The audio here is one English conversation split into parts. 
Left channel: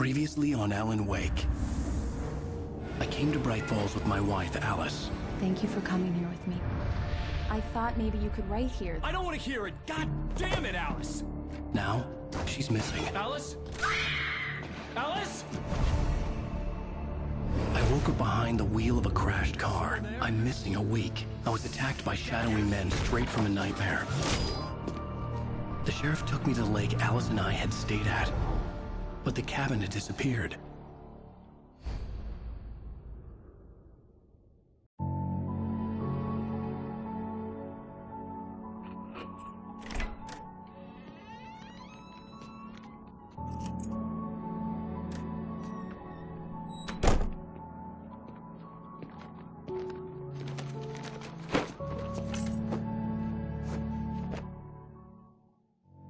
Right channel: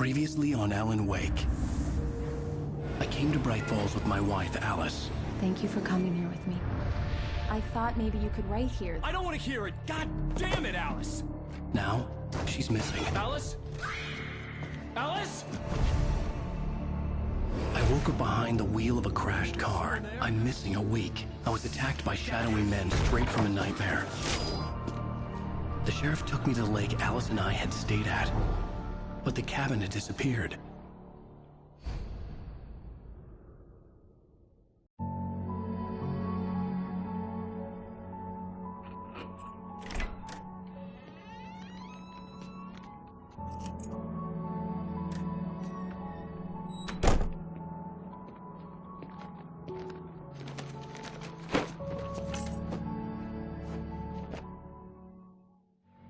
Previously on Alan Wake. I came to Bright Falls with my wife, Alice. Thank you for coming here with me. I thought maybe you could write here. I don't want to hear it! God damn it, Alice! Now, she's missing. Alice? Alice? I woke up behind the wheel of a crashed car. I'm missing a week. I was attacked by shadowy men straight from a nightmare. The sheriff took me to the lake Alice and I had stayed at. But the cabin had disappeared.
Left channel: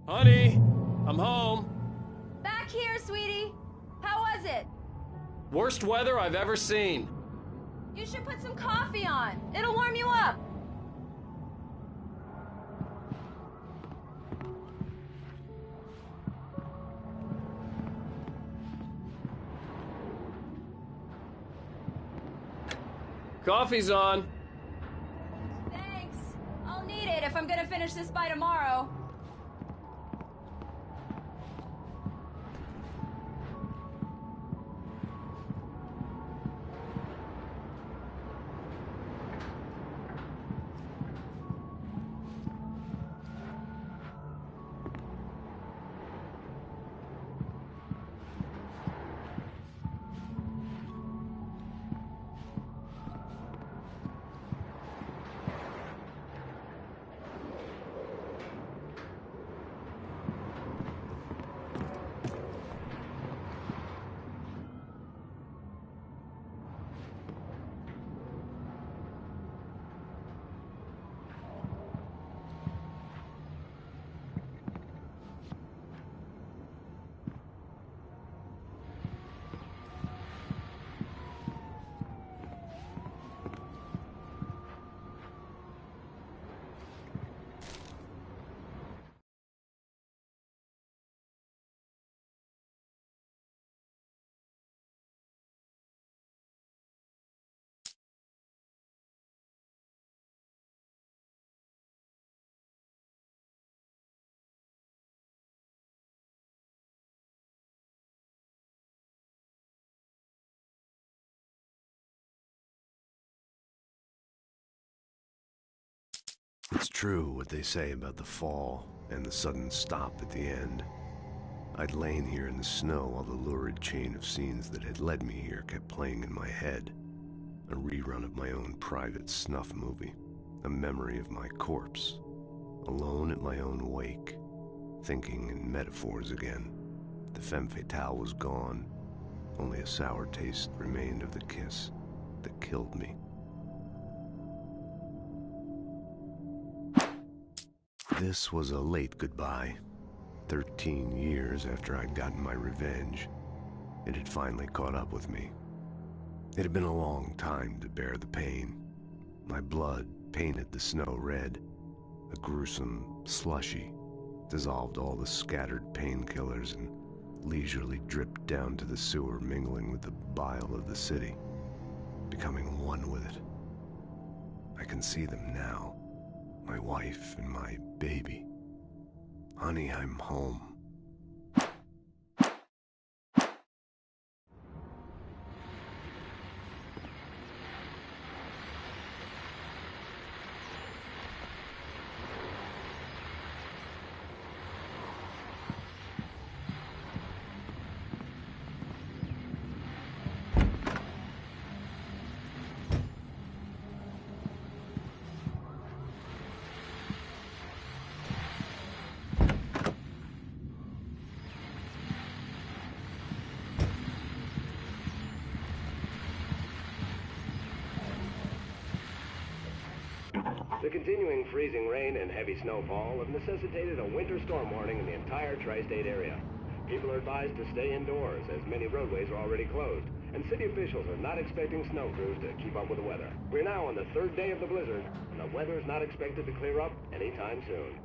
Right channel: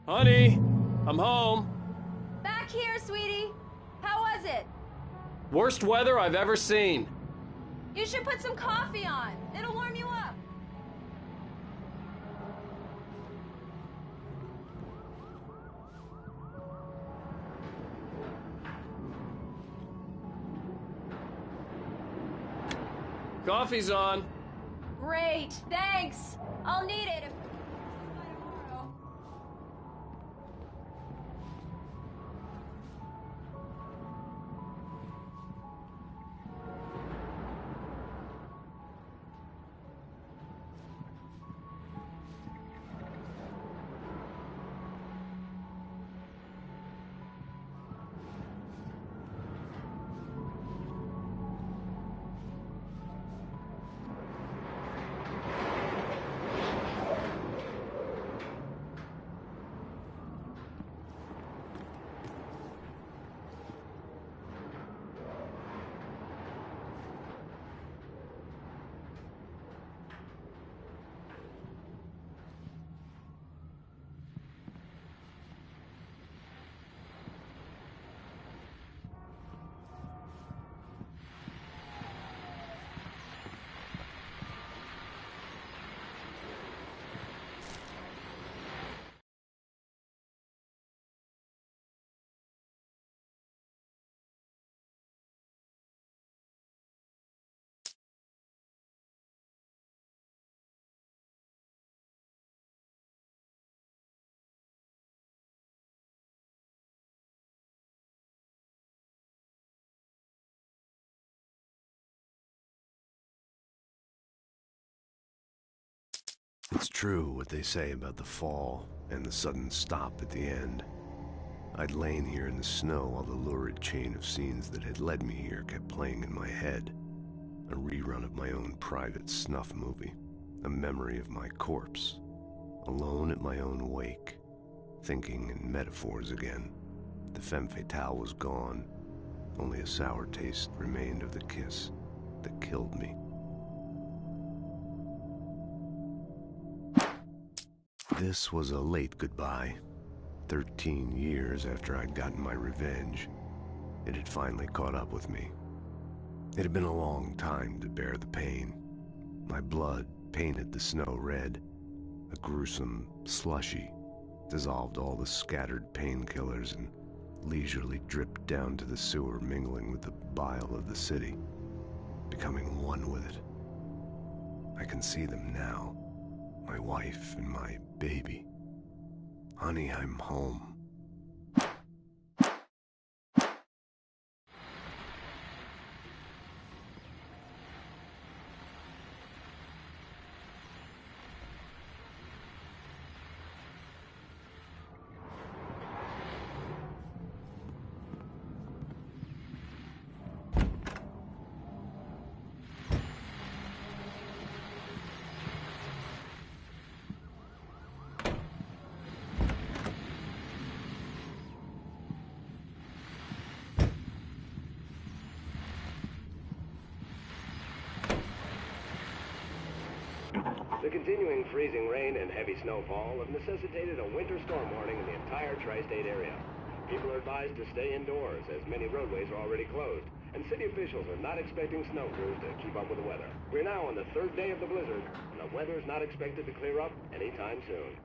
Honey, I'm home. Back here, sweetie. How was it? Worst weather I've ever seen. You should put some coffee on. It'll warm you up. Coffee's on. Great, thanks. I'll need it if I'm gonna finish this by tomorrow. It's true what they say about the fall and the sudden stop at the end. I'd lain here in the snow while the lurid chain of scenes that had led me here kept playing in my head. A rerun of my own private snuff movie. A memory of my corpse. Alone at my own wake. Thinking in metaphors again. The femme fatale was gone. Only a sour taste remained of the kiss that killed me. This was a late goodbye. 13 years after I'd gotten my revenge, it had finally caught up with me. It had been a long time to bear the pain. My blood painted the snow red. A gruesome slushy dissolved all the scattered painkillers and leisurely dripped down to the sewer, mingling with the bile of the city, becoming one with it. I can see them now. My wife and my baby. Honey, I'm home. The continuing freezing rain and heavy snowfall have necessitated a winter storm warning in the entire tri-state area. People are advised to stay indoors as many roadways are already closed, and city officials are not expecting snow crews to keep up with the weather. We're now on the third day of the blizzard, and the weather is not expected to clear up anytime soon.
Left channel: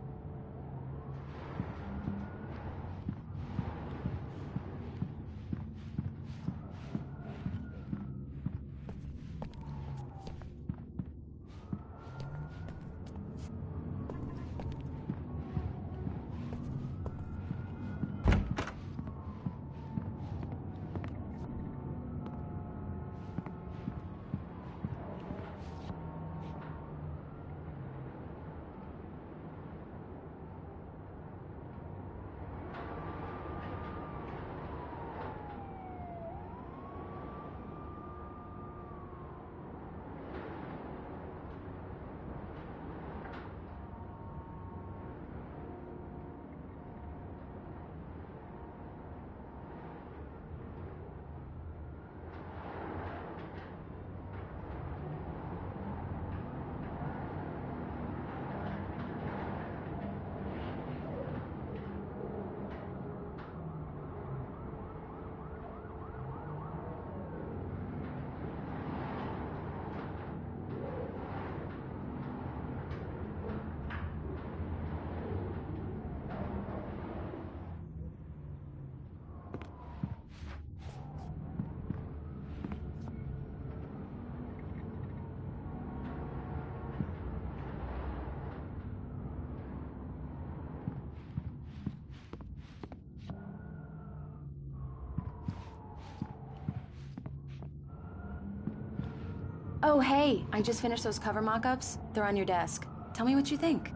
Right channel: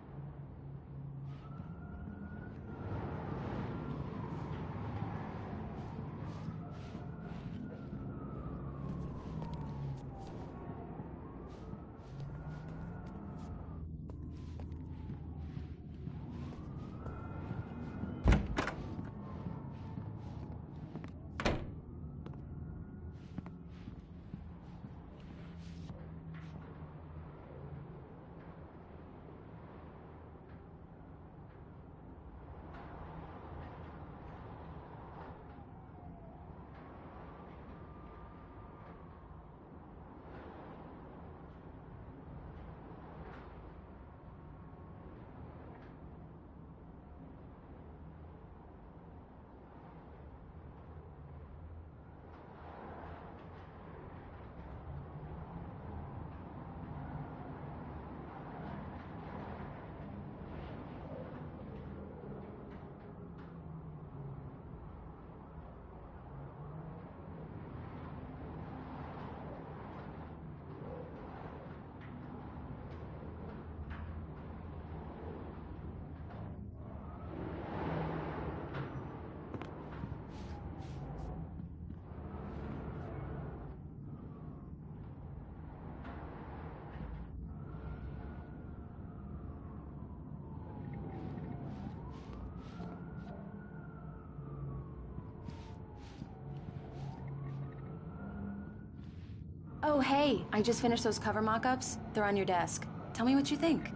Oh, hey, I just finished those cover mock-ups. They're on your desk. Tell me what you think.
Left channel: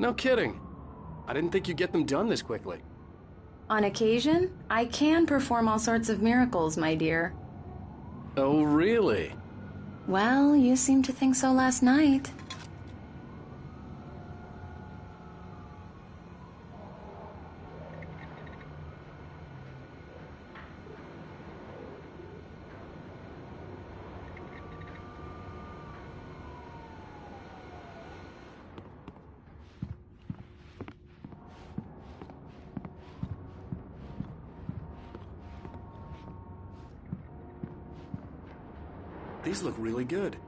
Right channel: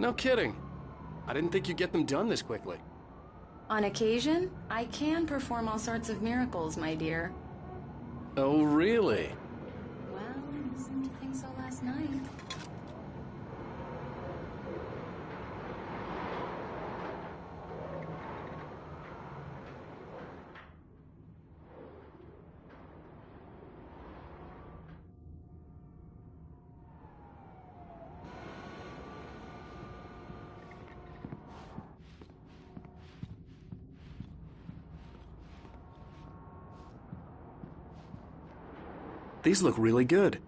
No kidding. I didn't think you'd get them done this quickly. On occasion, I can perform all sorts of miracles, my dear. Oh, really? Well, you seemed to think so last night. These look really good.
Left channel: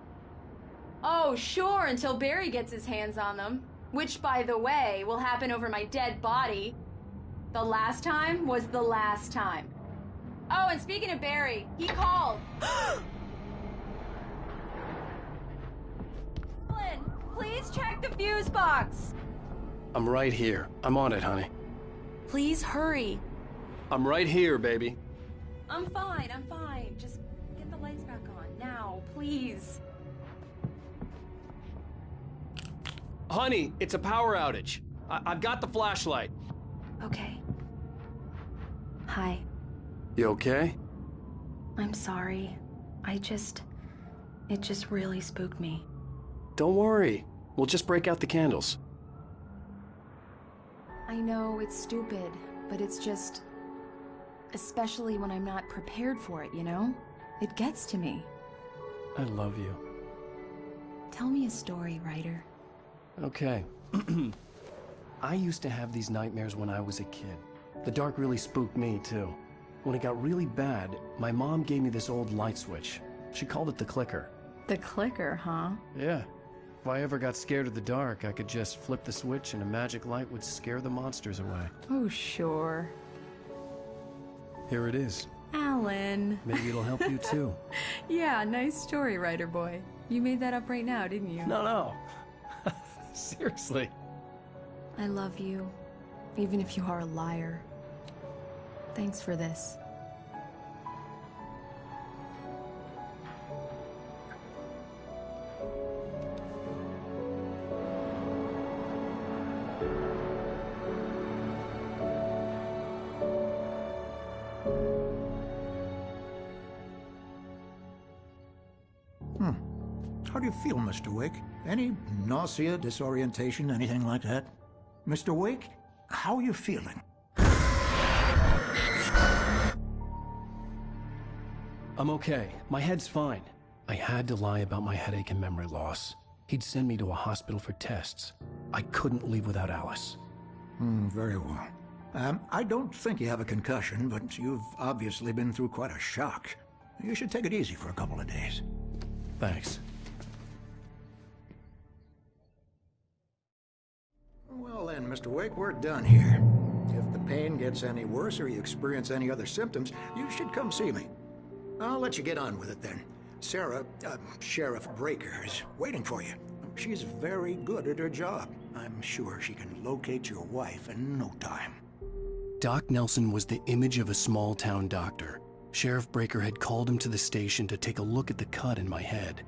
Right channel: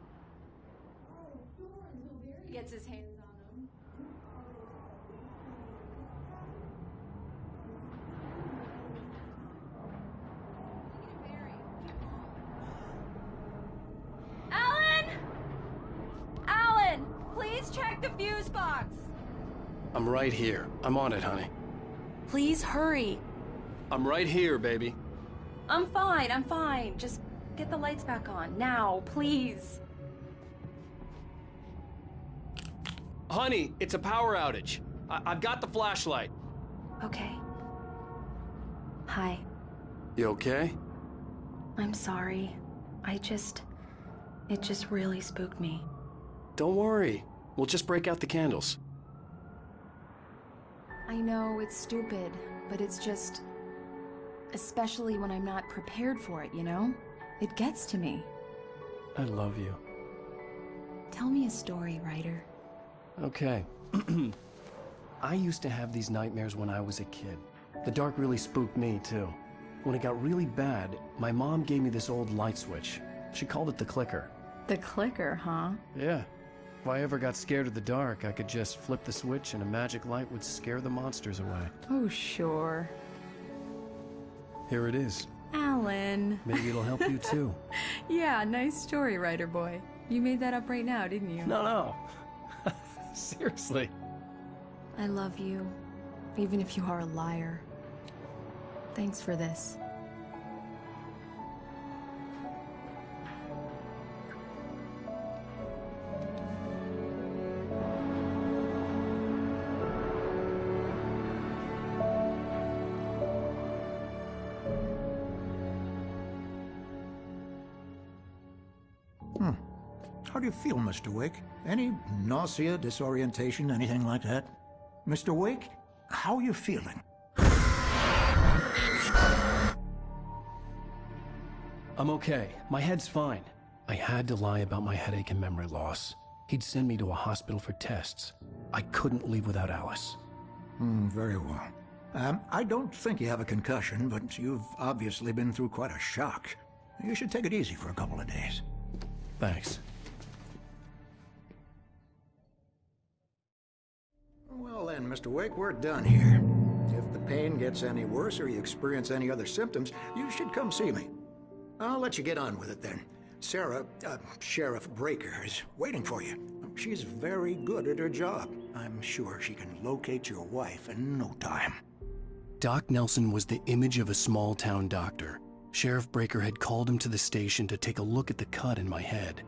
Oh, sure, until Barry gets his hands on them. Which, by the way, will happen over my dead body. The last time was the last time. Oh, and speaking of Barry, he called. Alan! Alan, please check the fuse box. I'm right here. I'm on it, honey. Please hurry. I'm right here, baby. I'm fine. Just get the lights back on. Now, please. Honey, it's a power outage. I've got the flashlight. Okay. Hi. You okay? I'm sorry. It just really spooked me. Don't worry. We'll just break out the candles. I know it's stupid, but it's just... especially when I'm not prepared for it, you know? It gets to me. I love you. Tell me a story, writer. Okay. I used to have these nightmares when I was a kid. The dark really spooked me, too. When it got really bad, my mom gave me this old light switch. She called it the clicker. The clicker, huh? Yeah. If I ever got scared of the dark, I could just flip the switch and a magic light would scare the monsters away. Oh, sure. Here it is. Alan. Maybe it'll help you, too. Yeah, nice story, writer boy. You made that up right now, didn't you? No. Seriously. I love you, even if you are a liar. Thanks for this. How do you feel, Mr. Wake? Any nausea, disorientation, anything like that? Mr. Wake, how are you feeling? I'm okay. My head's fine. I had to lie about my headache and memory loss. He'd send me to a hospital for tests. I couldn't leave without Alice. Very well. I don't think you have a concussion, but you've obviously been through quite a shock. You should take it easy for a couple of days. Thanks. Well then, Mr. Wake, we're done here. If the pain gets any worse or you experience any other symptoms, you should come see me. I'll let you get on with it then. Sarah, Sheriff Breaker, is waiting for you. She's very good at her job. I'm sure she can locate your wife in no time. Doc Nelson was the image of a small-town doctor. Sheriff Breaker had called him to the station to take a look at the cut in my head.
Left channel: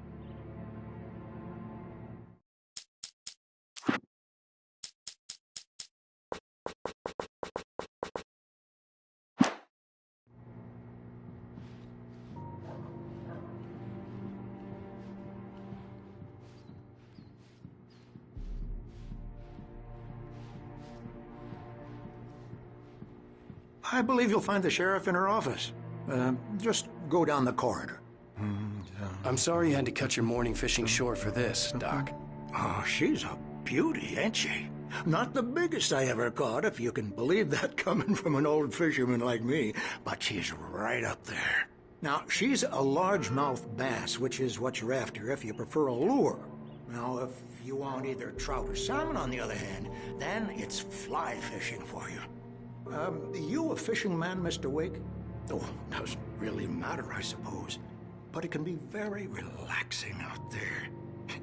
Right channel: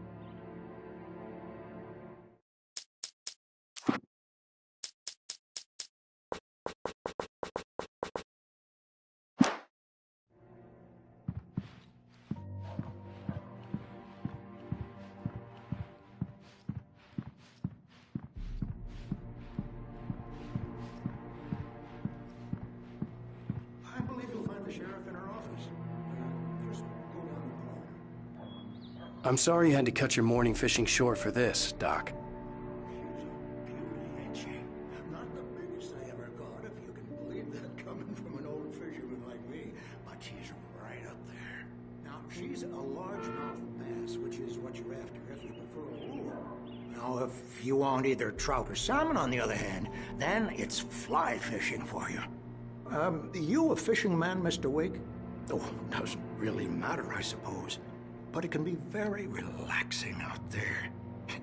I believe you'll find the sheriff in her office. Just go down the corridor. I'm sorry you had to cut your morning fishing short for this, Doc. Oh, she's a beauty, ain't she? Not the biggest I ever caught, if you can believe that coming from an old fisherman like me, but she's right up there. Now, she's a largemouth bass, which is what you're after if you prefer a lure. Now, if you want either trout or salmon, on the other hand, then it's fly fishing for you. You a fishing man, Mr. Wake? Oh, doesn't really matter, I suppose. But it can be very relaxing out there.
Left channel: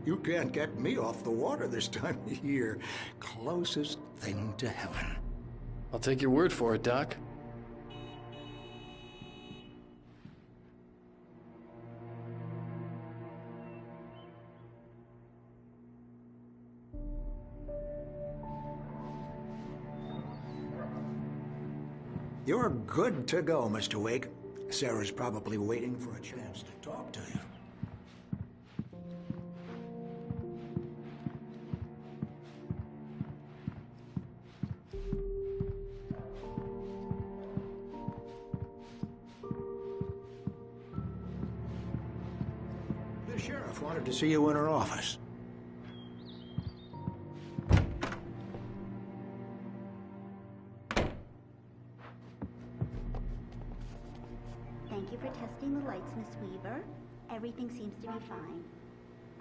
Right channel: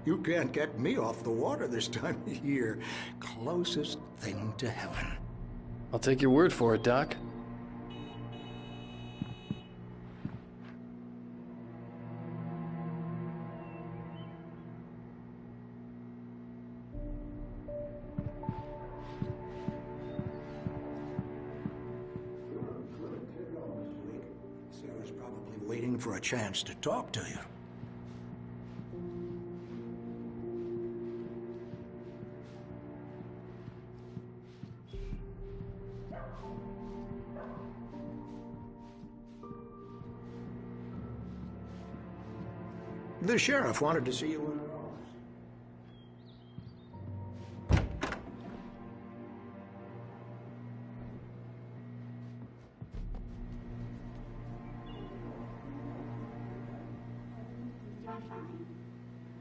You can't get me off the water this time of year. Closest thing to heaven. I'll take your word for it, Doc. You're good to go, Mr. Wake. Sarah's probably waiting for a chance to talk to you. The sheriff wanted to see you in her office. Thank you for testing the lights, Miss Weaver. Everything seems to be fine.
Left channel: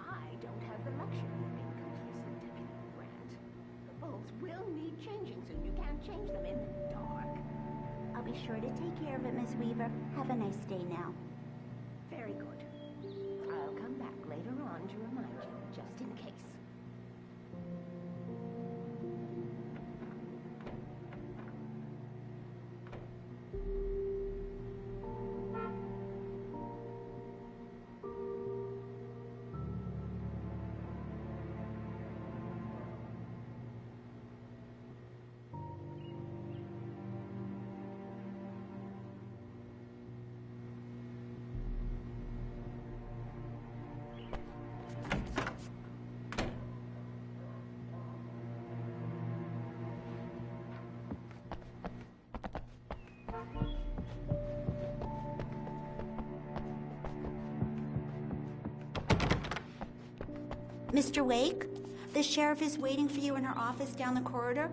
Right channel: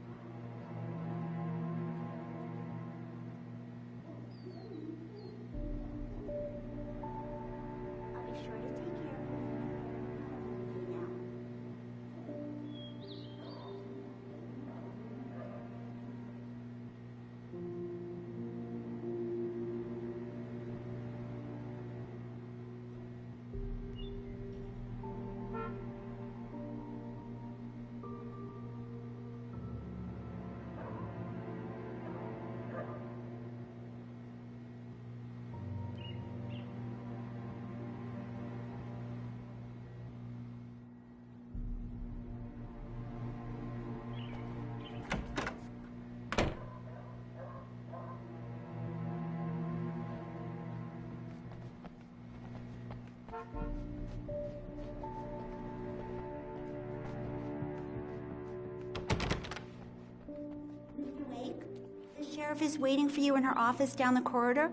I don't have the luxury of being complacent, Grant. The bulbs will need changing soon. You can't change them in the dark. I'll be sure to take care of it, Miss Weaver. Have a nice day now. Very good. I'll come back later on to remind you, just in case. Mr. Wake, the sheriff is waiting for you in her office down the corridor.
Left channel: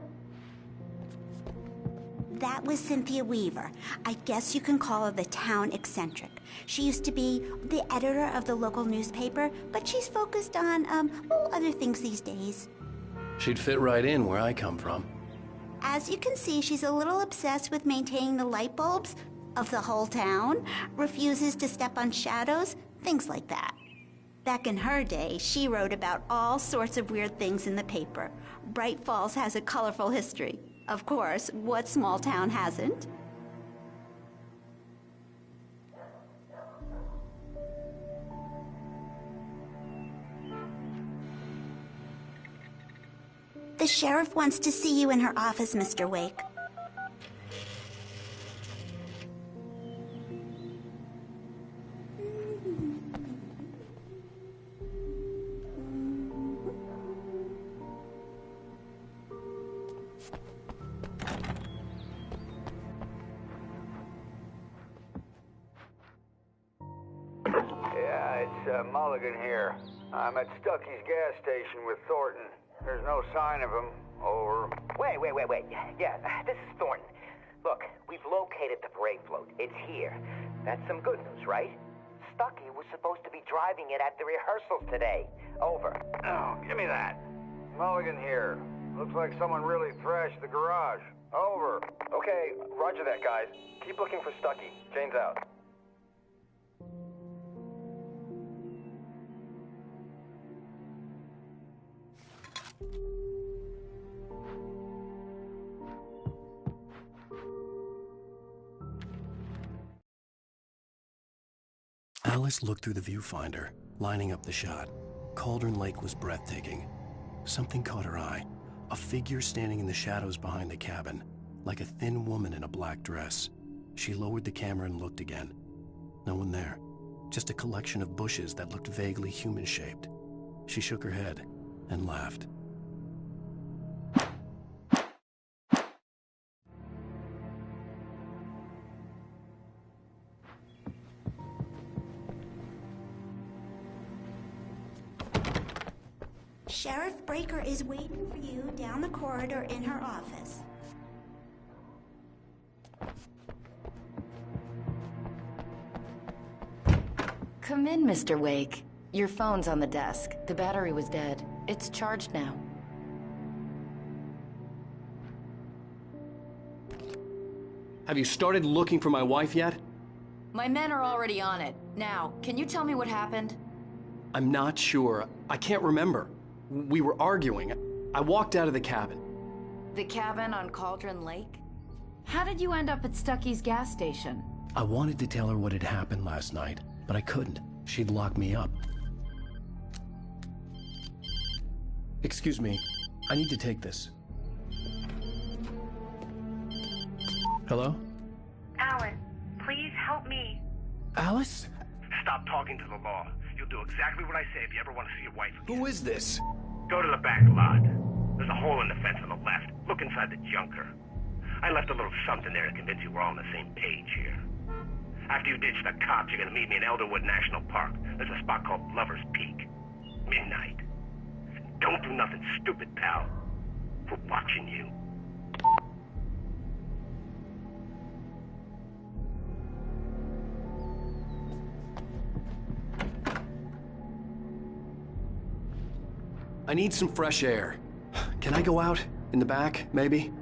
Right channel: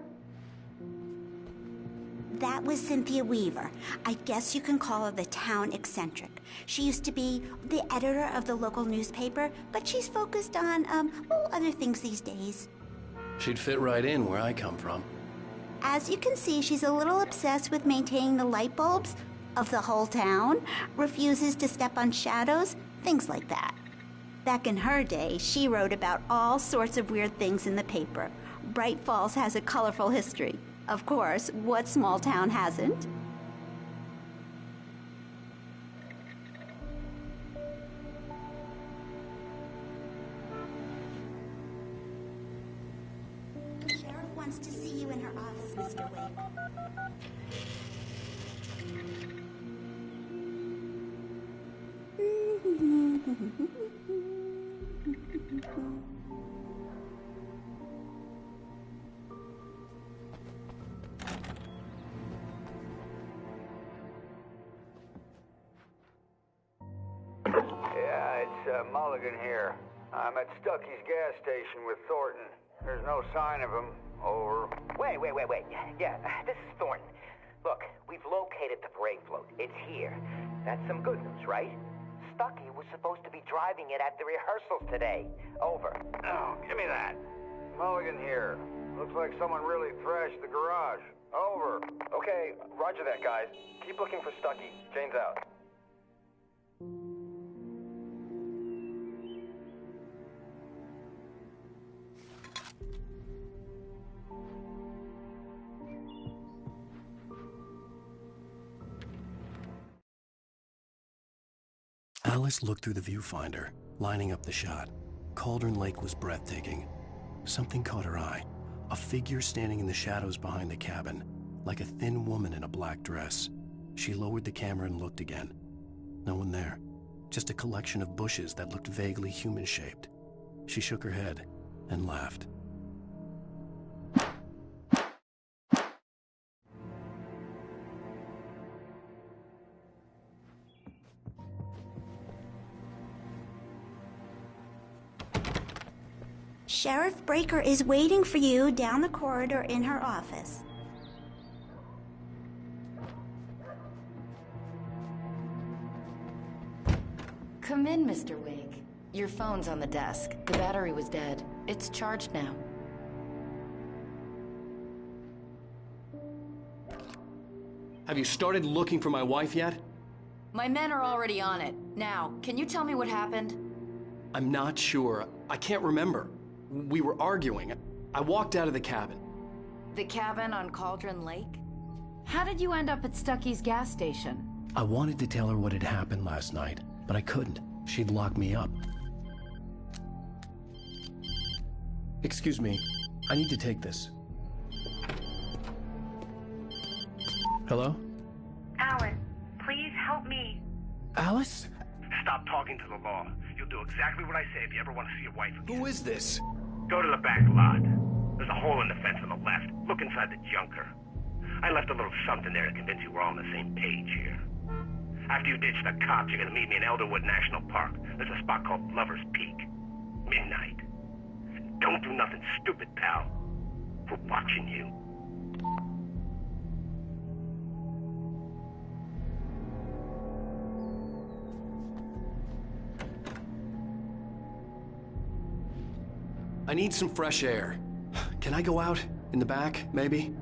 That was Cynthia Weaver. I guess you can call her the town eccentric. She used to be the editor of the local newspaper, but she's focused on, other things these days. She'd fit right in where I come from. As you can see, she's a little obsessed with maintaining the light bulbs of the whole town, refuses to step on shadows, things like that. Back in her day, she wrote about all sorts of weird things in the paper. Bright Falls has a colorful history. Of course, what small town hasn't? The sheriff wants to see you in her office, Mr. Wake. Yeah, it's Mulligan here. I'm at Stucky's gas station with Thornton. There's no sign of him. Over. Wait. Yeah, this is Thornton. Look, we've located the parade float. It's here. That's some good news, right? Stucky was supposed to be driving it at the rehearsals today. Over. Oh, give me that. Mulligan here. Looks like someone really thrashed the garage. Over. Okay, roger that, guys. Keep looking for Stucky. Jane's out. Alice looked through the viewfinder, lining up the shot. Cauldron Lake was breathtaking. Something caught her eye. A figure standing in the shadows behind the cabin, like a thin woman in a black dress. She lowered the camera and looked again. No one there. Just a collection of bushes that looked vaguely human-shaped. She shook her head and laughed. Sheriff Breaker is waiting for you down the corridor in her office. Come in, Mr. Wake. Your phone's on the desk. The battery was dead. It's charged now. Have you started looking for my wife yet? My men are already on it. Now, can you tell me what happened? I'm not sure. I can't remember. We were arguing. I walked out of the cabin. The cabin on Cauldron Lake? How did you end up at Stucky's gas station? I wanted to tell her what had happened last night, but I couldn't. She'd lock me up. Excuse me. I need to take this. Hello? me. Alice? Stop talking to the law. You'll do exactly what I say if you ever want to see your wife again. Who is this? Go to the back lot. There's a hole in the fence on the left. Look inside the junker. I left a little something there to convince you we're all on the same page here. After you ditch the cops, you're gonna meet me in Elderwood National Park. There's a spot called Lover's Peak. Midnight. Don't do nothing stupid, pal. We're watching you. I need some fresh air. Can I go out? In the back, maybe?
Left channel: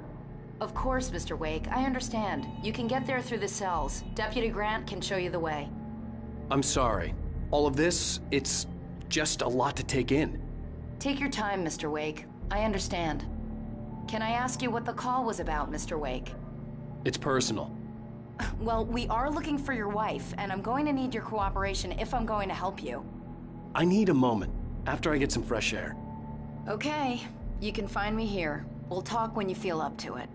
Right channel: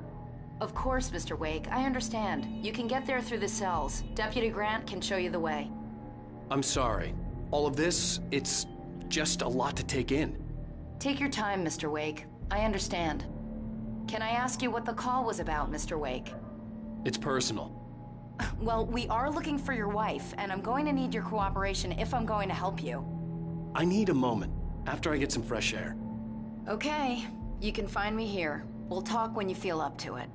Of course, Mr. Wake. I understand. You can get there through the cells. Deputy Grant can show you the way. I'm sorry. All of this, it's just a lot to take in. Take your time, Mr. Wake. I understand. Can I ask you what the call was about, Mr. Wake? It's personal. Well, we are looking for your wife, and I'm going to need your cooperation if I'm going to help you. I need a moment, after I get some fresh air. Okay. You can find me here. We'll talk when you feel up to it.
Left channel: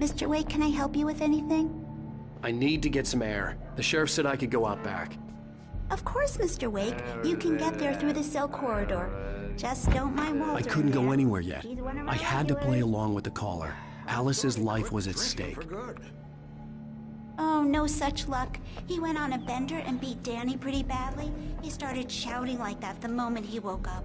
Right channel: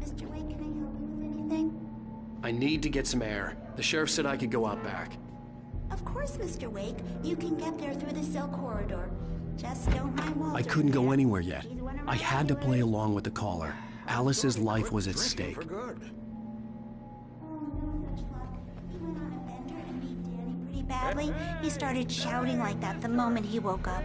Mr. Wake, can I help you with anything? I need to get some air. The sheriff said I could go out back. Of course, Mr. Wake. You can get there through the cell corridor. Just don't mind Walter. I couldn't go man. anywhere yet. He's one of my I had to play regulars. along with the caller. Alice's life was at Drinking stake. for good. Oh, no such luck. He went on a bender and beat Danny pretty badly. He started shouting like that the moment he woke up.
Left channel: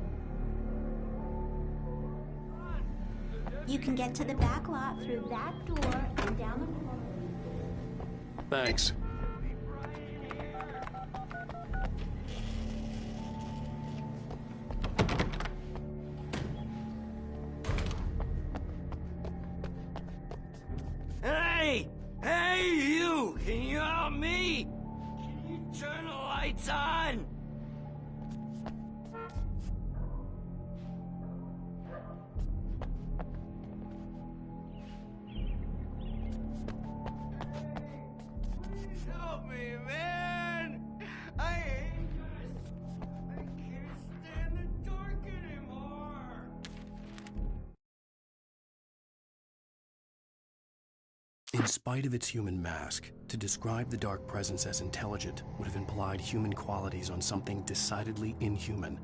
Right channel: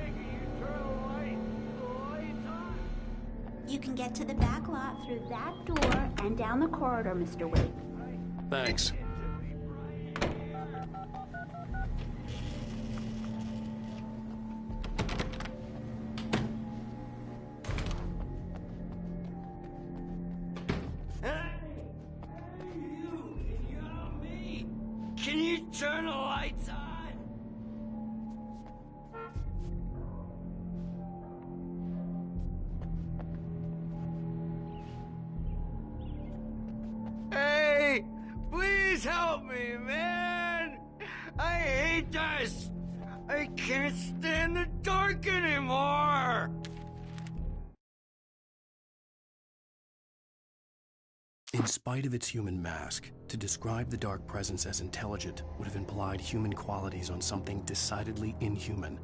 You can get to the back lot through that door and down the corridor, Mr. Wake. Thanks. Hey! Hey, you! Can you help me? Can you turn the lights on? Hey! Please help me, man! I hate this! I can't stand the dark anymore! In spite of its human mask, to describe the dark presence as intelligent would have implied human qualities on something decidedly inhuman.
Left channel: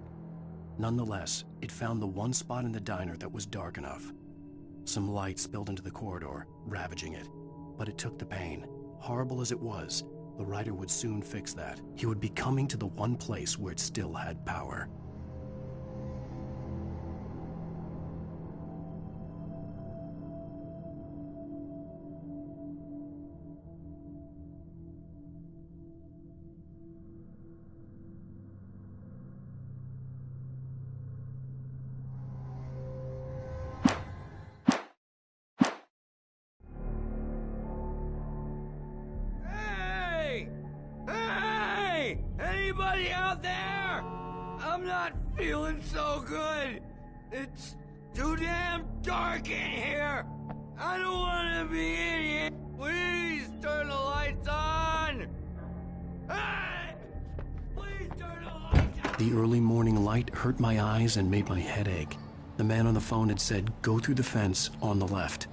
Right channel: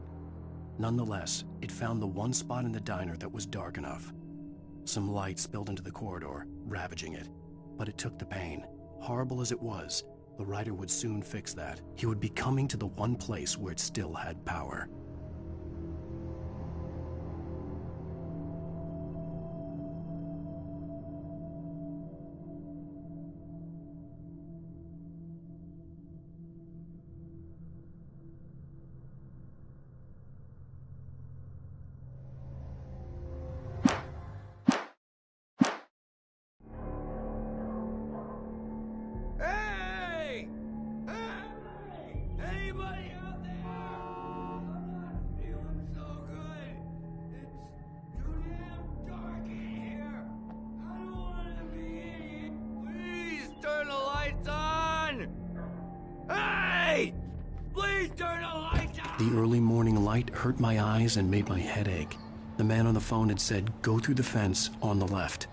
Nonetheless, it found the one spot in the diner that was dark enough. Some light spilled into the corridor, ravaging it. But it took the pain. Horrible as it was, the writer would soon fix that. He would be coming to the one place where it still had power. It's too damn dark in here! I don't want to be in here! Please turn the lights on! Hey! Please turn the lights on! The early morning light hurt my eyes and made my head ache. The man on the phone had said, go through the fence on the left.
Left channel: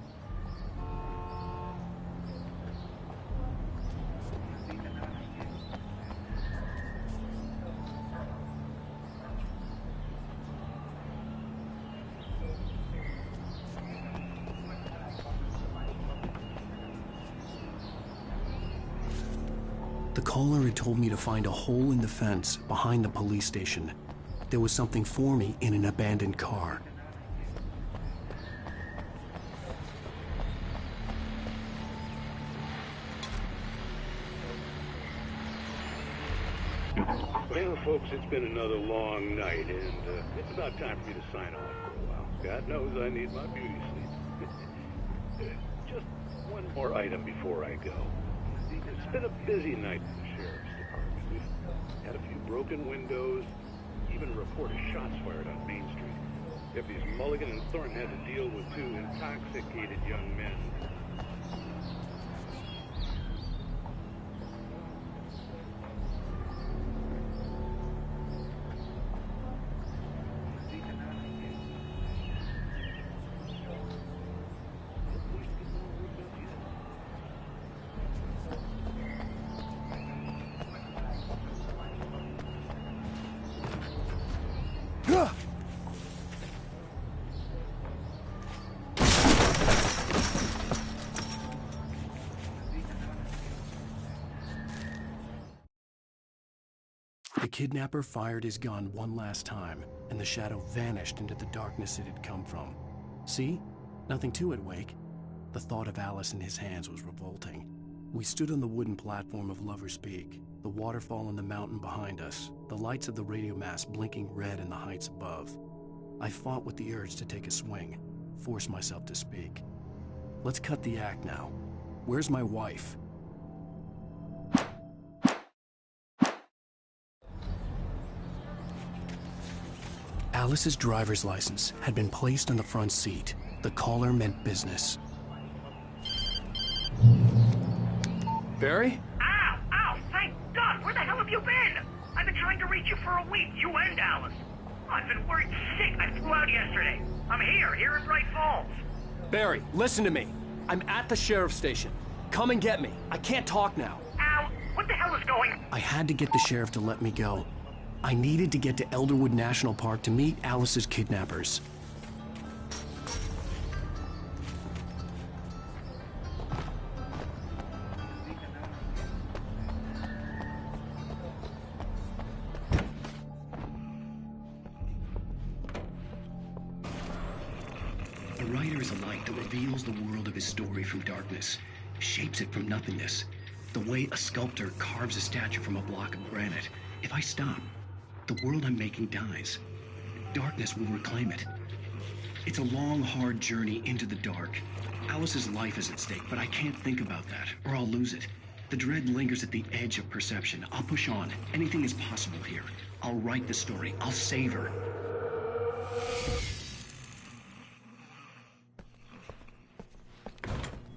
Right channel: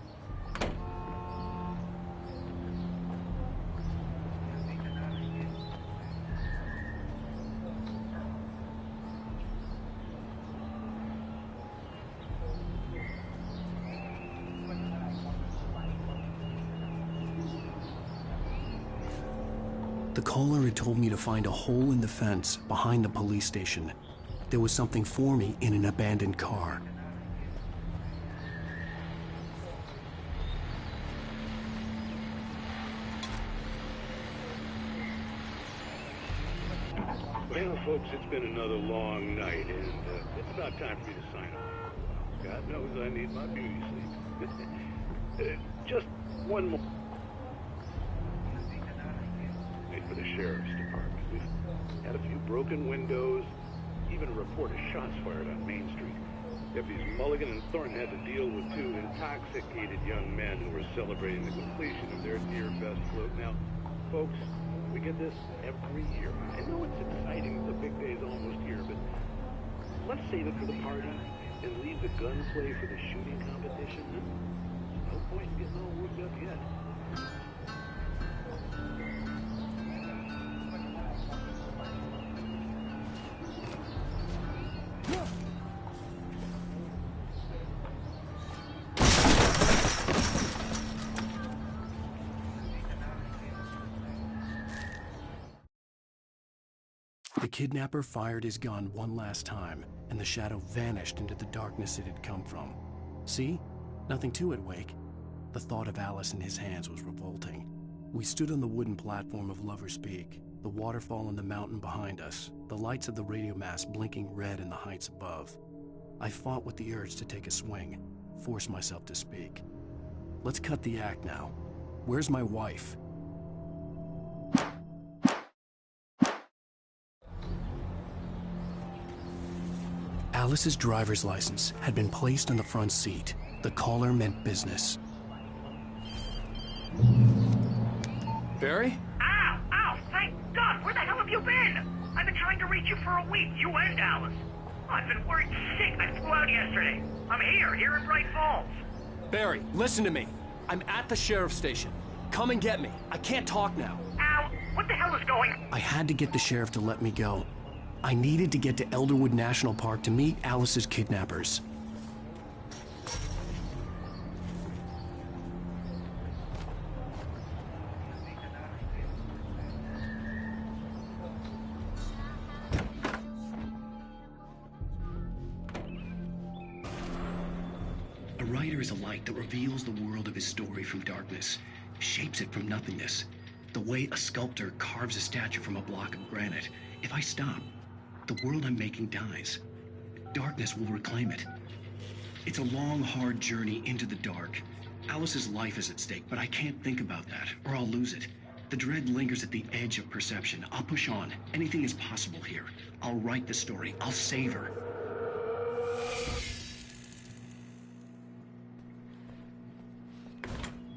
The caller had told me to find a hole in the fence behind the police station. There was something for me in an abandoned car. Well, folks, it's been another long night, and it's about time for me to sign off for a while. God knows I need my beauty sleep. Just one more item before I go. It's been a busy night for the Sheriff's Department. We've had a few broken windows, even a report of shots fired on Main Street. Deputies Mulligan and Thornton had to deal with two intoxicated young men who were celebrating the completion of their Dear Gus float. Now, folks, we get this every year. I know it's exciting, the big day's almost here, but let's save it for the party and leave the gunplay for the shooting competition. There's no point in getting all worked up yet. The kidnapper fired his gun one last time, and the shadow vanished into the darkness it had come from. See? Nothing to it, Wake. The thought of Alice in his hands was revolting. We stood on the wooden platform of Lover's Peak, the waterfall on the mountain behind us, the lights of the radio mast blinking red in the heights above. I fought with the urge to take a swing, force myself to speak. Let's cut the act now. Where's my wife? Alice's driver's license had been placed on the front seat. The caller meant business. Barry? Ow! Ow! Thank God! Where the hell have you been? I've been trying to reach you for a week, you and Alice. Oh, I've been worried sick. I flew out yesterday. I'm here in Bright Falls. Barry, listen to me. I'm at the sheriff's station. Come and get me. I can't talk now. Ow! What the hell is going on? I had to get the sheriff to let me go. I needed to get to Elderwood National Park to meet Alice's kidnappers. A writer is a light that reveals the world of his story from darkness, shapes it from nothingness. The way a sculptor carves a statue from a block of granite. If I stop, the world I'm making dies. Darkness will reclaim it. It's a long, hard journey into the dark. Alice's life is at stake, but I can't think about that, or I'll lose it. The dread lingers at the edge of perception. I'll push on. Anything is possible here. I'll write the story. I'll save her.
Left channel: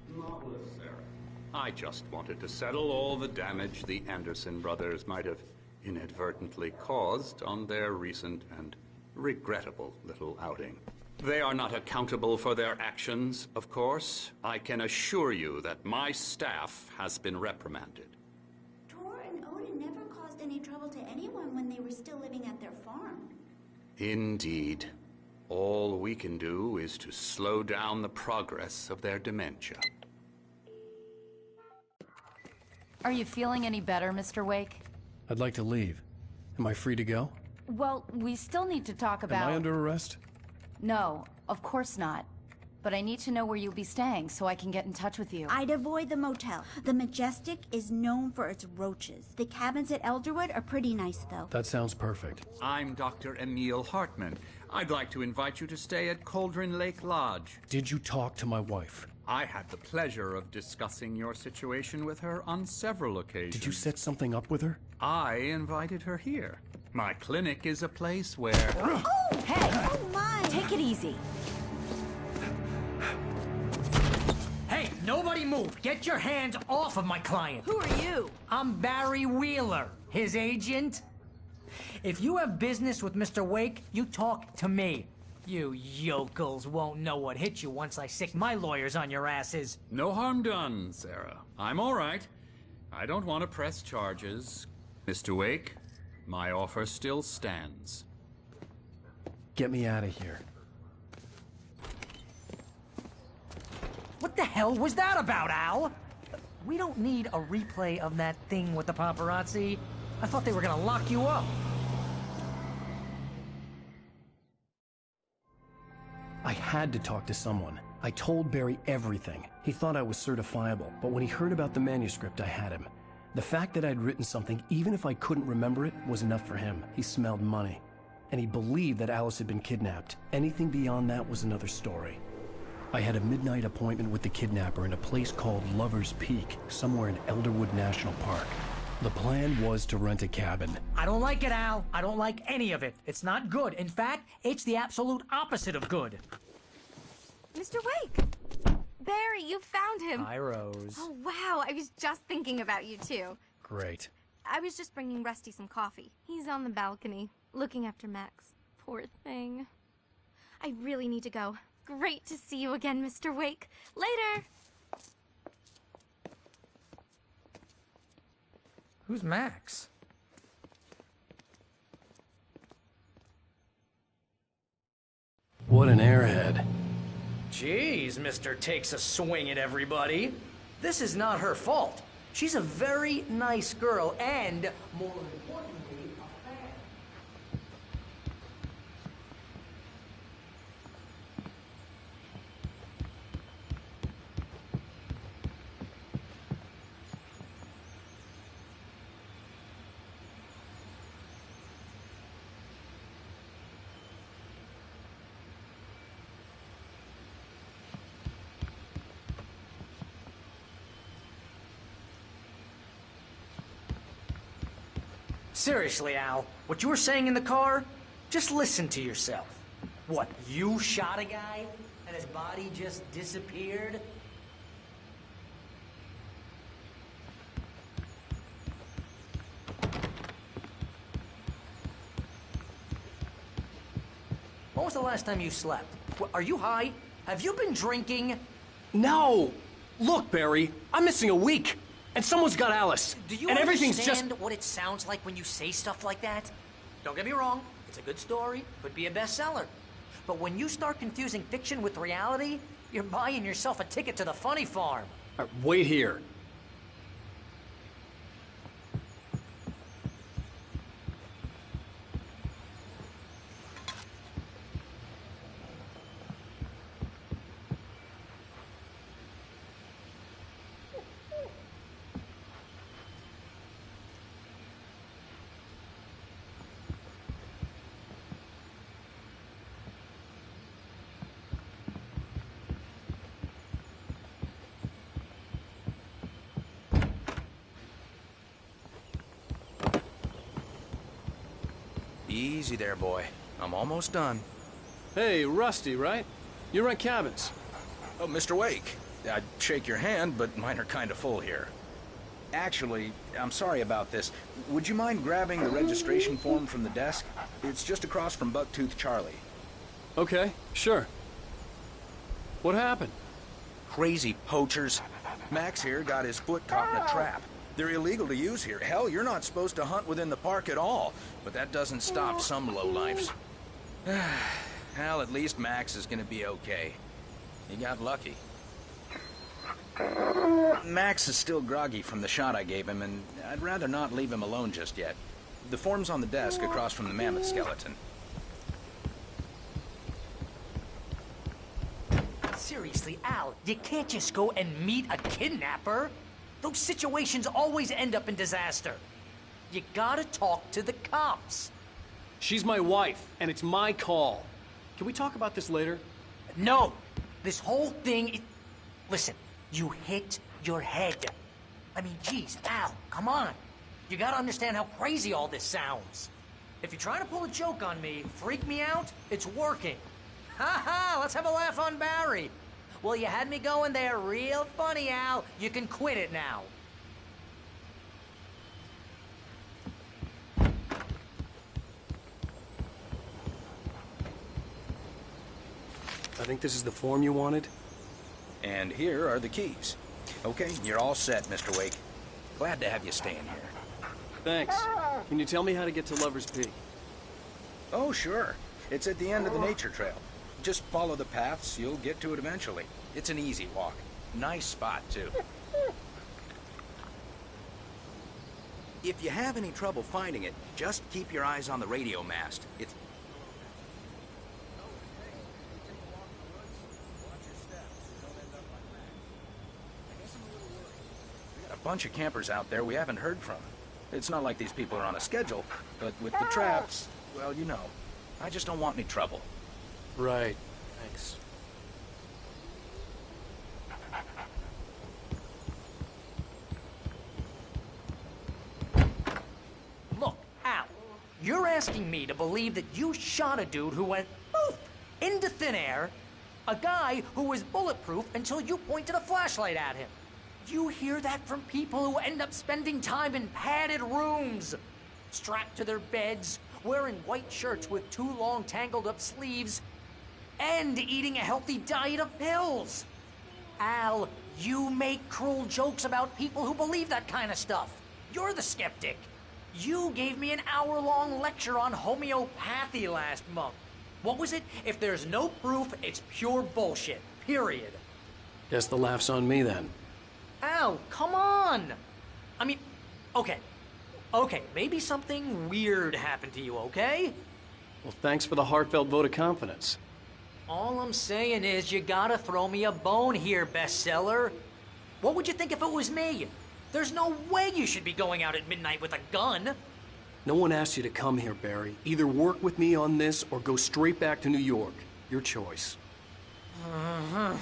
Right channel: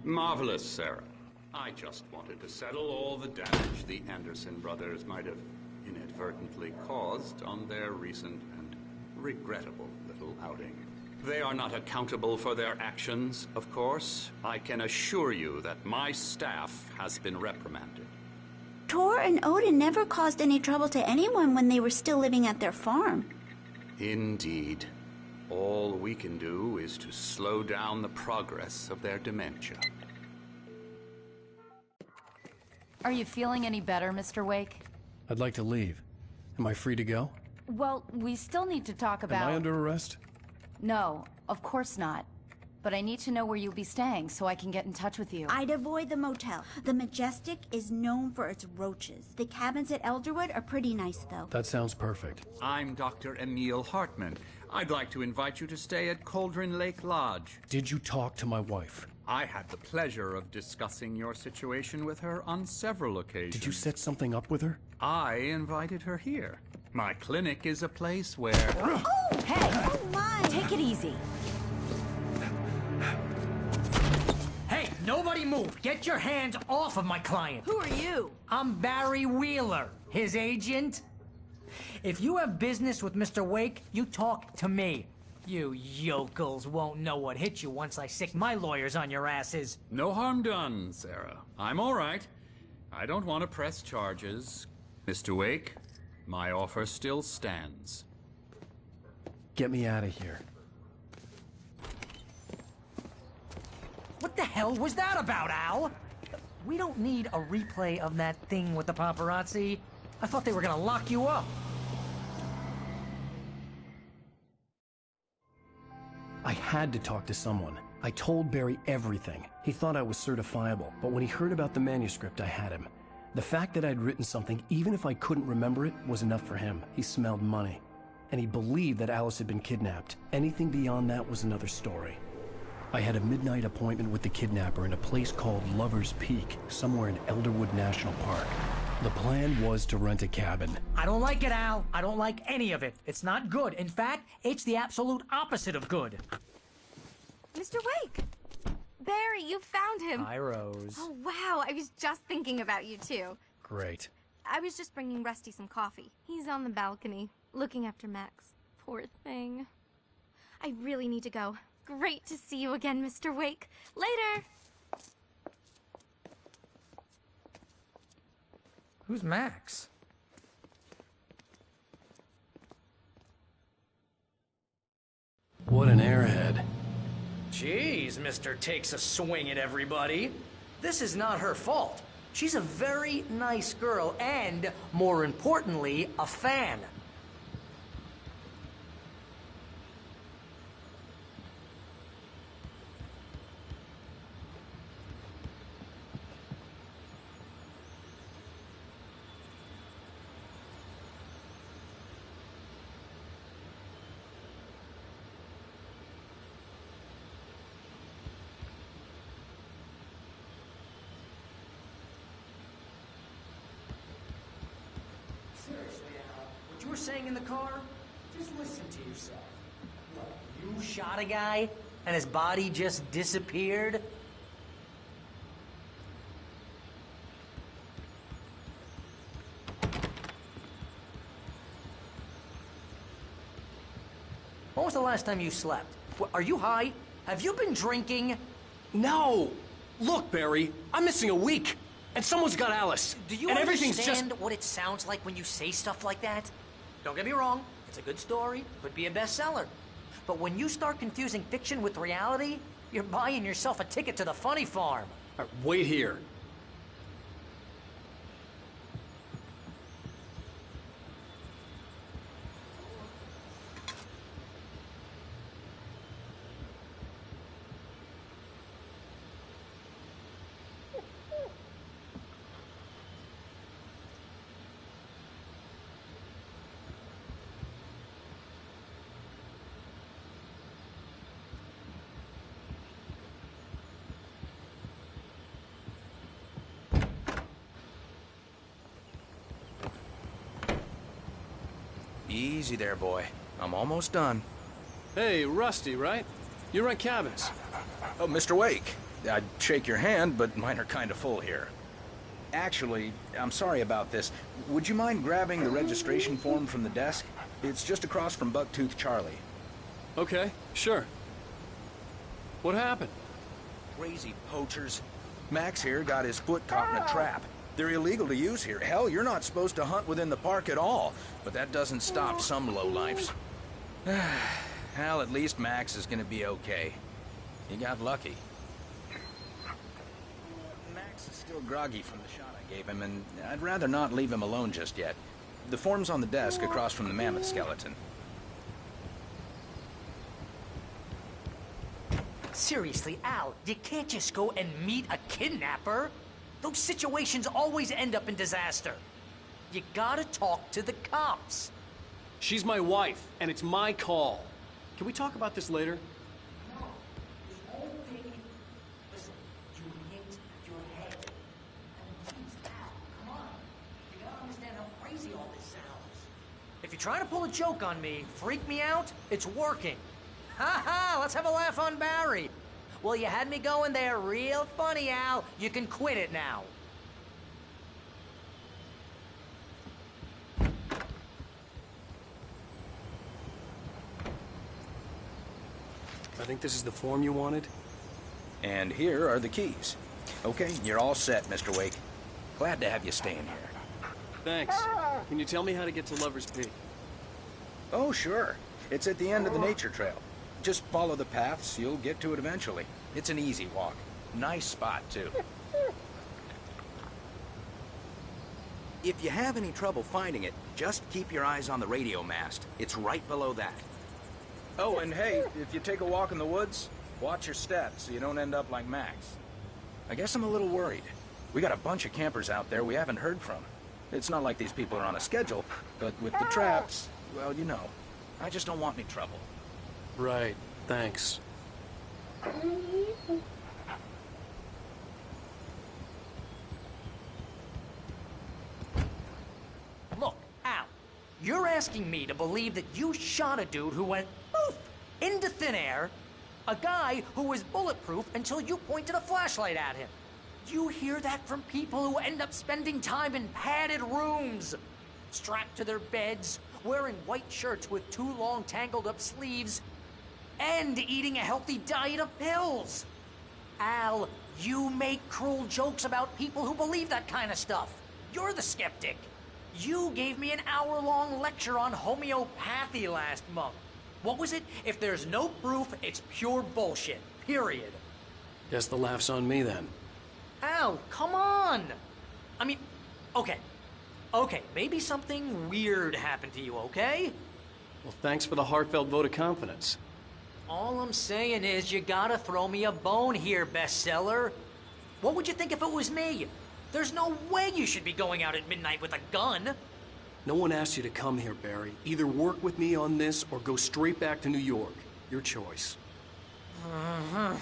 Marvelous, Sarah. I just wanted to settle all the damage the Anderson brothers might have inadvertently caused on their recent and regrettable little outing. They are not accountable for their actions, of course. I can assure you that my staff has been reprimanded. Tor and Odin never caused any trouble to anyone when they were still living at their farm. Indeed. All we can do is to slow down the progress of their dementia. Are you feeling any better, Mr. Wake? I'd like to leave. Am I free to go? Well, we still need to talk about... Am I under arrest? No, of course not. But I need to know where you'll be staying so I can get in touch with you. I'd avoid the motel. The Majestic is known for its roaches. The cabins at Elderwood are pretty nice, though. That sounds perfect. I'm Dr. Emil Hartman. I'd like to invite you to stay at Cauldron Lake Lodge. Did you talk to my wife? I had the pleasure of discussing your situation with her on several occasions. Did you set something up with her? I invited her here. My clinic is a place where... Oh, hey! Oh, my! Take Take it easy. Hey, nobody move! Get your hands off of my client! Who are you? I'm Barry Wheeler, his agent. If you have business with Mr. Wake, you talk to me. You yokels won't know what hit you once I sick my lawyers on your asses. No harm done, Sarah. I'm all right. I don't want to press charges. Mr. Wake, my offer still stands. Get me out of here. What the hell was that about, Al? We don't need a replay of that thing with the paparazzi. I thought they were gonna lock you up. I had to talk to someone. I told Barry everything. He thought I was certifiable, but when he heard about the manuscript, I had him. The fact that I'd written something, even if I couldn't remember it, was enough for him. He smelled money. And he believed that Alice had been kidnapped. Anything beyond that was another story. I had a midnight appointment with the kidnapper in a place called Lover's Peak, somewhere in Elderwood National Park. The plan was to rent a cabin. I don't like it, Al. I don't like any of it. It's not good. In fact, it's the absolute opposite of good. Mr. Wake! Barry, you found him. Hi, Rose. Oh, wow. I was just thinking about you, too. Great. I was just bringing Rusty some coffee. He's on the balcony, looking after Max. Poor thing. I really need to go. Great to see you again, Mr. Wake. Later! Who's Max? What an airhead. Jeez, Mr. Takes a swing at everybody. This is not her fault. She's a very nice girl and, more importantly, a fan. Seriously, Al, what you were saying in the car, just listen to yourself. What, you shot a guy and his body just disappeared? When was the last time you slept? Are you high? Have you been drinking? No! Look, Barry, I'm missing a week. And someone's got Alice. Do you and everything's understand just... what it sounds like when you say stuff like that? Don't get me wrong, it's a good story, could be a bestseller. But when you start confusing fiction with reality, you're buying yourself a ticket to the funny farm. Wait here. Easy there, boy. I'm almost done. Hey, Rusty, right? You rent cabins. Oh, Mr. Wake. I'd shake your hand, but mine are kind of full here. Actually, I'm sorry about this. Would you mind grabbing the registration form from the desk? It's just across from Bucktooth Charlie. Okay, sure. What happened? Crazy poachers. Max here got his foot caught in a trap. They're illegal to use here. Hell, you're not supposed to hunt within the park at all. But that doesn't stop some lowlifes. Hell, at least Max is gonna be okay. He got lucky. Max is still groggy from the shot I gave him, and I'd rather not leave him alone just yet. The form's on the desk across from the mammoth skeleton. Seriously, Al, you can't just go and meet a kidnapper. Those situations always end up in disaster. You gotta talk to the cops. She's my wife, and it's my call. Can we talk about this later? No. This whole thing... Listen, you hit your head. I mean, geez, Al, come on. You gotta understand how crazy all this sounds. If you're trying to pull a joke on me, freak me out, it's working. Ha ha! Let's have a laugh on Barry. Well, you had me going there real funny, Al. You can quit it now. I think this is the form you wanted. And here are the keys. Okay, you're all set, Mr. Wake. Glad to have you staying here. Thanks. Can you tell me how to get to Lover's Peak? Oh, sure. It's at the end of the nature trail. Just follow the paths, you'll get to it eventually. It's an easy walk. Nice spot, too. If you have any trouble finding it, just keep your eyes on the radio mast. It's right below that. Oh, and hey, if you take a walk in the woods, watch your steps so you don't end up like Max. I guess I'm a little worried. We got a bunch of campers out there we haven't heard from. It's not like these people are on a schedule, but with the traps, well, you know. I just don't want any trouble. Right. Thanks. Look, Al, you're asking me to believe that you shot a dude who went poof into thin air, a guy who was bulletproof until you pointed a flashlight at him. You hear that from people who end up spending time in padded rooms, strapped to their beds, wearing white shirts with too long tangled up sleeves, and eating a healthy diet of pills. Al, you make cruel jokes about people who believe that kind of stuff. You're the skeptic. You gave me an hour-long lecture on homeopathy last month. What was it? If there's no proof, it's pure bullshit. Period. Guess the laugh's on me then. Al, come on! I mean, okay. Okay, maybe something weird happened to you, okay? Well, thanks for the heartfelt vote of confidence. All I'm saying is you gotta throw me a bone here, bestseller. What would you think if it was me? There's no way you should be going out at midnight with a gun. No one asked you to come here, Barry. Either work with me on this or go straight back to New York. Your choice. Uh-huh.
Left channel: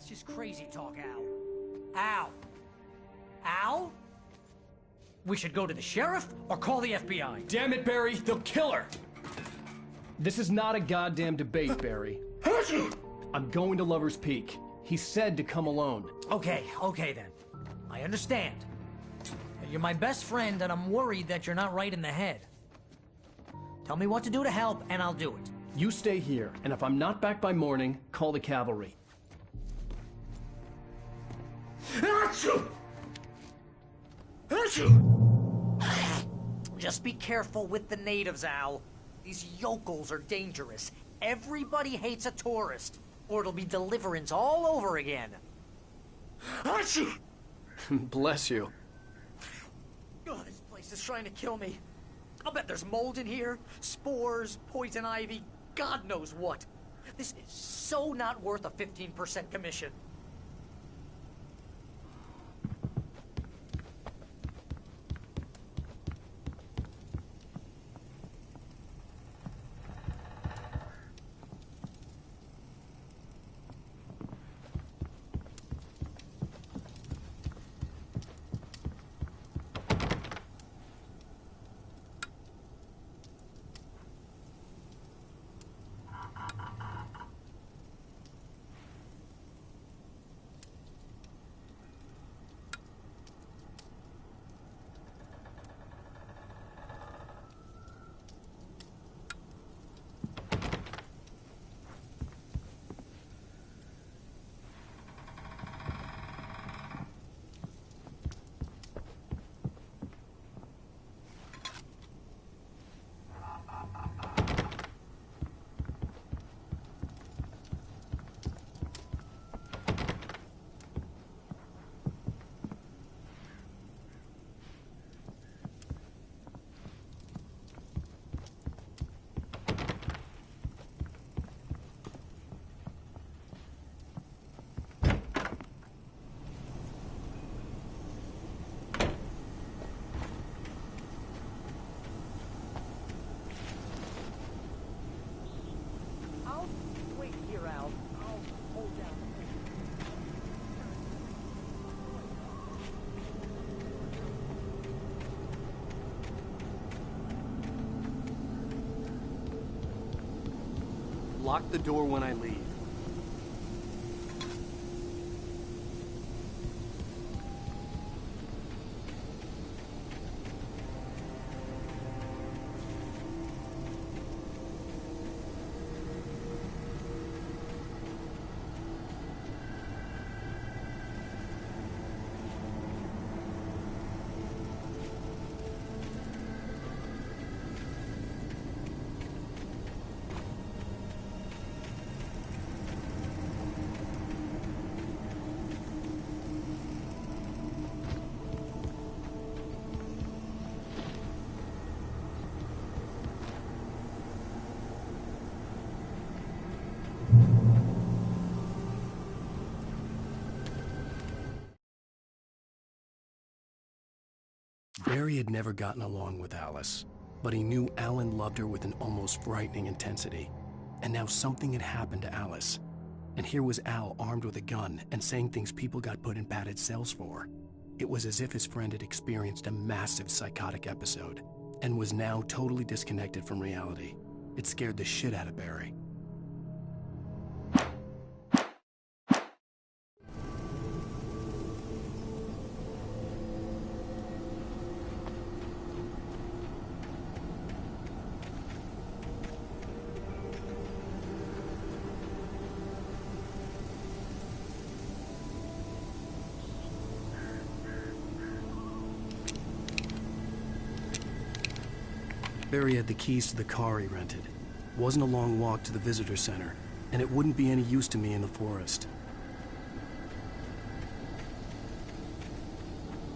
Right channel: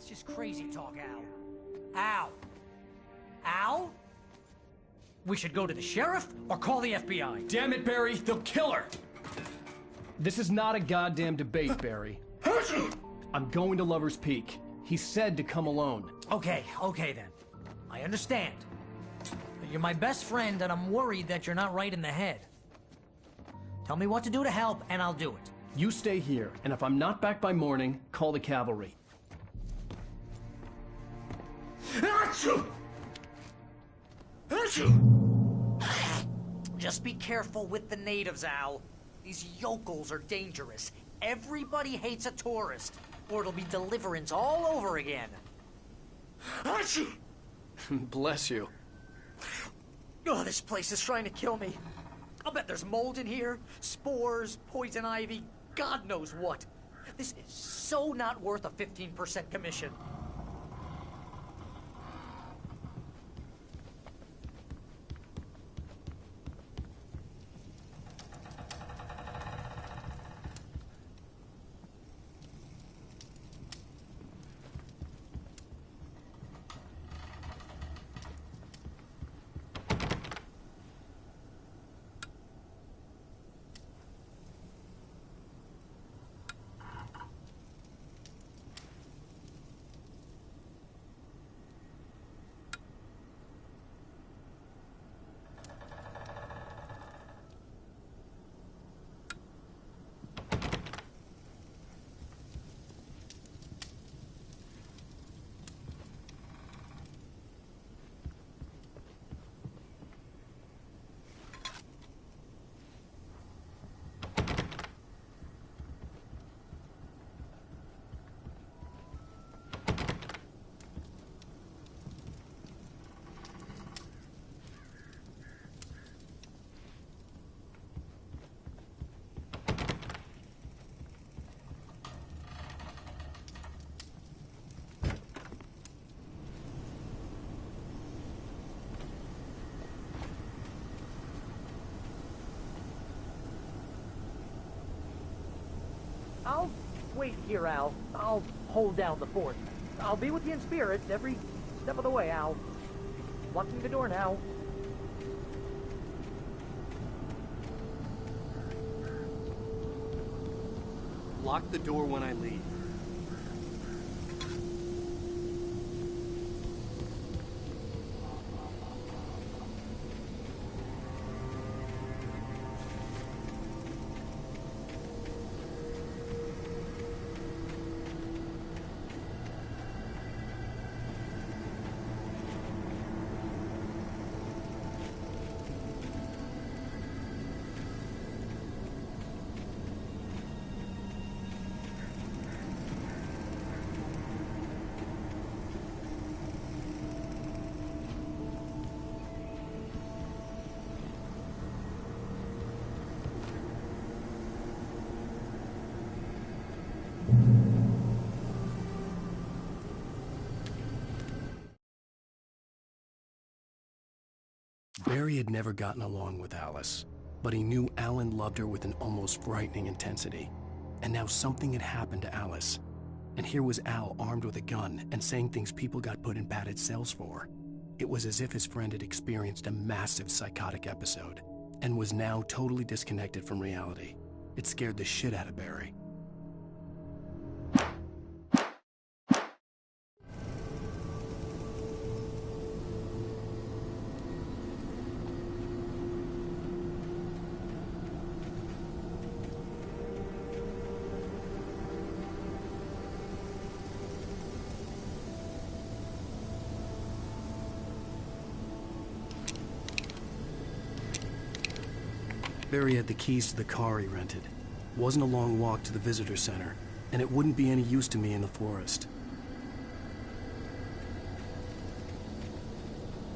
That's just crazy talk, Al. Al? Al? We should go to the sheriff or call the FBI. Damn it, Barry! They'll kill her! This is not a goddamn debate, Barry. I'm going to Lover's Peak. He said to come alone. Okay then. I understand. But you're my best friend, and I'm worried that you're not right in the head. Tell me what to do to help, and I'll do it. You stay here, and if I'm not back by morning, call the cavalry. Just be careful with the natives, Al. These yokels are dangerous. Everybody hates a tourist, or it'll be Deliverance all over again. Bless you. Oh, this place is trying to kill me. I'll bet there's mold in here, spores, poison ivy, God knows what. This is so not worth a 15% commission. Wait here, Al. I'll hold down the fort. I'll be with you in spirit every step of the way, Al. Locking the door now. Lock the door when I leave. Barry had never gotten along with Alice, but he knew Alan loved her with an almost frightening intensity. And now something had happened to Alice. And here was Al armed with a gun and saying things people got put in padded cells for. It was as if his friend had experienced a massive psychotic episode and was now totally disconnected from reality. It scared the shit out of Barry. Barry had the keys to the car he rented. Wasn't a long walk to the visitor center, and it wouldn't be any use to me in the forest.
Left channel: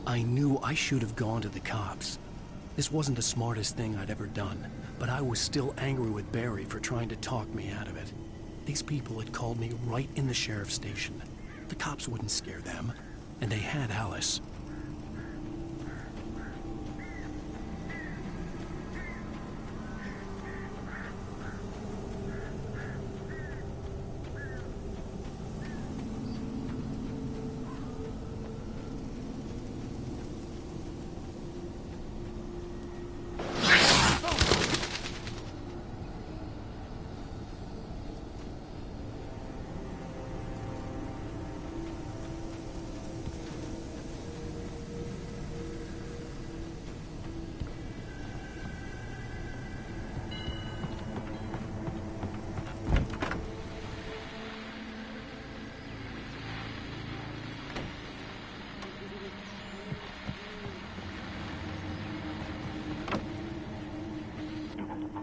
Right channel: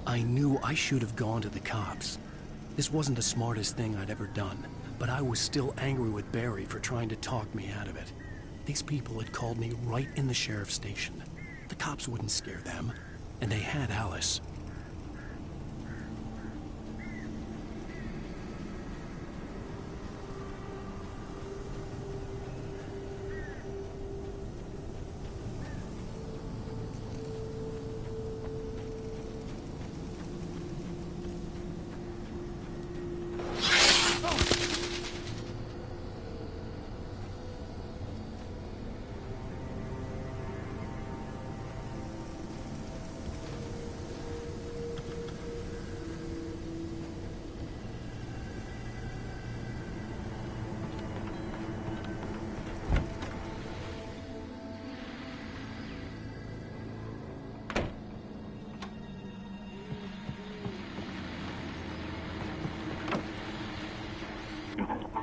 I knew I should have gone to the cops. This wasn't the smartest thing I'd ever done, but I was still angry with Barry for trying to talk me out of it. These people had called me right in the sheriff's station. The cops wouldn't scare them, and they had Alice.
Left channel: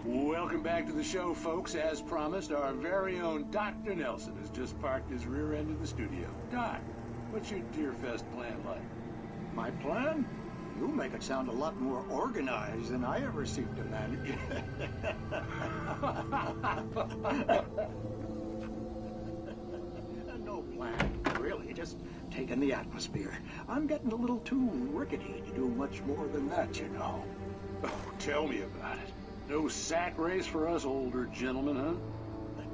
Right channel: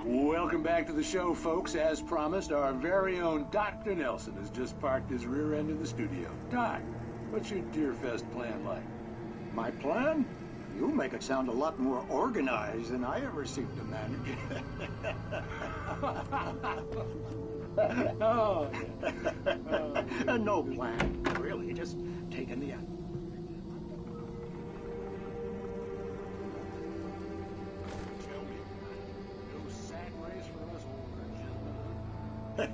Welcome back to the show, folks. As promised, our very own Dr. Nelson has just parked his rear end in the studio. Doc, what's your Deerfest plan like? My plan? You make it sound a lot more organized than I ever seem to manage. No plan, really. Just taking the atmosphere. I'm getting a little too rickety to do much more than that, you know. Oh, tell me about it. No sack race for us older gentlemen, huh?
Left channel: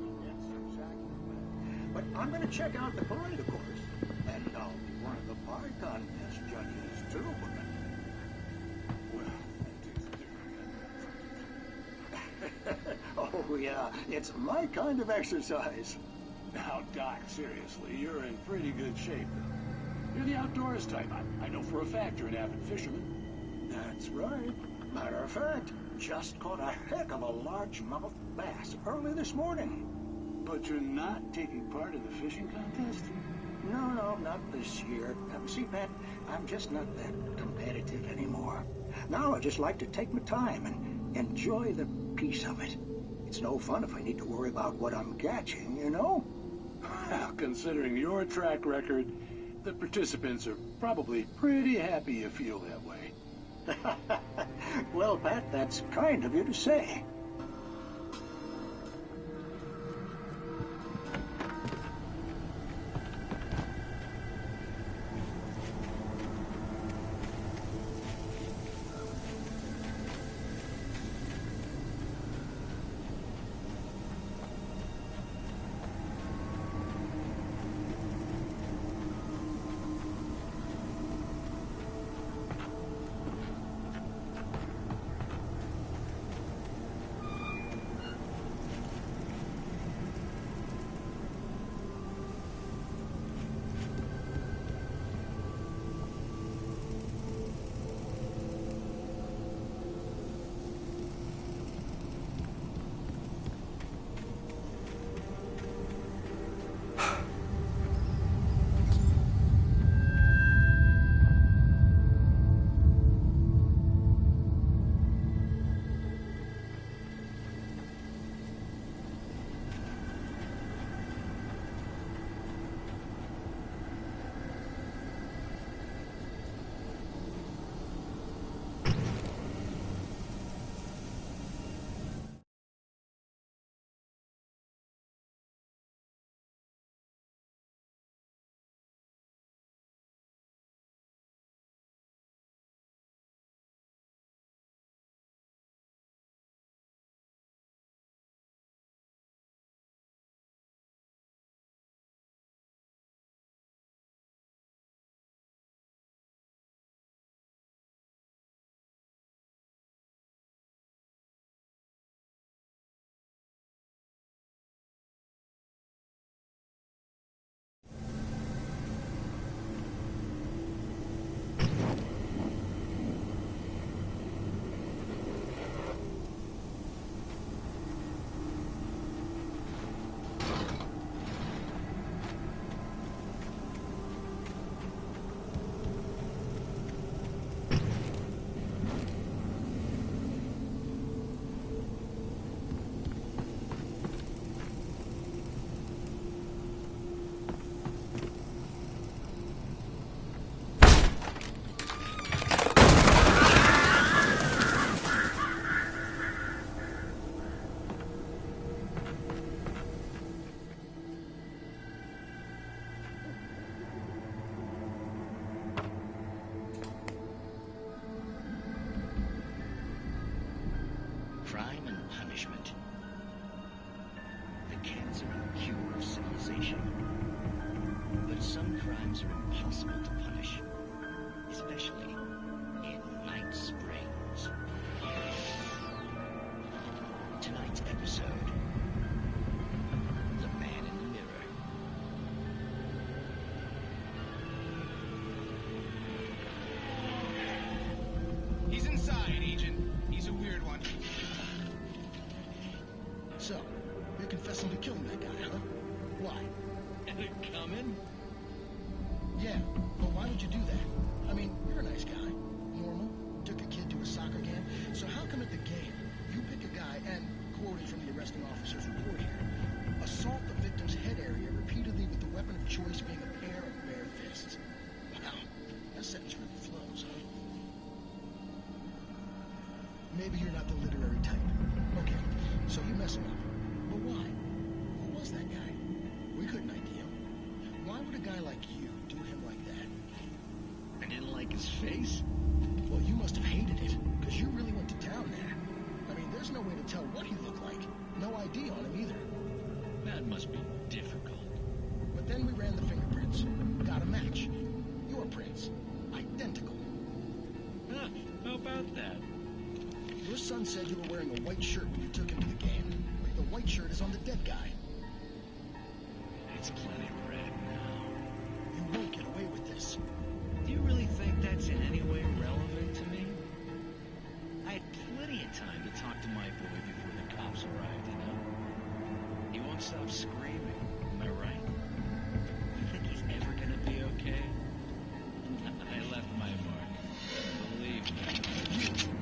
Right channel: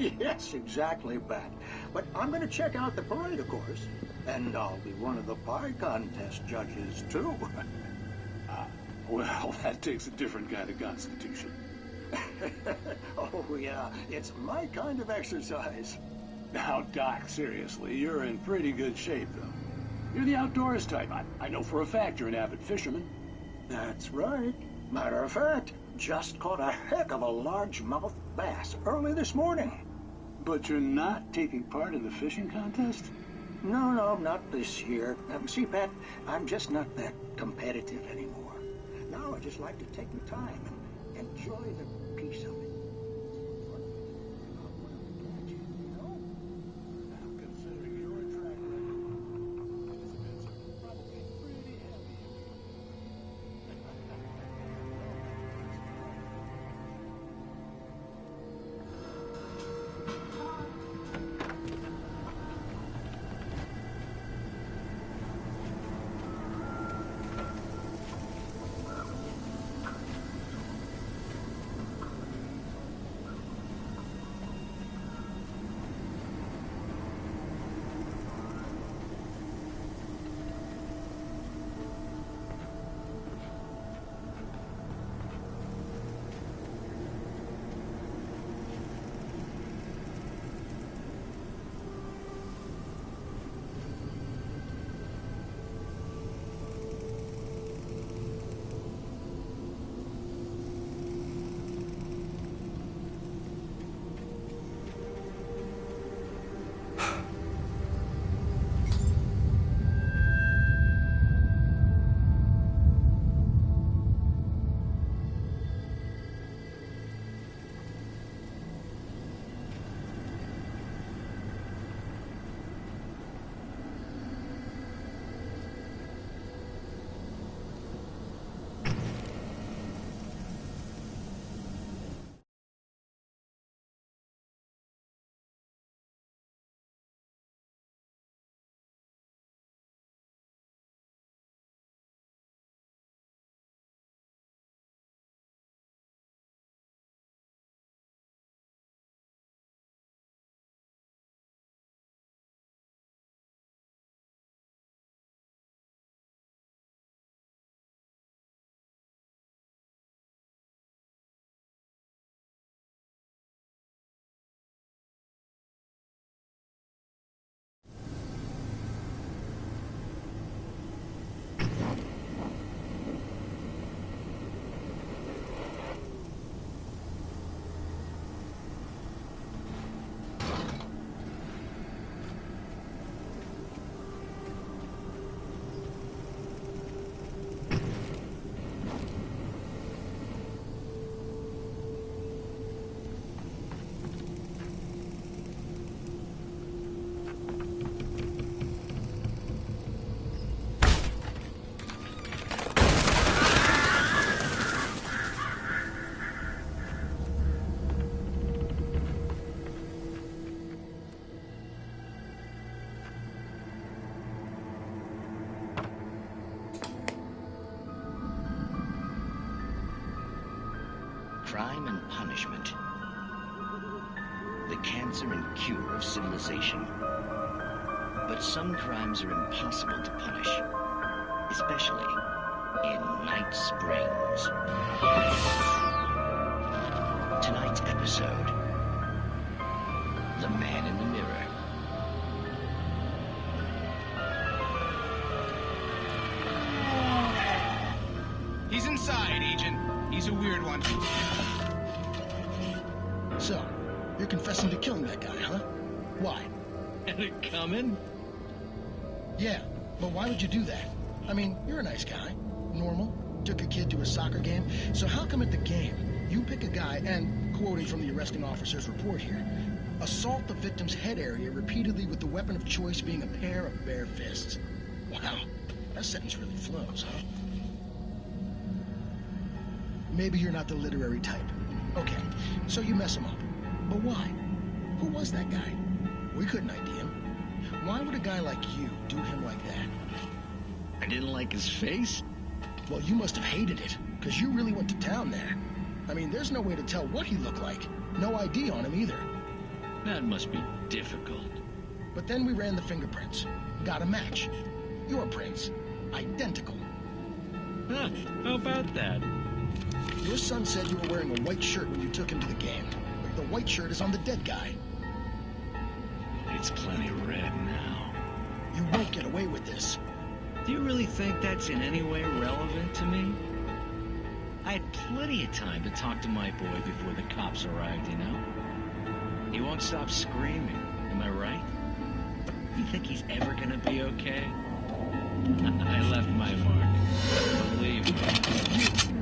Yes, exactly, Bat. But I'm going to check out the parade, of course. And I'll be one of the pie contest judges, too. Well, that takes a different kind of constitution. Oh, yeah. It's my kind of exercise. Now, Doc, seriously, you're in pretty good shape, though. You're the outdoors type. I know for a fact you're an avid fisherman. That's right. Matter of fact, just caught a heck of a largemouth bass early this morning. But you're not taking part in the fishing contest? No, not this year. See, Pat, I'm just not that competitive anymore. Now I just like to take my time and enjoy the peace of it. It's no fun if I need to worry about what I'm catching, you know? Well, considering your track record, the participants are probably pretty happy you feel that way. Well, Pat, that's kind of you to say. Crime and punishment. The cancer and cure of civilization. But some crimes are impossible to punish, especially in Night Springs. Tonight's episode, The Man in the Mirror. He's inside, Agent. He's a weird one. So, you're confessing to killing that guy, huh? Why? Had it coming? Yeah, but why would you do that? I mean, you're a nice guy. Normal. Took a kid to a soccer game. So how come at the game, you pick a guy and, quoting from the arresting officer's report here, assault the victim's head area repeatedly with the weapon of choice being a pair of bare fists? Wow, that sentence really flows, huh? Maybe you're not the literary type. Okay, so you mess him up. But why? Who was that guy? We couldn't ID him. Why would a guy like you do him like that? I didn't like his face? Well, you must have hated it, because you really went to town there. I mean, there's no way to tell what he looked like. No ID on him either. That must be difficult. But then we ran the fingerprints. Got a match. Your prints. Identical. Huh, how about that? Your son said you were wearing a white shirt when you took him to the game. But the white shirt is on the dead guy. It's plenty red now. You won't get away with this. Do you really think that's in any way relevant to me? I had plenty of time to talk to my boy before the cops arrived, you know? He won't stop screaming, am I right? You think he's ever gonna be okay? I left my mark. Believe me.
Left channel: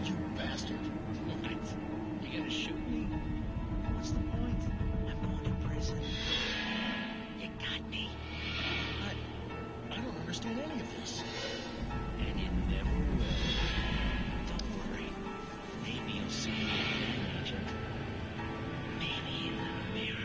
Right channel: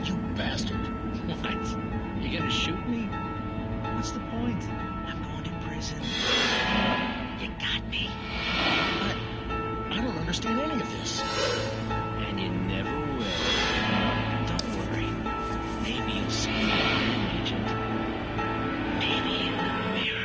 You bastard. What? You gonna shoot me? What's the point? I'm going to prison. You got me. I don't understand any of this. And you never will. Don't worry. Maybe you'll see me again, Agent. Maybe in the mirror.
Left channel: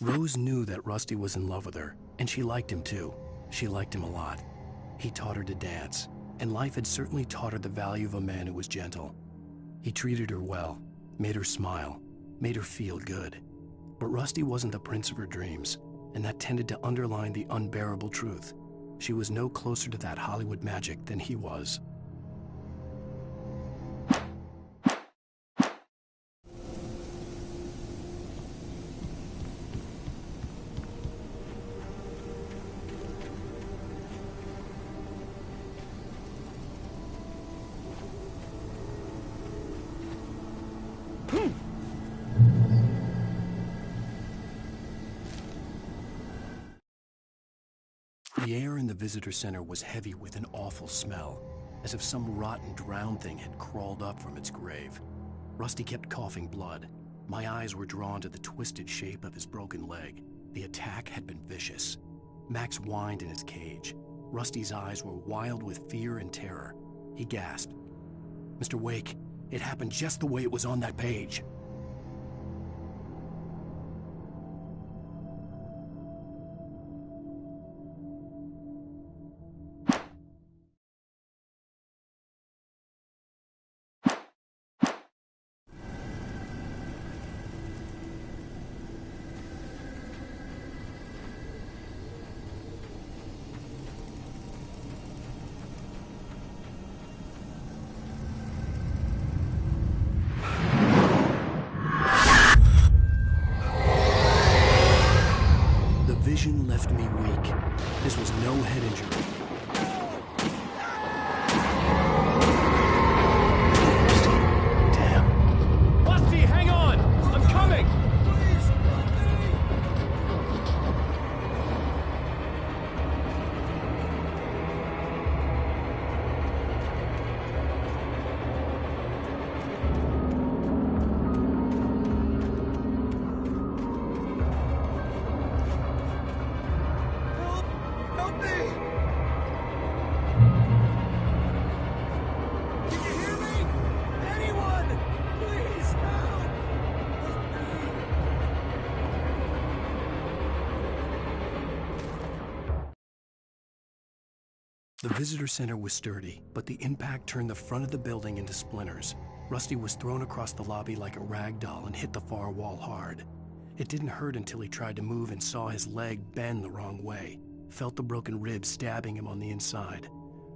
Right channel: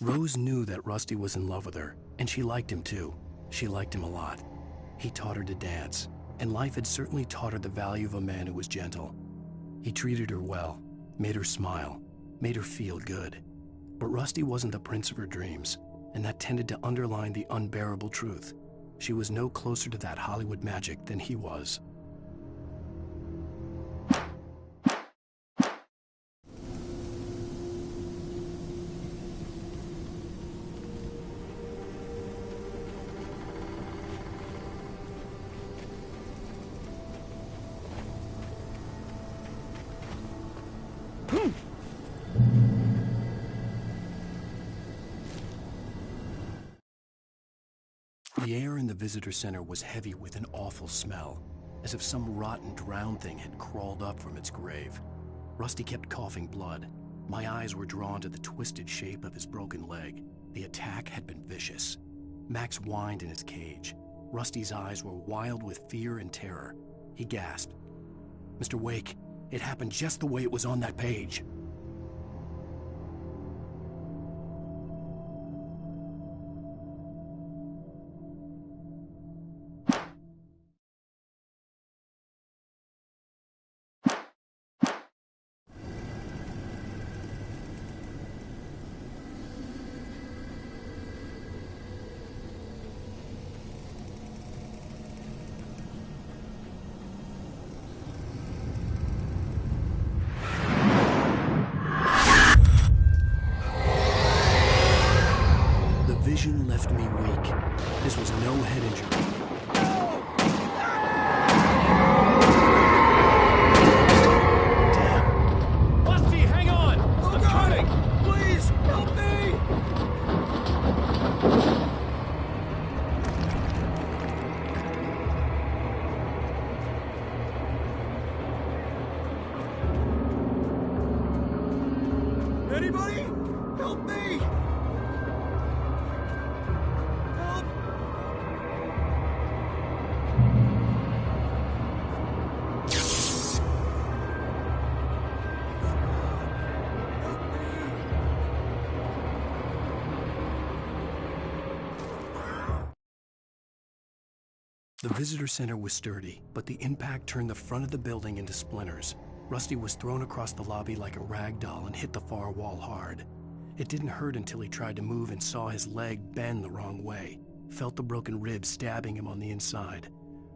Rose knew that Rusty was in love with her, and she liked him too. She liked him a lot. He taught her to dance, and life had certainly taught her the value of a man who was gentle. He treated her well, made her smile, made her feel good. But Rusty wasn't the prince of her dreams, and that tended to underline the unbearable truth. She was no closer to that Hollywood magic than he was. the visitor center was heavy with an awful smell, as if some rotten drowned thing had crawled up from its grave. Rusty kept coughing blood. My eyes were drawn to the twisted shape of his broken leg. The attack had been vicious. Max whined in his cage. Rusty's eyes were wild with fear and terror. He gasped. "Mr. Wake, it happened just the way it was on that page." Vision left me weak. This was no head injury. Damn. Rusty, hang on! I'm coming! Please, help me! Anybody? Help me! Help me! Anyone! Please help! Help me! The visitor center was sturdy, but the impact turned the front of the building into splinters. Rusty was thrown across the lobby like a rag doll and hit the far wall hard. It didn't hurt until he tried to move and saw his leg bend the wrong way. Felt the broken rib stabbing him on the inside.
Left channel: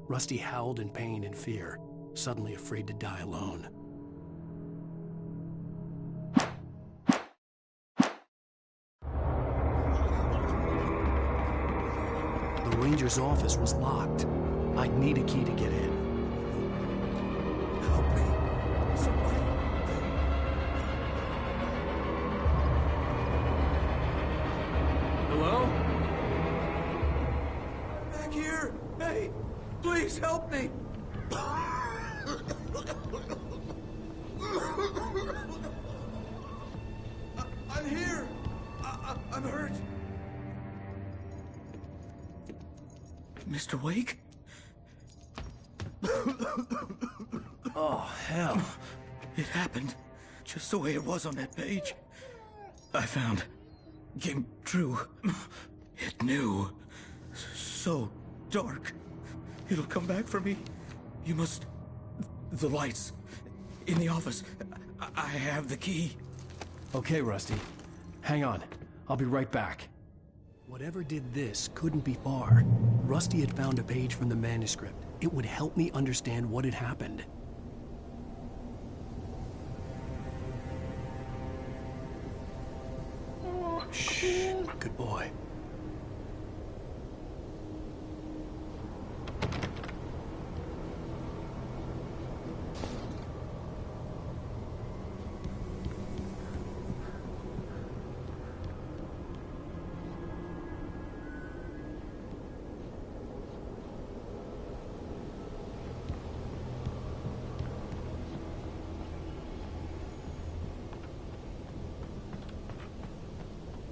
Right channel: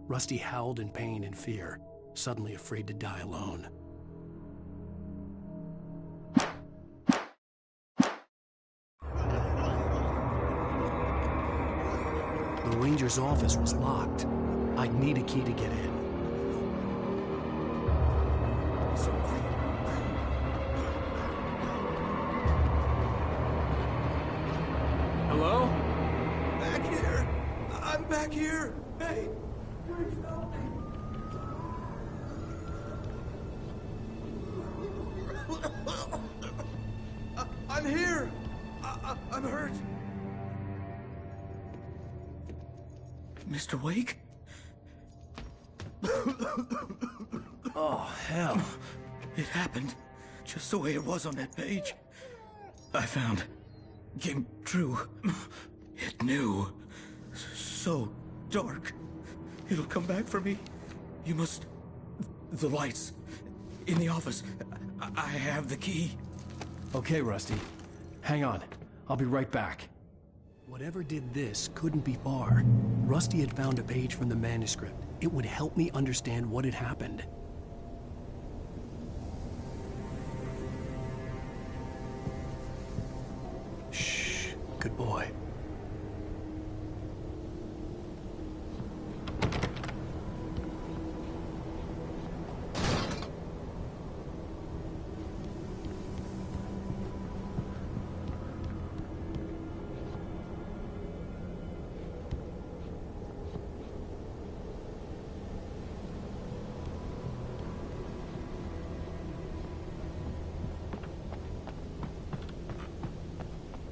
Rusty howled in pain and fear, suddenly afraid to die alone. The ranger's office was locked. I'd need a key to get in. Somebody. Hello? Back here. I'm back here. Hey, please help me. I'm here. I'm hurt. Mr. Wake? Oh, hell. It happened just the way it was on that page. I found. Came true. It knew. So dark. It'll come back for me. You must... The lights. In the office. I have the key. Okay, Rusty. Hang on. I'll be right back. Whatever did this couldn't be far. Rusty had found a page from the manuscript. It would help me understand what had happened. Shh. Good boy.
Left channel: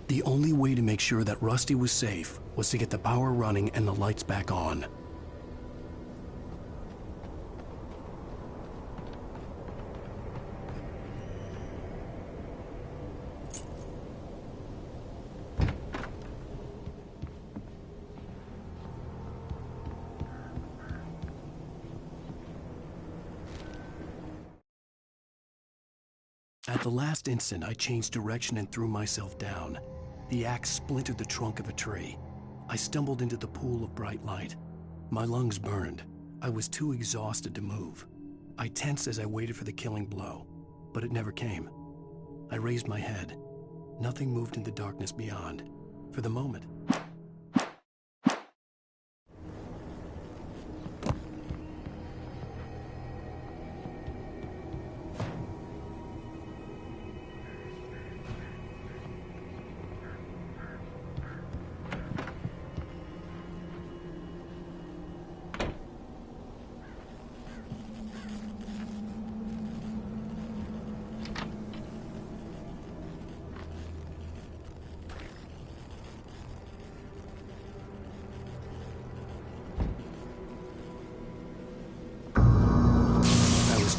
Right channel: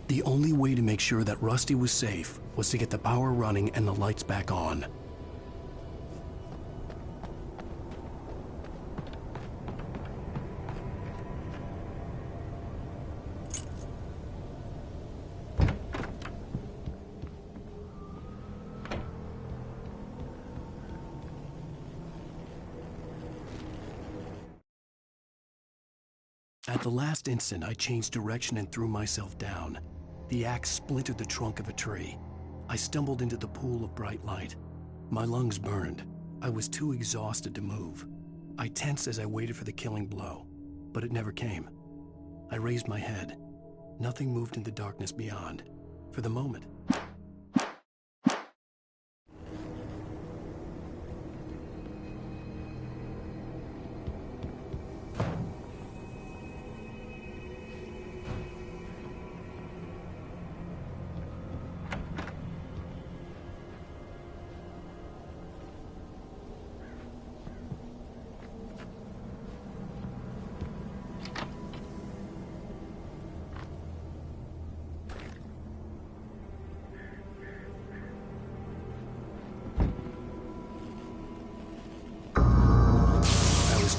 The only way to make sure that Rusty was safe was to get the power running and the lights back on. At the last instant, I changed direction and threw myself down. The axe splintered the trunk of a tree. I stumbled into the pool of bright light. My lungs burned. I was too exhausted to move. I tensed as I waited for the killing blow, but it never came. I raised my head. Nothing moved in the darkness beyond. For the moment,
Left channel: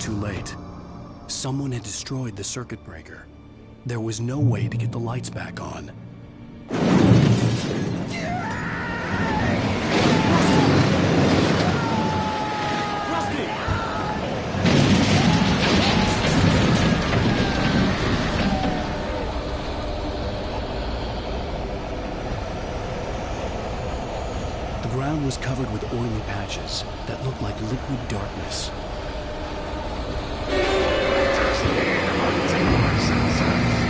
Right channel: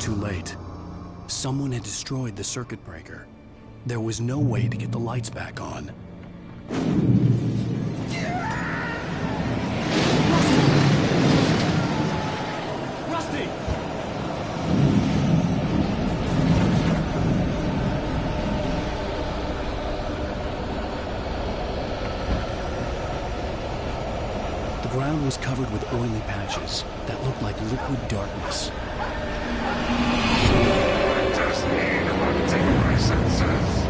too late. Someone had destroyed the circuit breaker. There was no way to get the lights back on. Rusty! The ground was covered with oily patches that looked like liquid darkness. I just need to maintain my senses.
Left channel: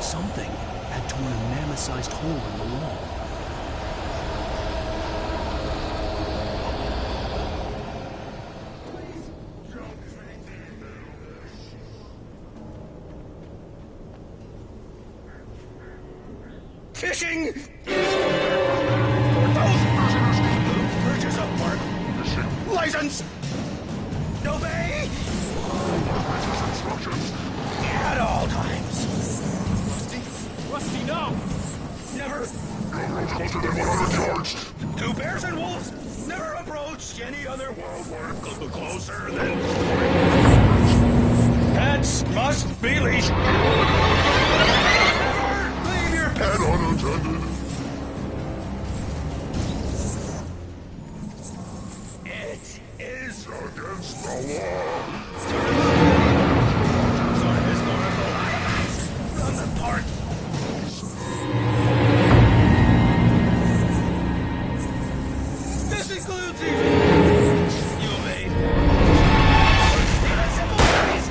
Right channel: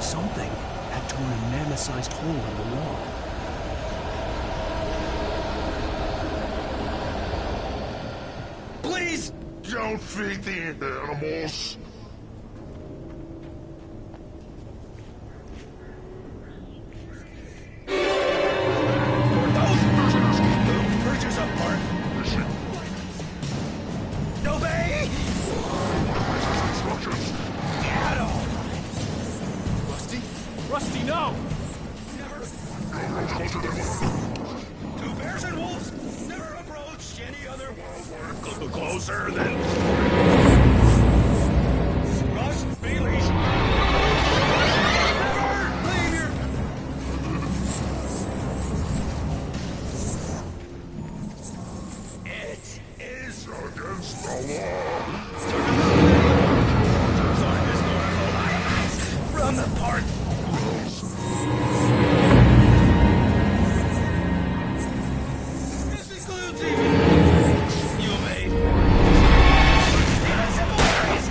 Something had torn a mammoth-sized hole in the wall. Please don't feed the animals. Fishing! For those prisoners who purchase a park license! Obey! Instructions. At all times. Rusty? Rusty, no! Never. No roads closer than 100 yards. To bears and wolves, never approach any other wildlife closer than... Pets must be leashed. Never leave your pet unattended. It is against the law to remove ornithological artifacts from the park. This includes even you obey. Even simple berries.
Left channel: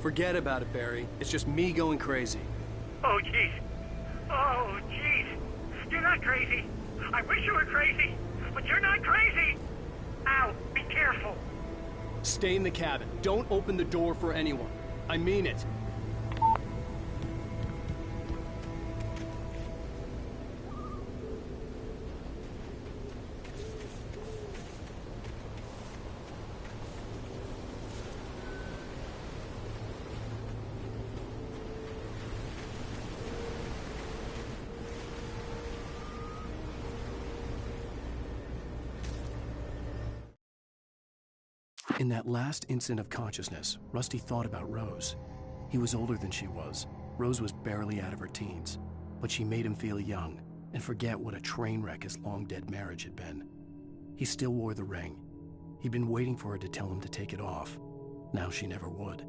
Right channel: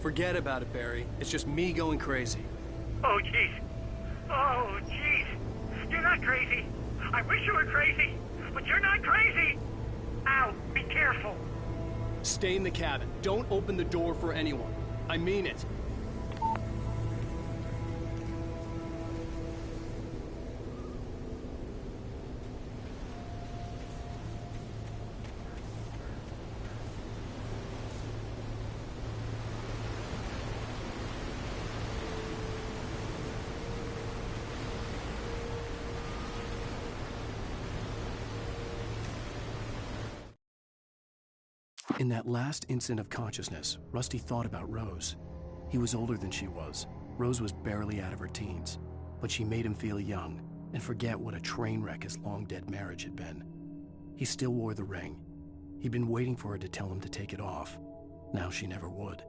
Forget about it, Barry. It's just me going crazy. Oh, jeez. Oh, jeez. You're not crazy. I wish you were crazy, but you're not crazy. Ow, be careful. Stay in the cabin. Don't open the door for anyone. I mean it. In that last instant of consciousness, Rusty thought about Rose. He was older than she was. Rose was barely out of her teens, but she made him feel young and forget what a train wreck his long-dead marriage had been. He still wore the ring. He'd been waiting for her to tell him to take it off. Now she never would.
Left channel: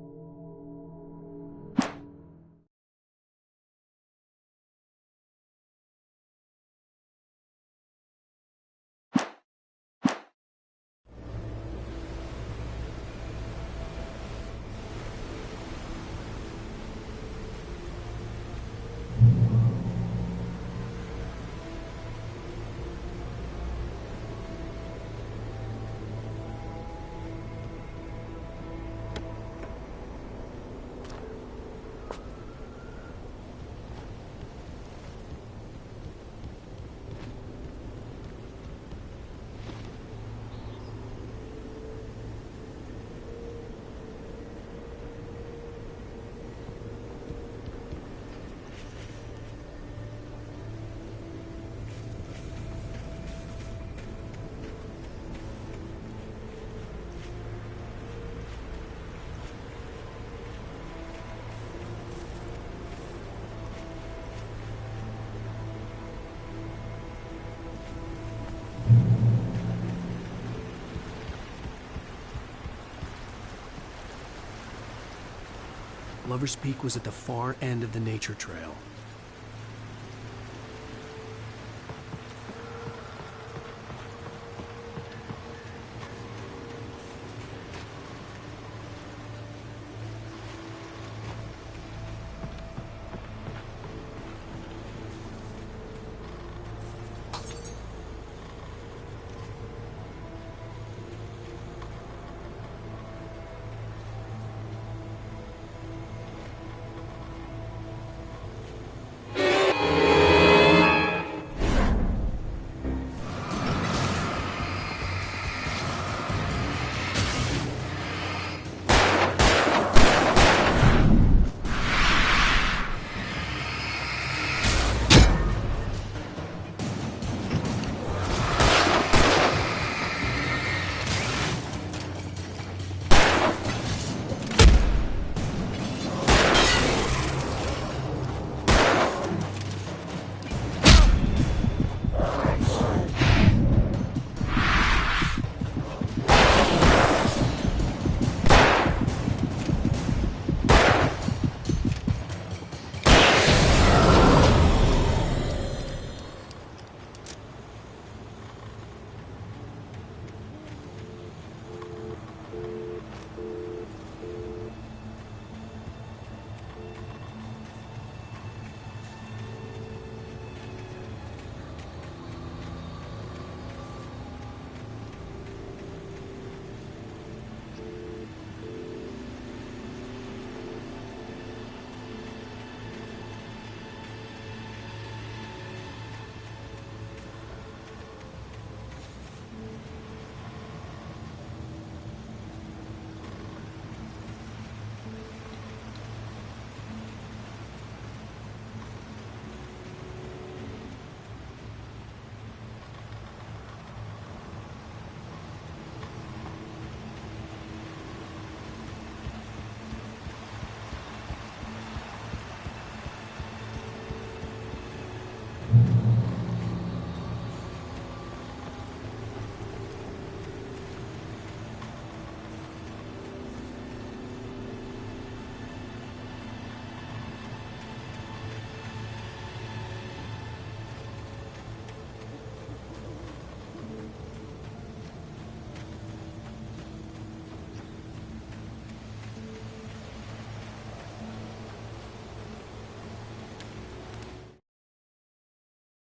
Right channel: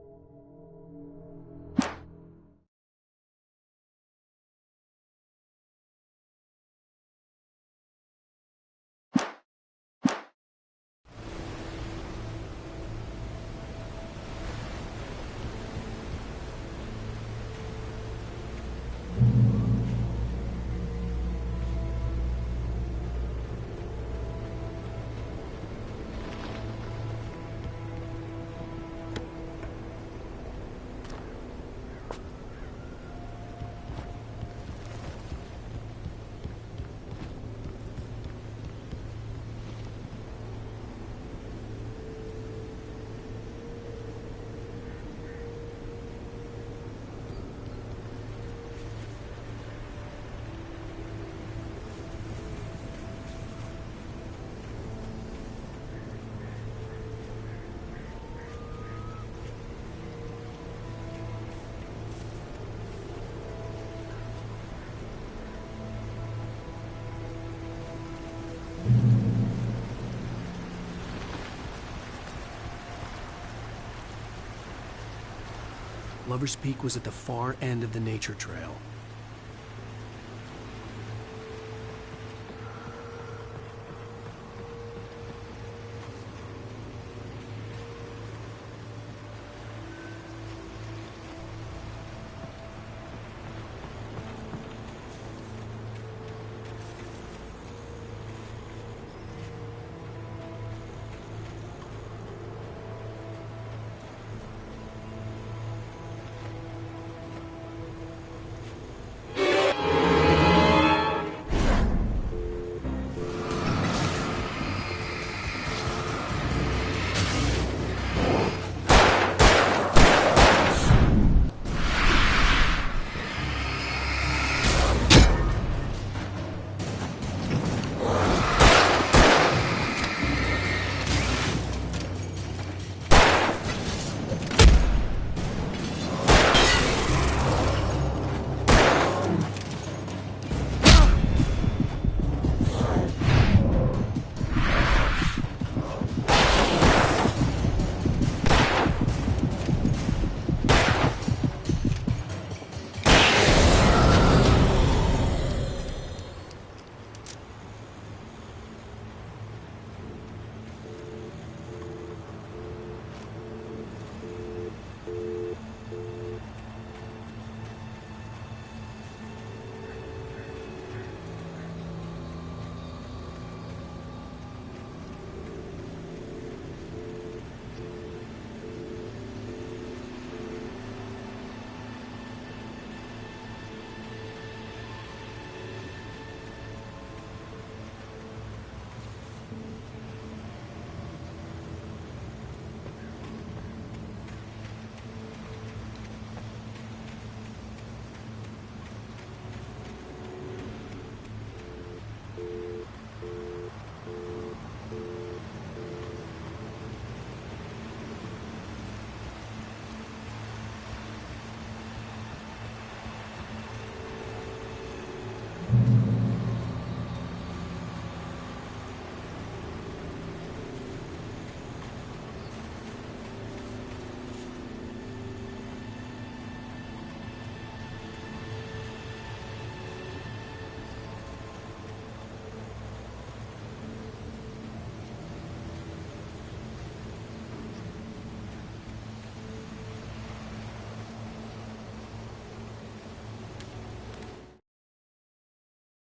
Lover's Peak was at the far end of the nature trail.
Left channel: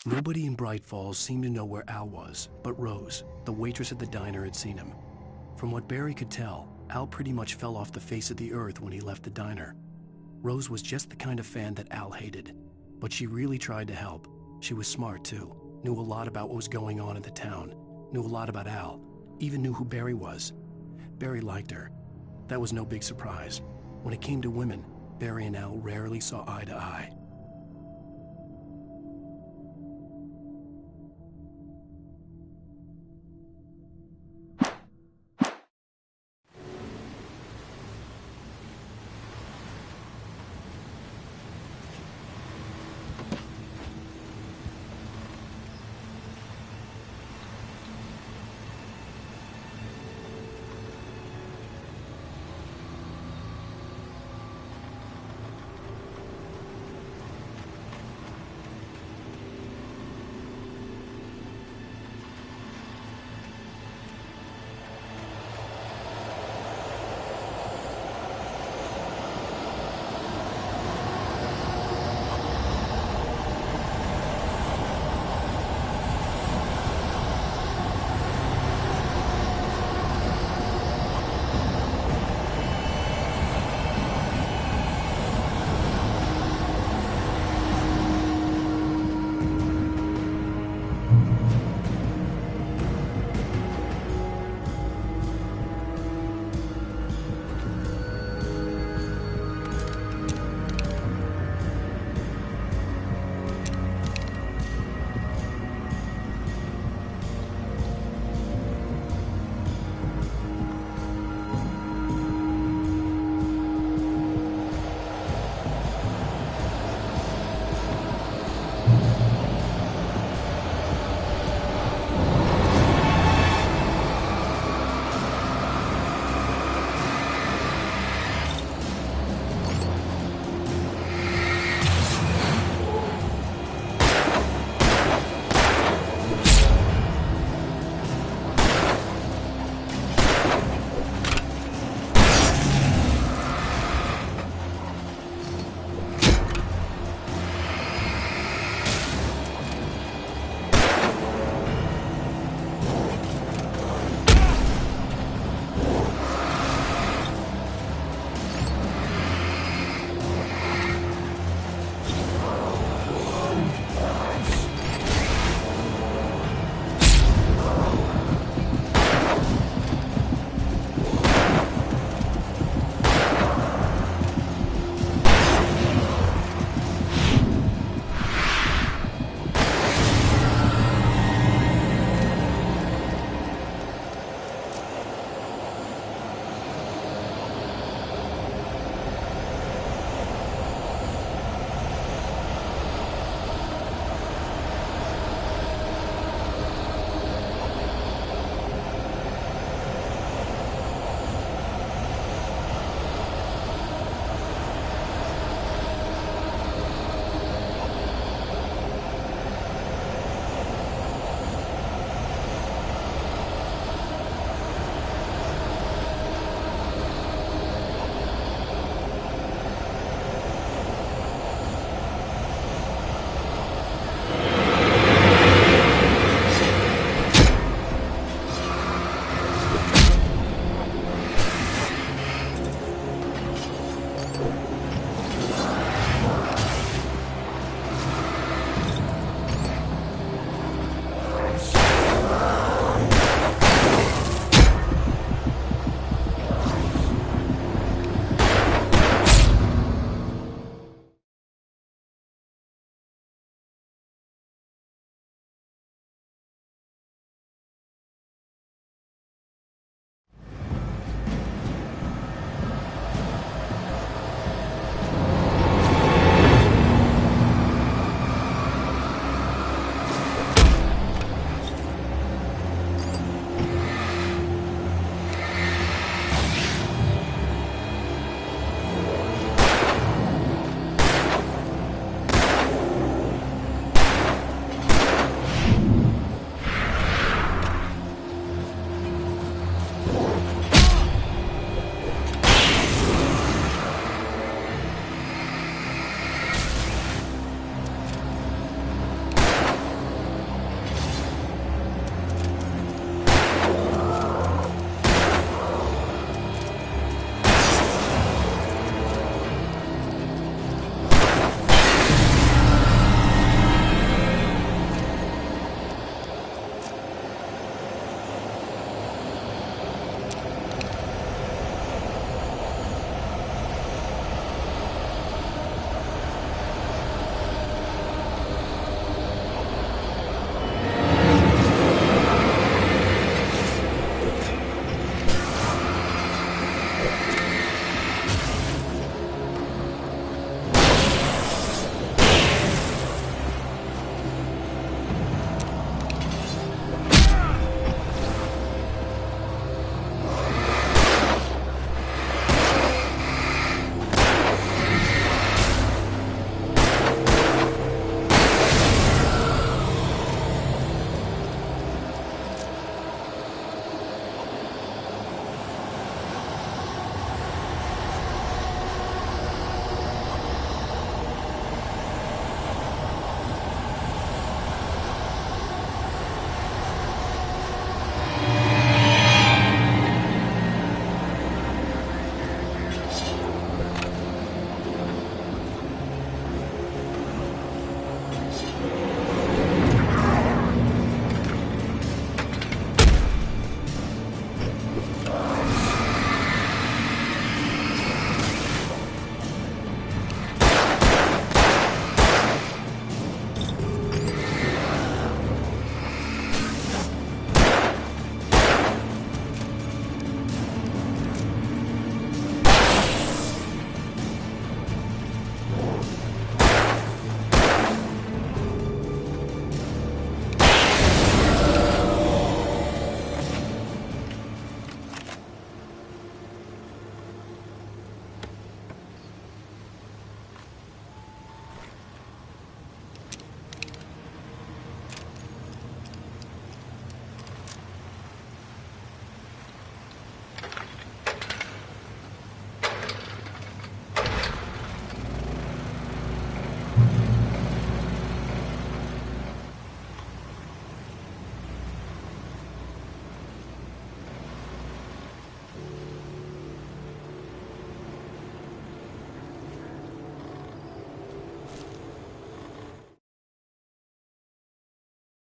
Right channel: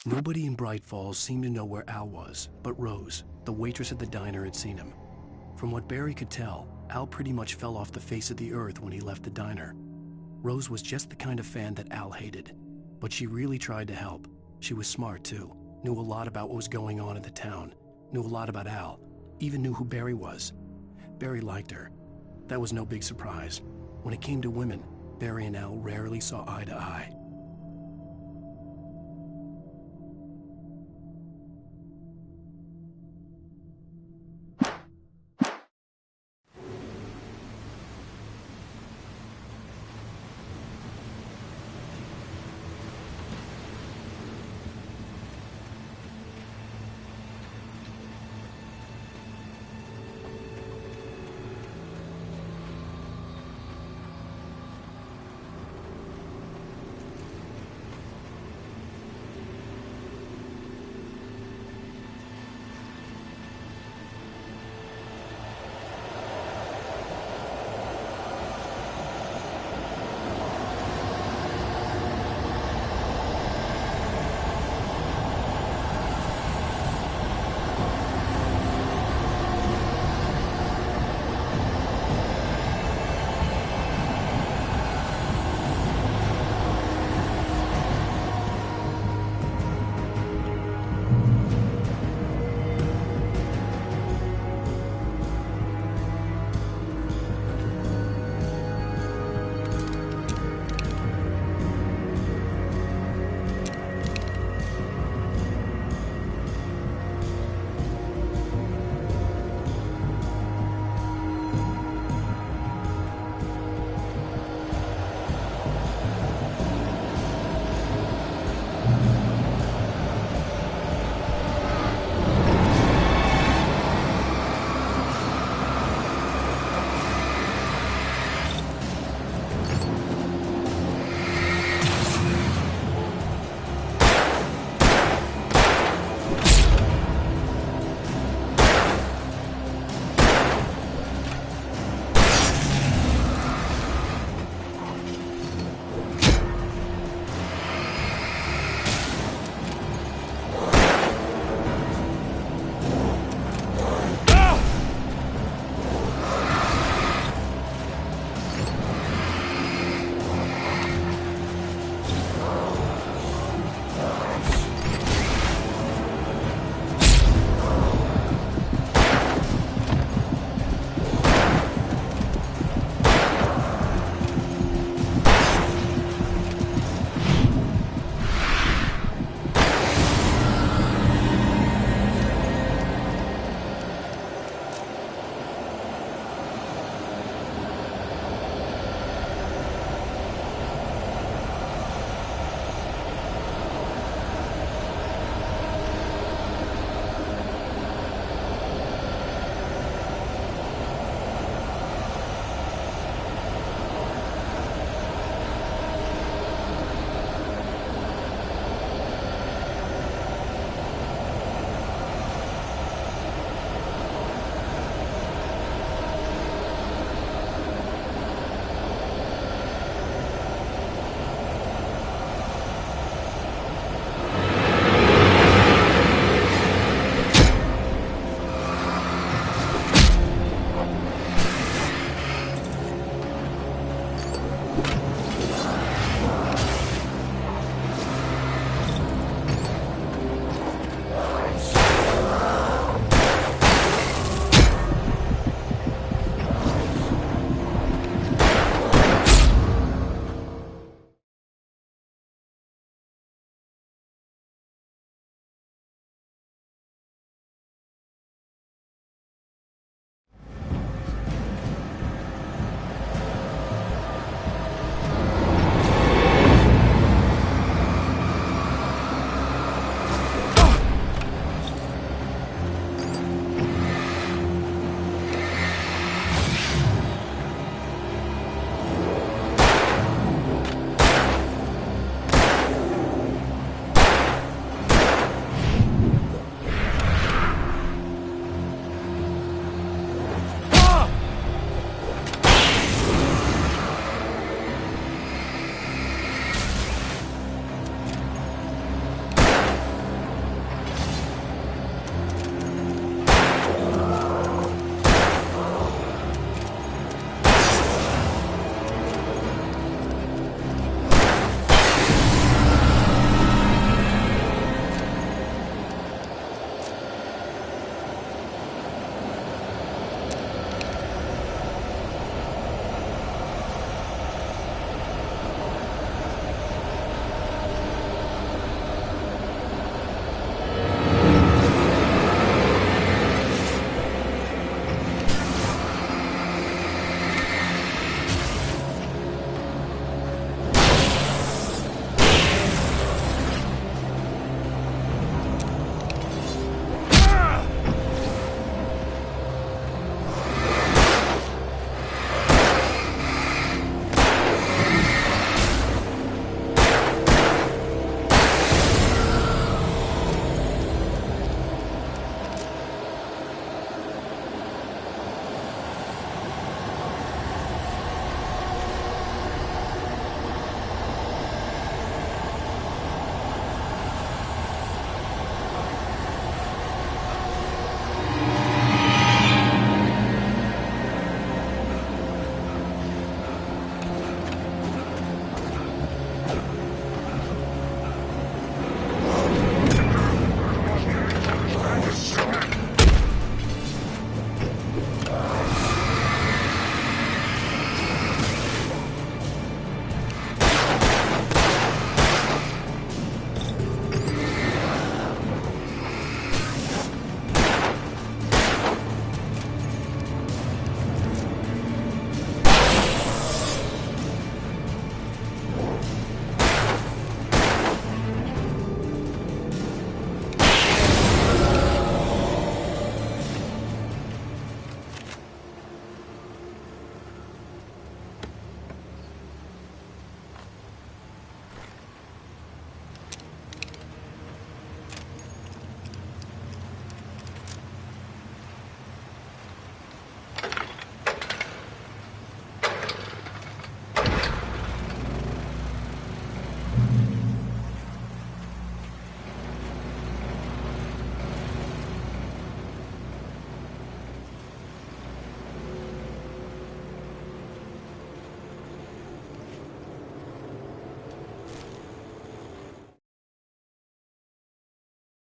Nobody in Bright Falls seemed to know where Al was, but Rose, the waitress at the diner, had seen him. From what Barry could tell, Al pretty much fell off the face of the earth when he left the diner. Rose was just the kind of fan that Al hated, but she really tried to help. She was smart too, knew a lot about what was going on in the town, knew a lot about Al, even knew who Barry was. Barry liked her. That was no big surprise. When it came to women, Barry and Al rarely saw eye to eye.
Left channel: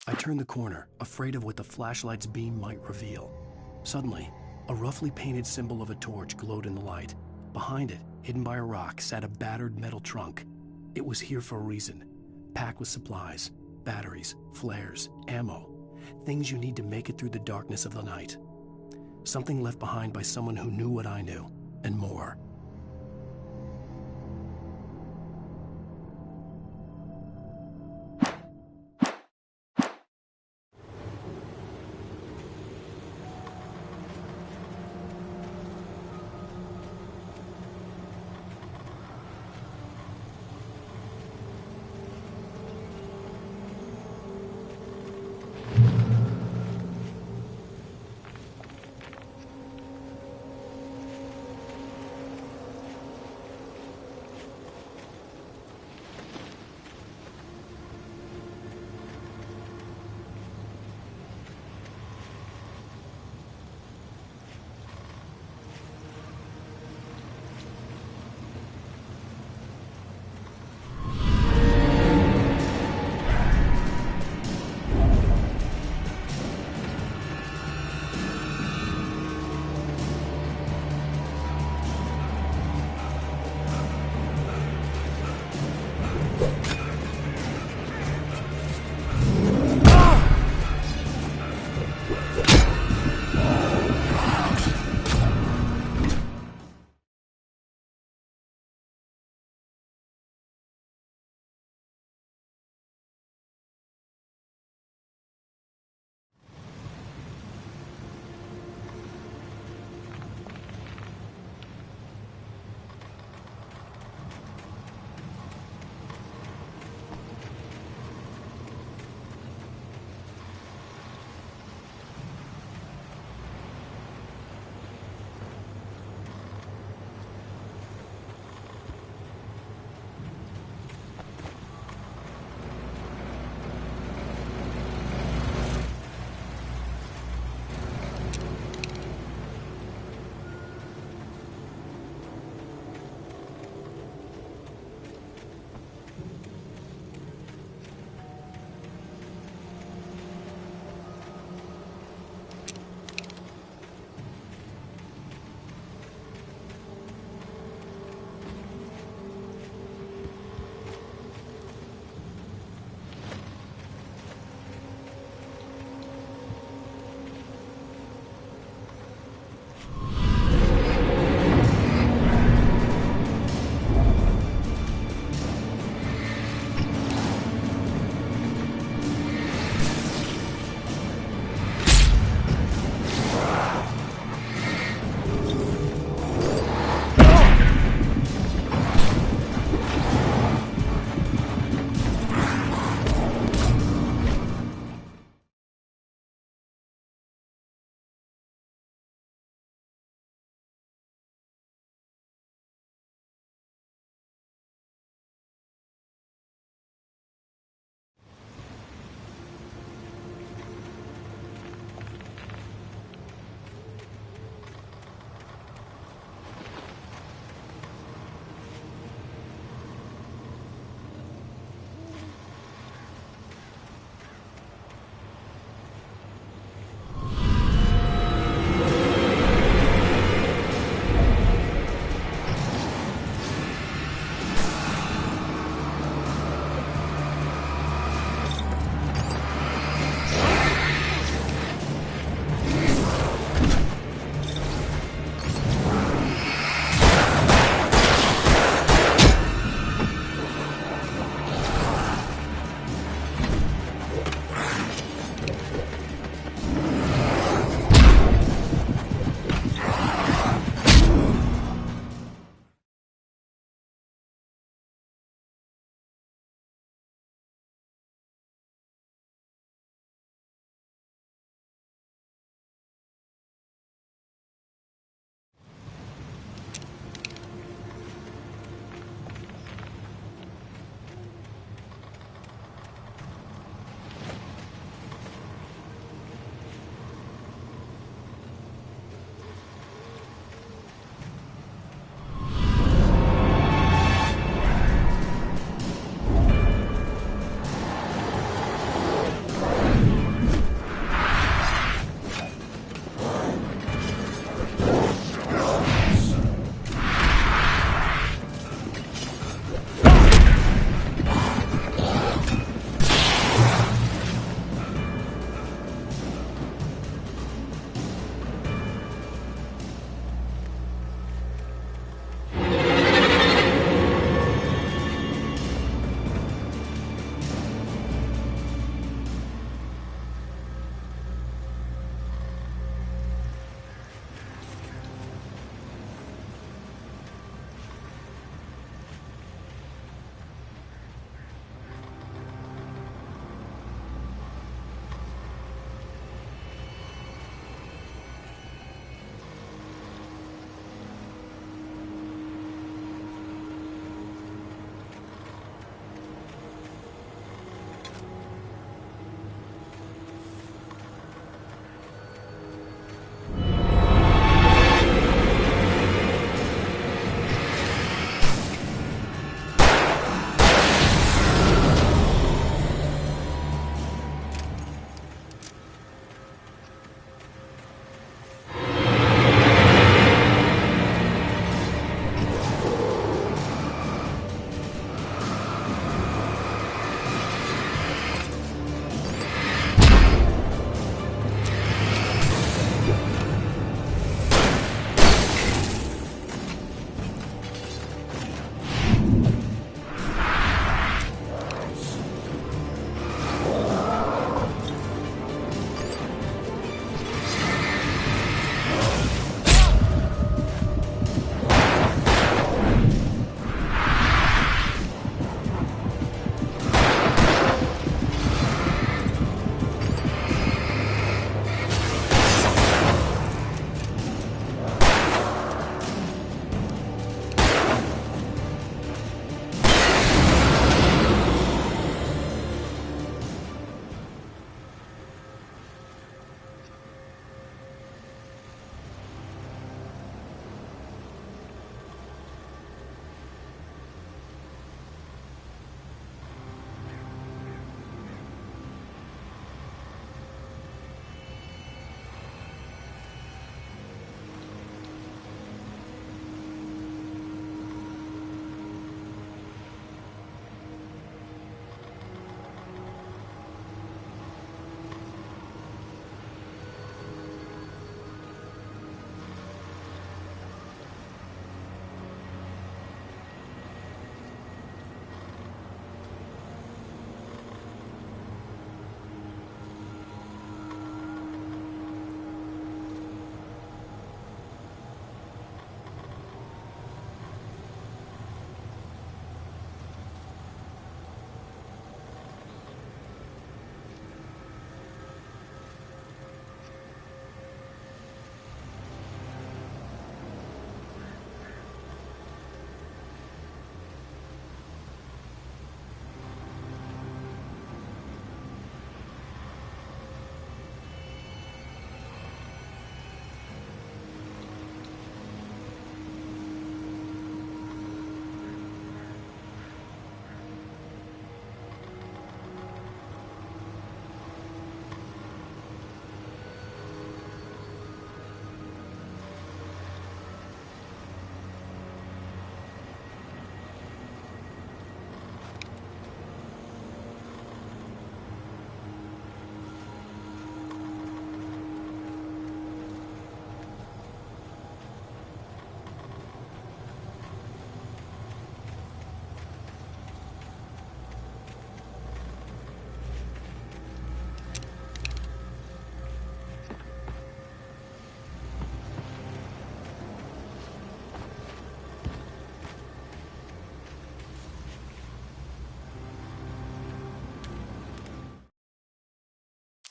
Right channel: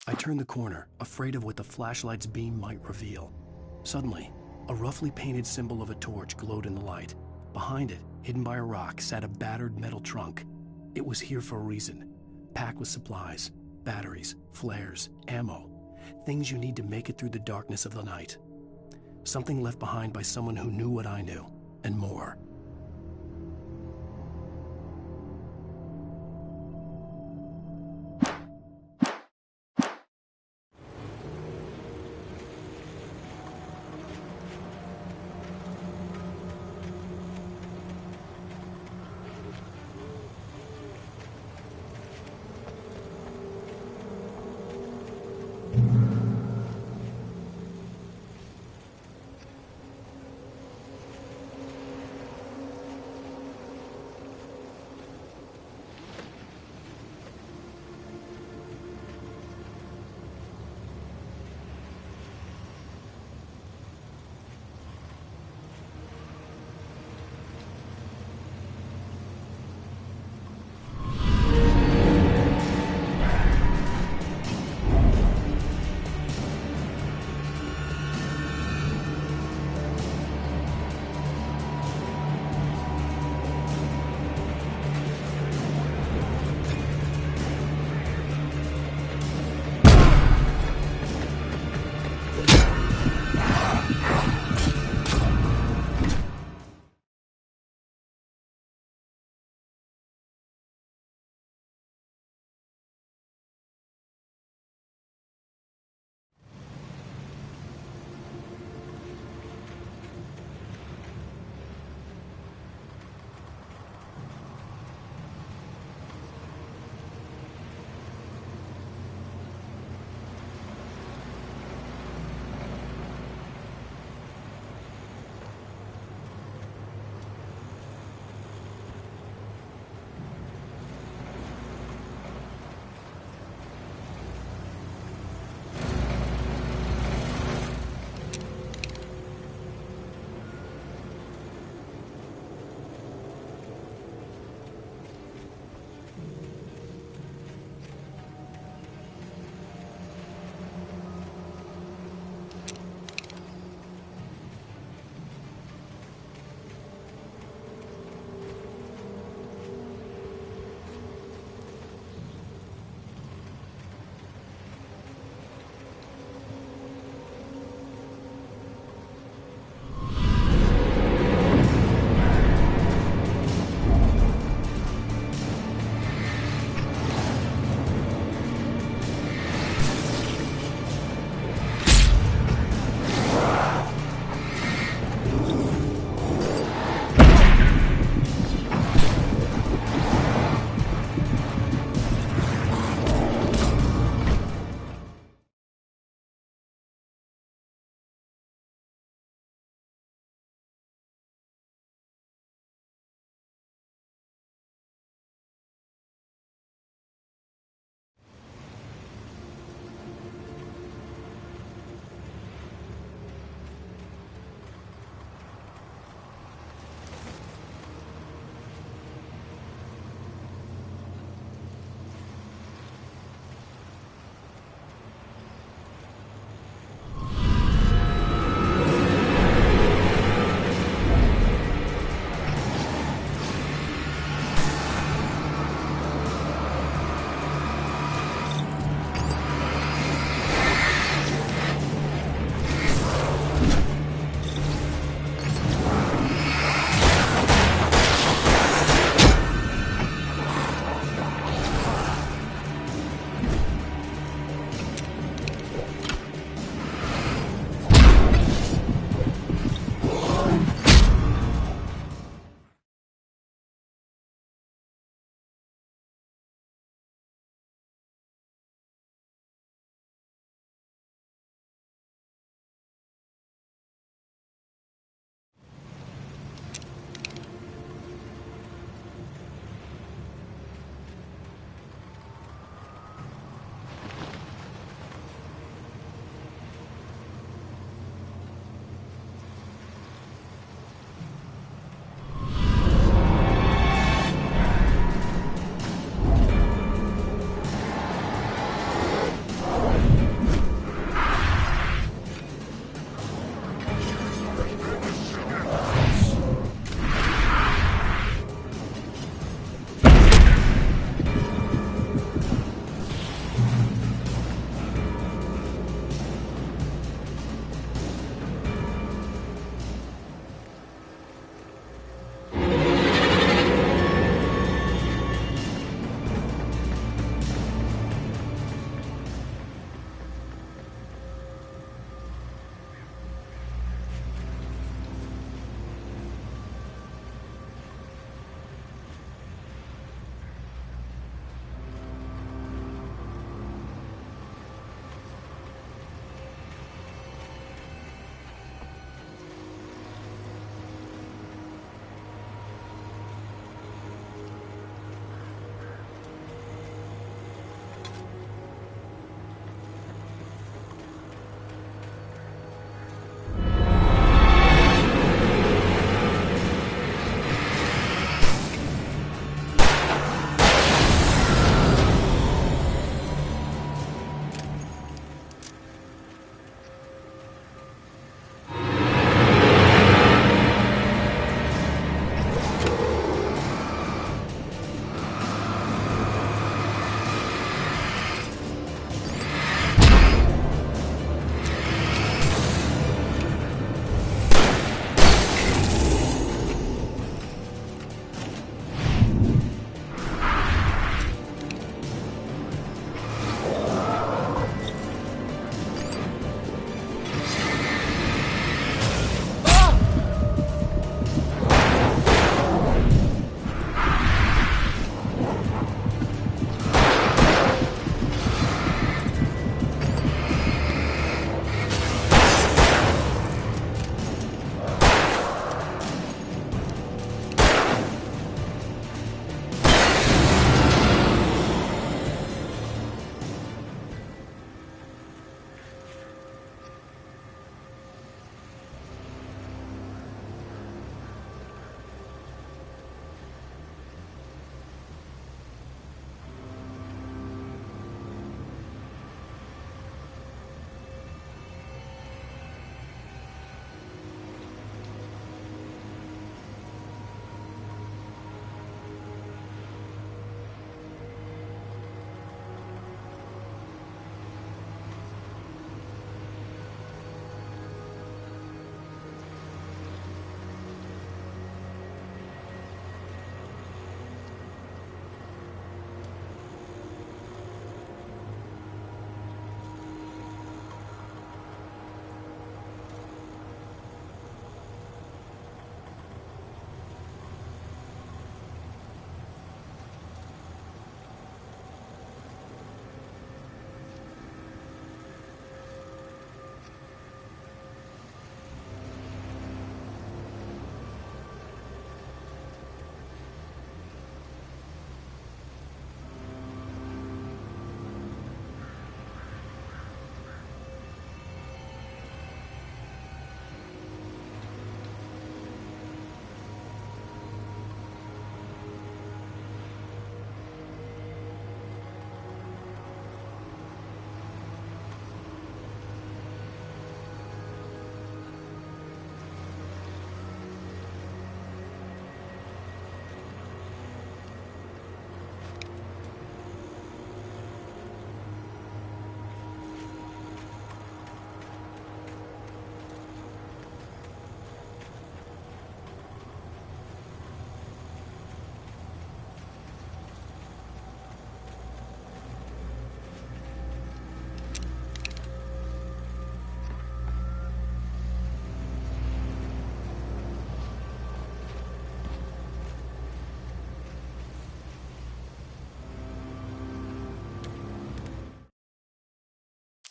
I turned the corner, afraid of what the flashlight's beam might reveal. Suddenly, a roughly painted symbol of a torch glowed in the light. Behind it, hidden by a rock, sat a battered metal trunk. It was here for a reason, packed with supplies, batteries, flares, ammo, things you need to make it through the darkness of the night. Something left behind by someone who knew what I knew, and more.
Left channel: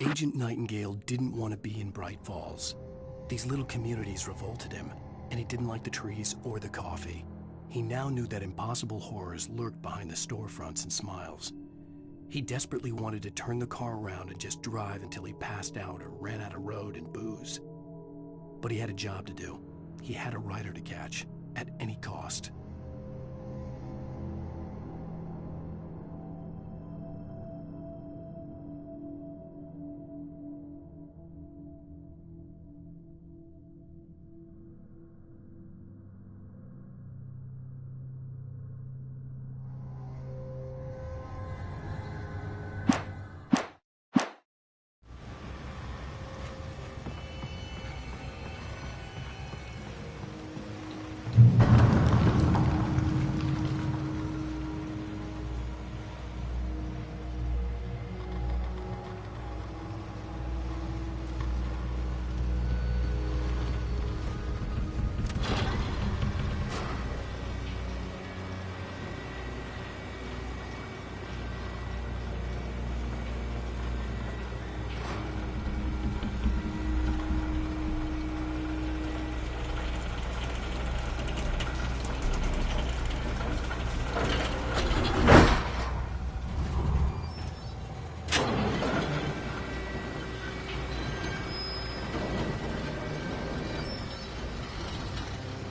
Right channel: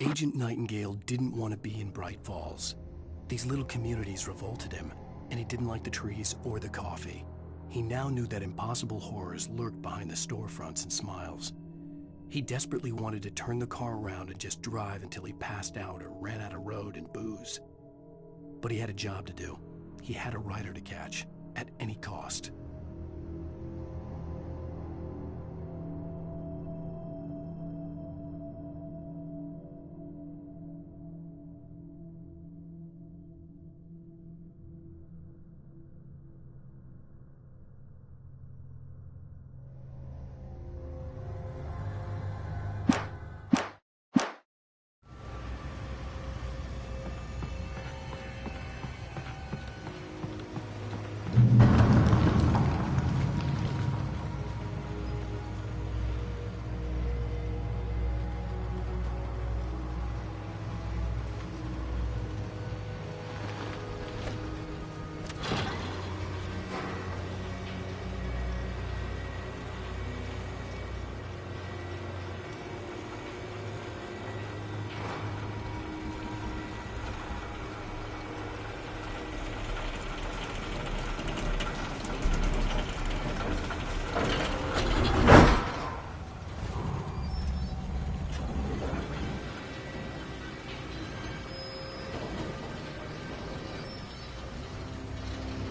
Agent Nightingale didn't want to be in Bright Falls. These little communities revolted him, and he didn't like the trees or the coffee. He now knew that impossible horrors lurked behind the storefronts and smiles. He desperately wanted to turn the car around and just drive until he passed out or ran out of road and booze. But he had a job to do. He had a rider to catch, at any cost.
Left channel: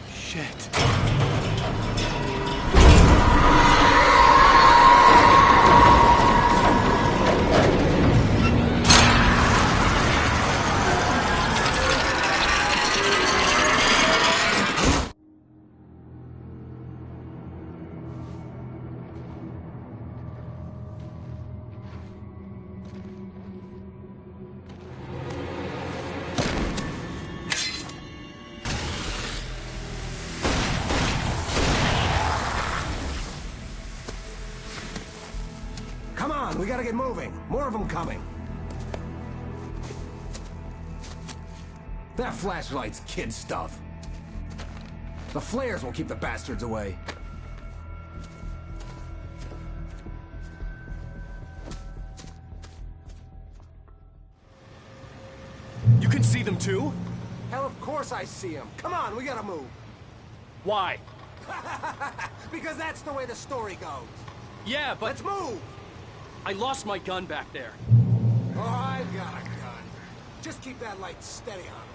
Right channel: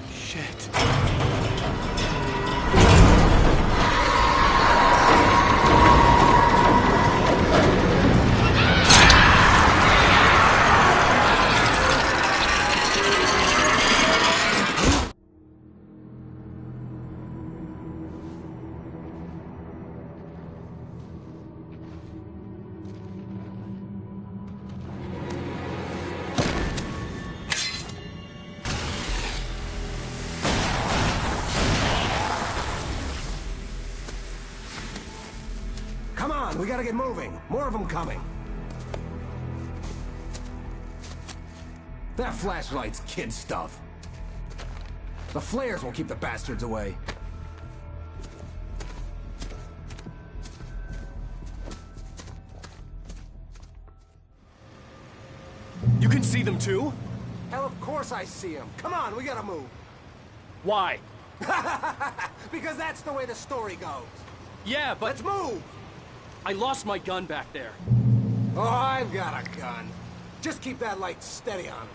Shit. Come on, we gotta get moving. More of them coming. That flashlight's kid stuff. The flares won't keep the bastards away. You can see them too? Hell, of course I see them. Come on, we gotta move. Why? Because that's the way the story goes. Yeah, but... Let's move! I lost my gun back there. Oh, I've got a gun. Just keep that light steady on him.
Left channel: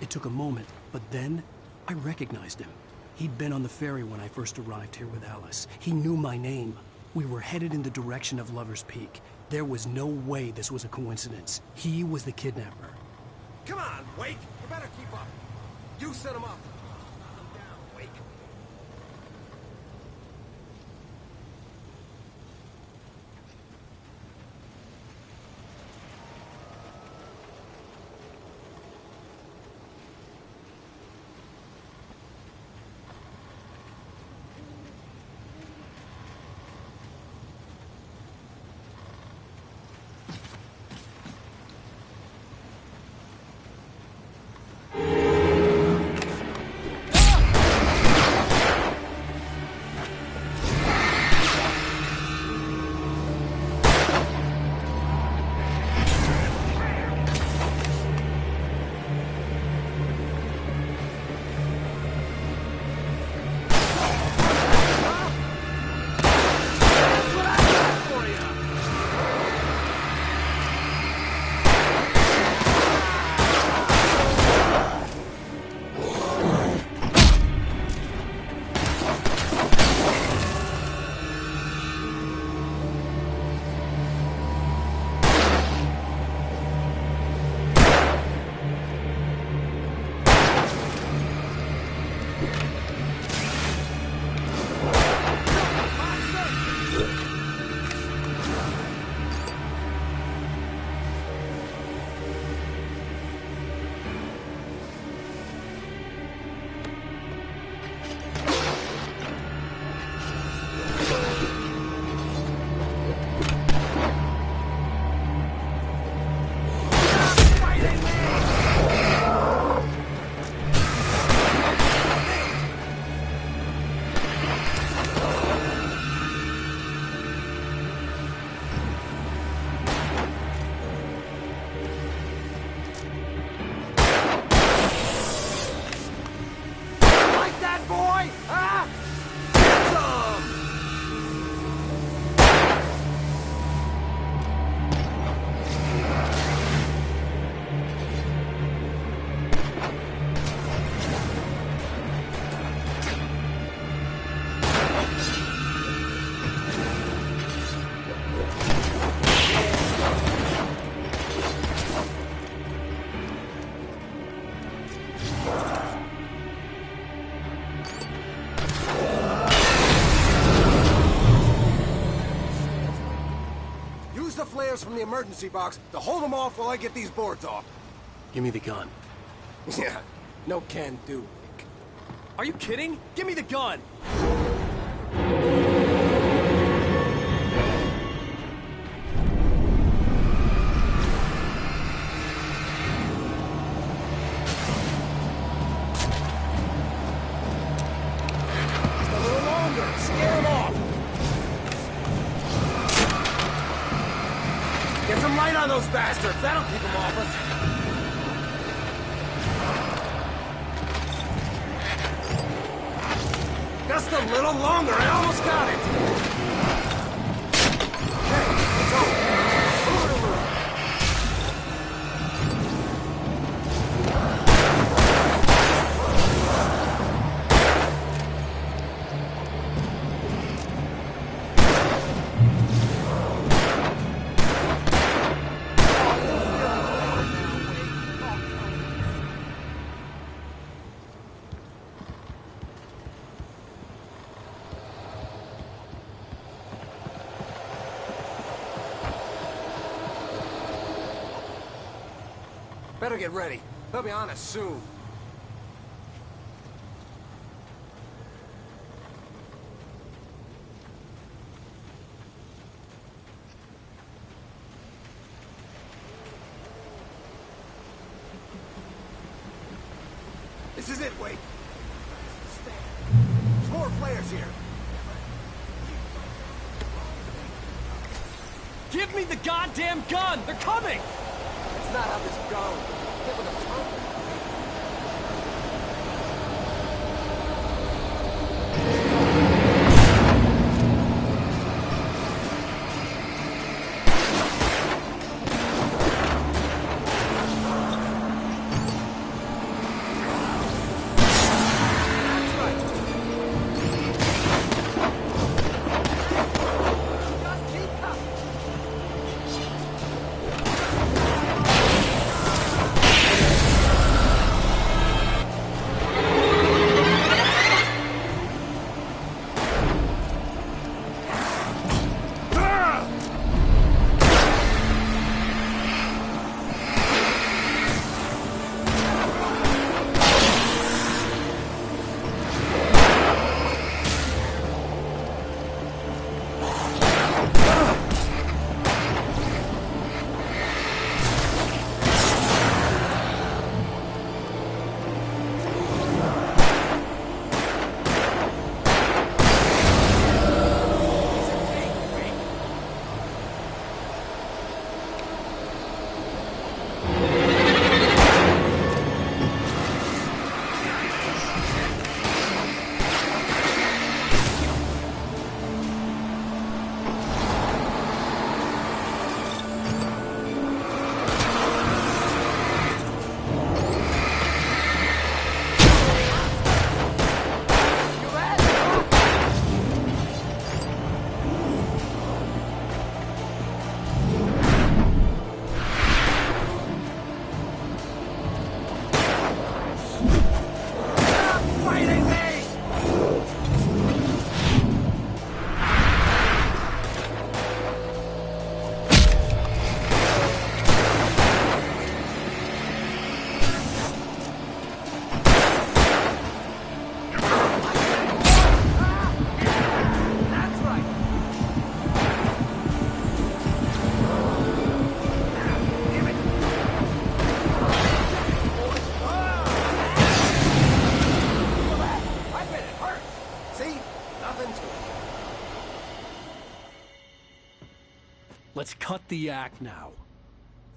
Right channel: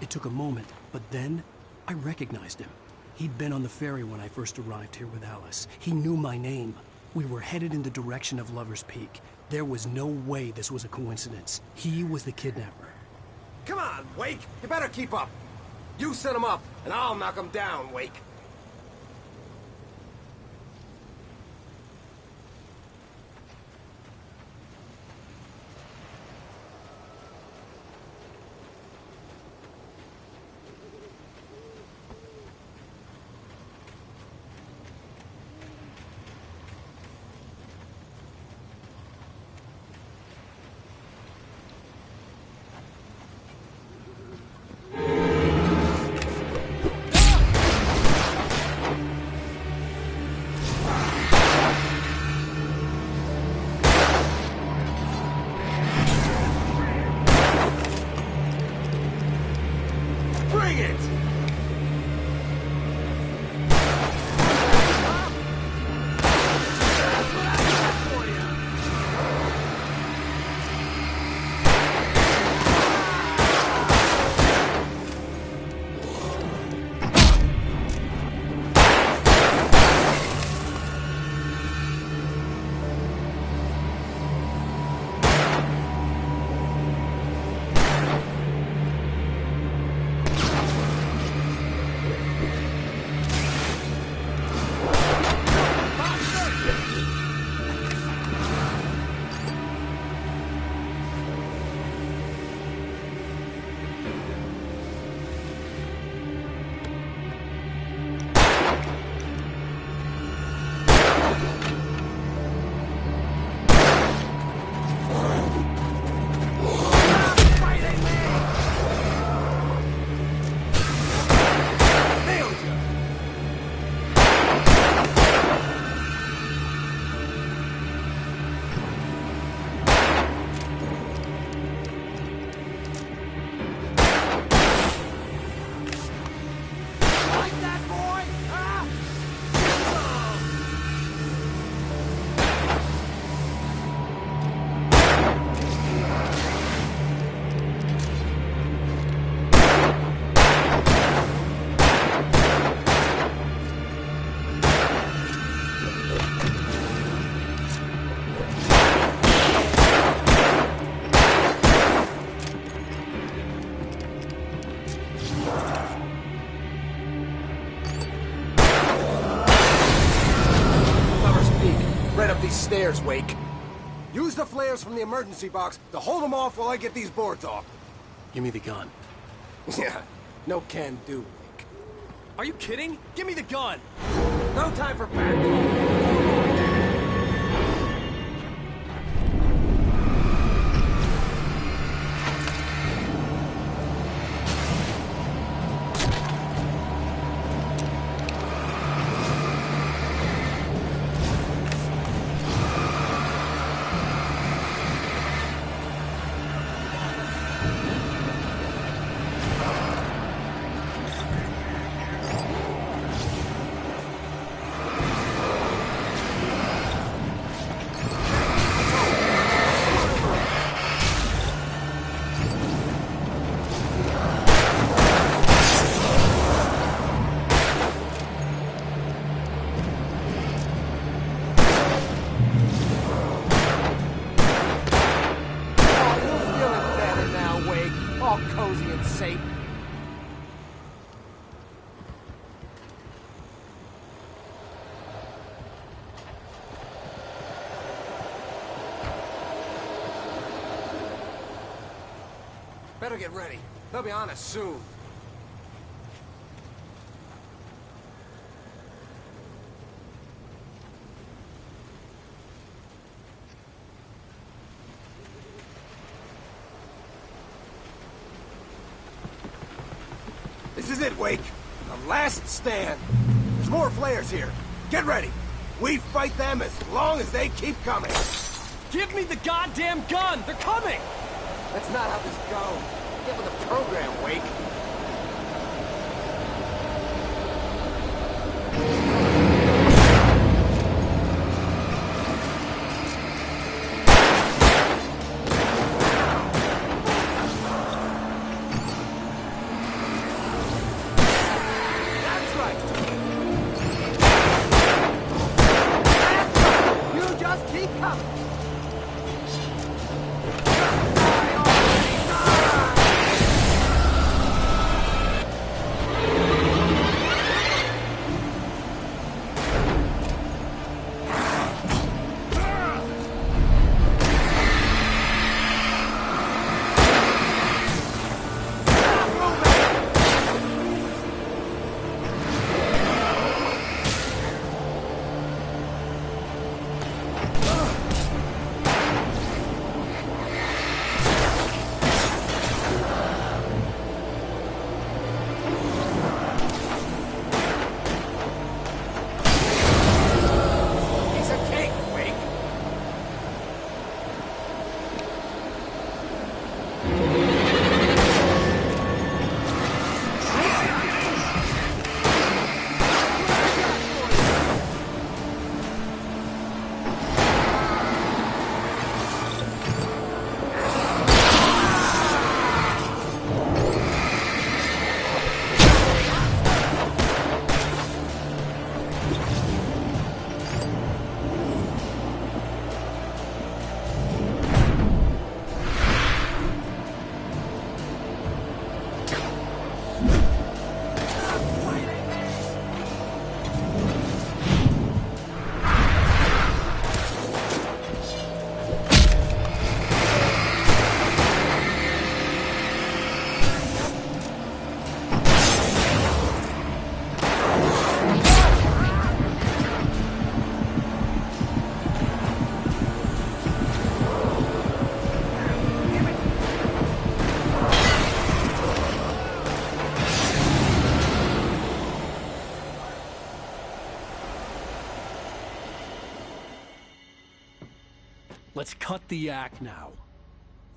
It took a moment, but then I recognized him. He'd been on the ferry when I first arrived here with Alice. He knew my name. We were headed in the direction of Lover's Peak. There was no way this was a coincidence. He was the kidnapper. Come on, Wake! You better keep up. You set him up, and I'll knock him down, Wake. Use the flares from the emergency box to hold them off while I get these boards off. Give me the gun. Yeah, no can do, Wake. Are you kidding? Give me the gun! No time for back. Bastards, that'll keep them off us. Just a little longer, I almost got it. Okay, let's go. Better get ready. They'll be on us soon. This is it, Wake. The last stand. There's more flares here. Get ready. We fight them as long as they keep coming. Give me the goddamn gun! They're coming! That's not how this goes. Get with the program, Wake. That's right. You just keep coming. Let's cut the act now.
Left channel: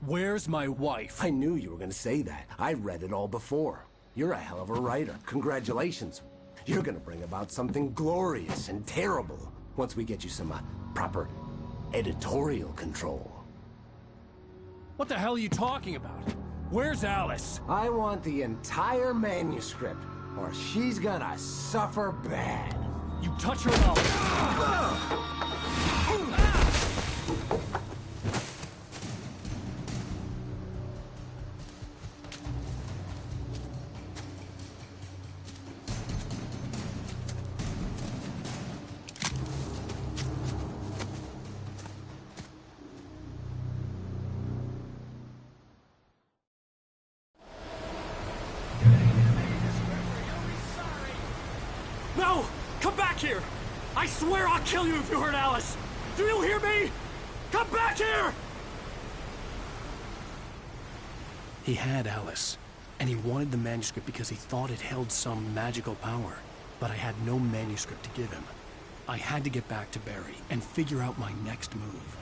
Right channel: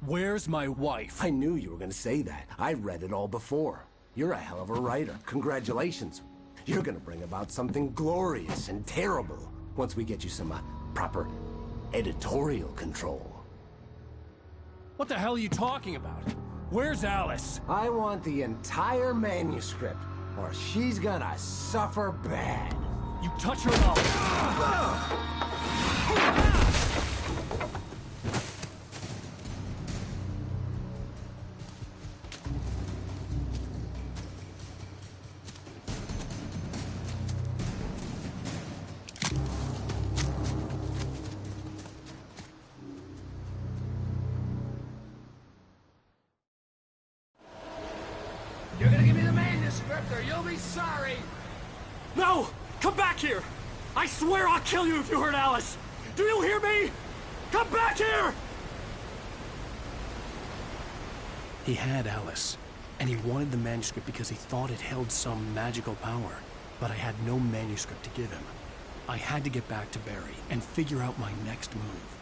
Where's my wife? I knew you were gonna say that. I read it all before. You're a hell of a writer. Congratulations. You're gonna bring about something glorious and terrible once we get you some proper editorial control. What the hell are you talking about? Where's Alice? I want the entire manuscript, or she's gonna suffer bad. You touch her and I'll... back here! I swear I'll kill you if you hurt Alice! Do you hear me? Come back here! He had Alice, and he wanted the manuscript because he thought it held some magical power. But I had no manuscript to give him. I had to get back to Barry and figure out my next move.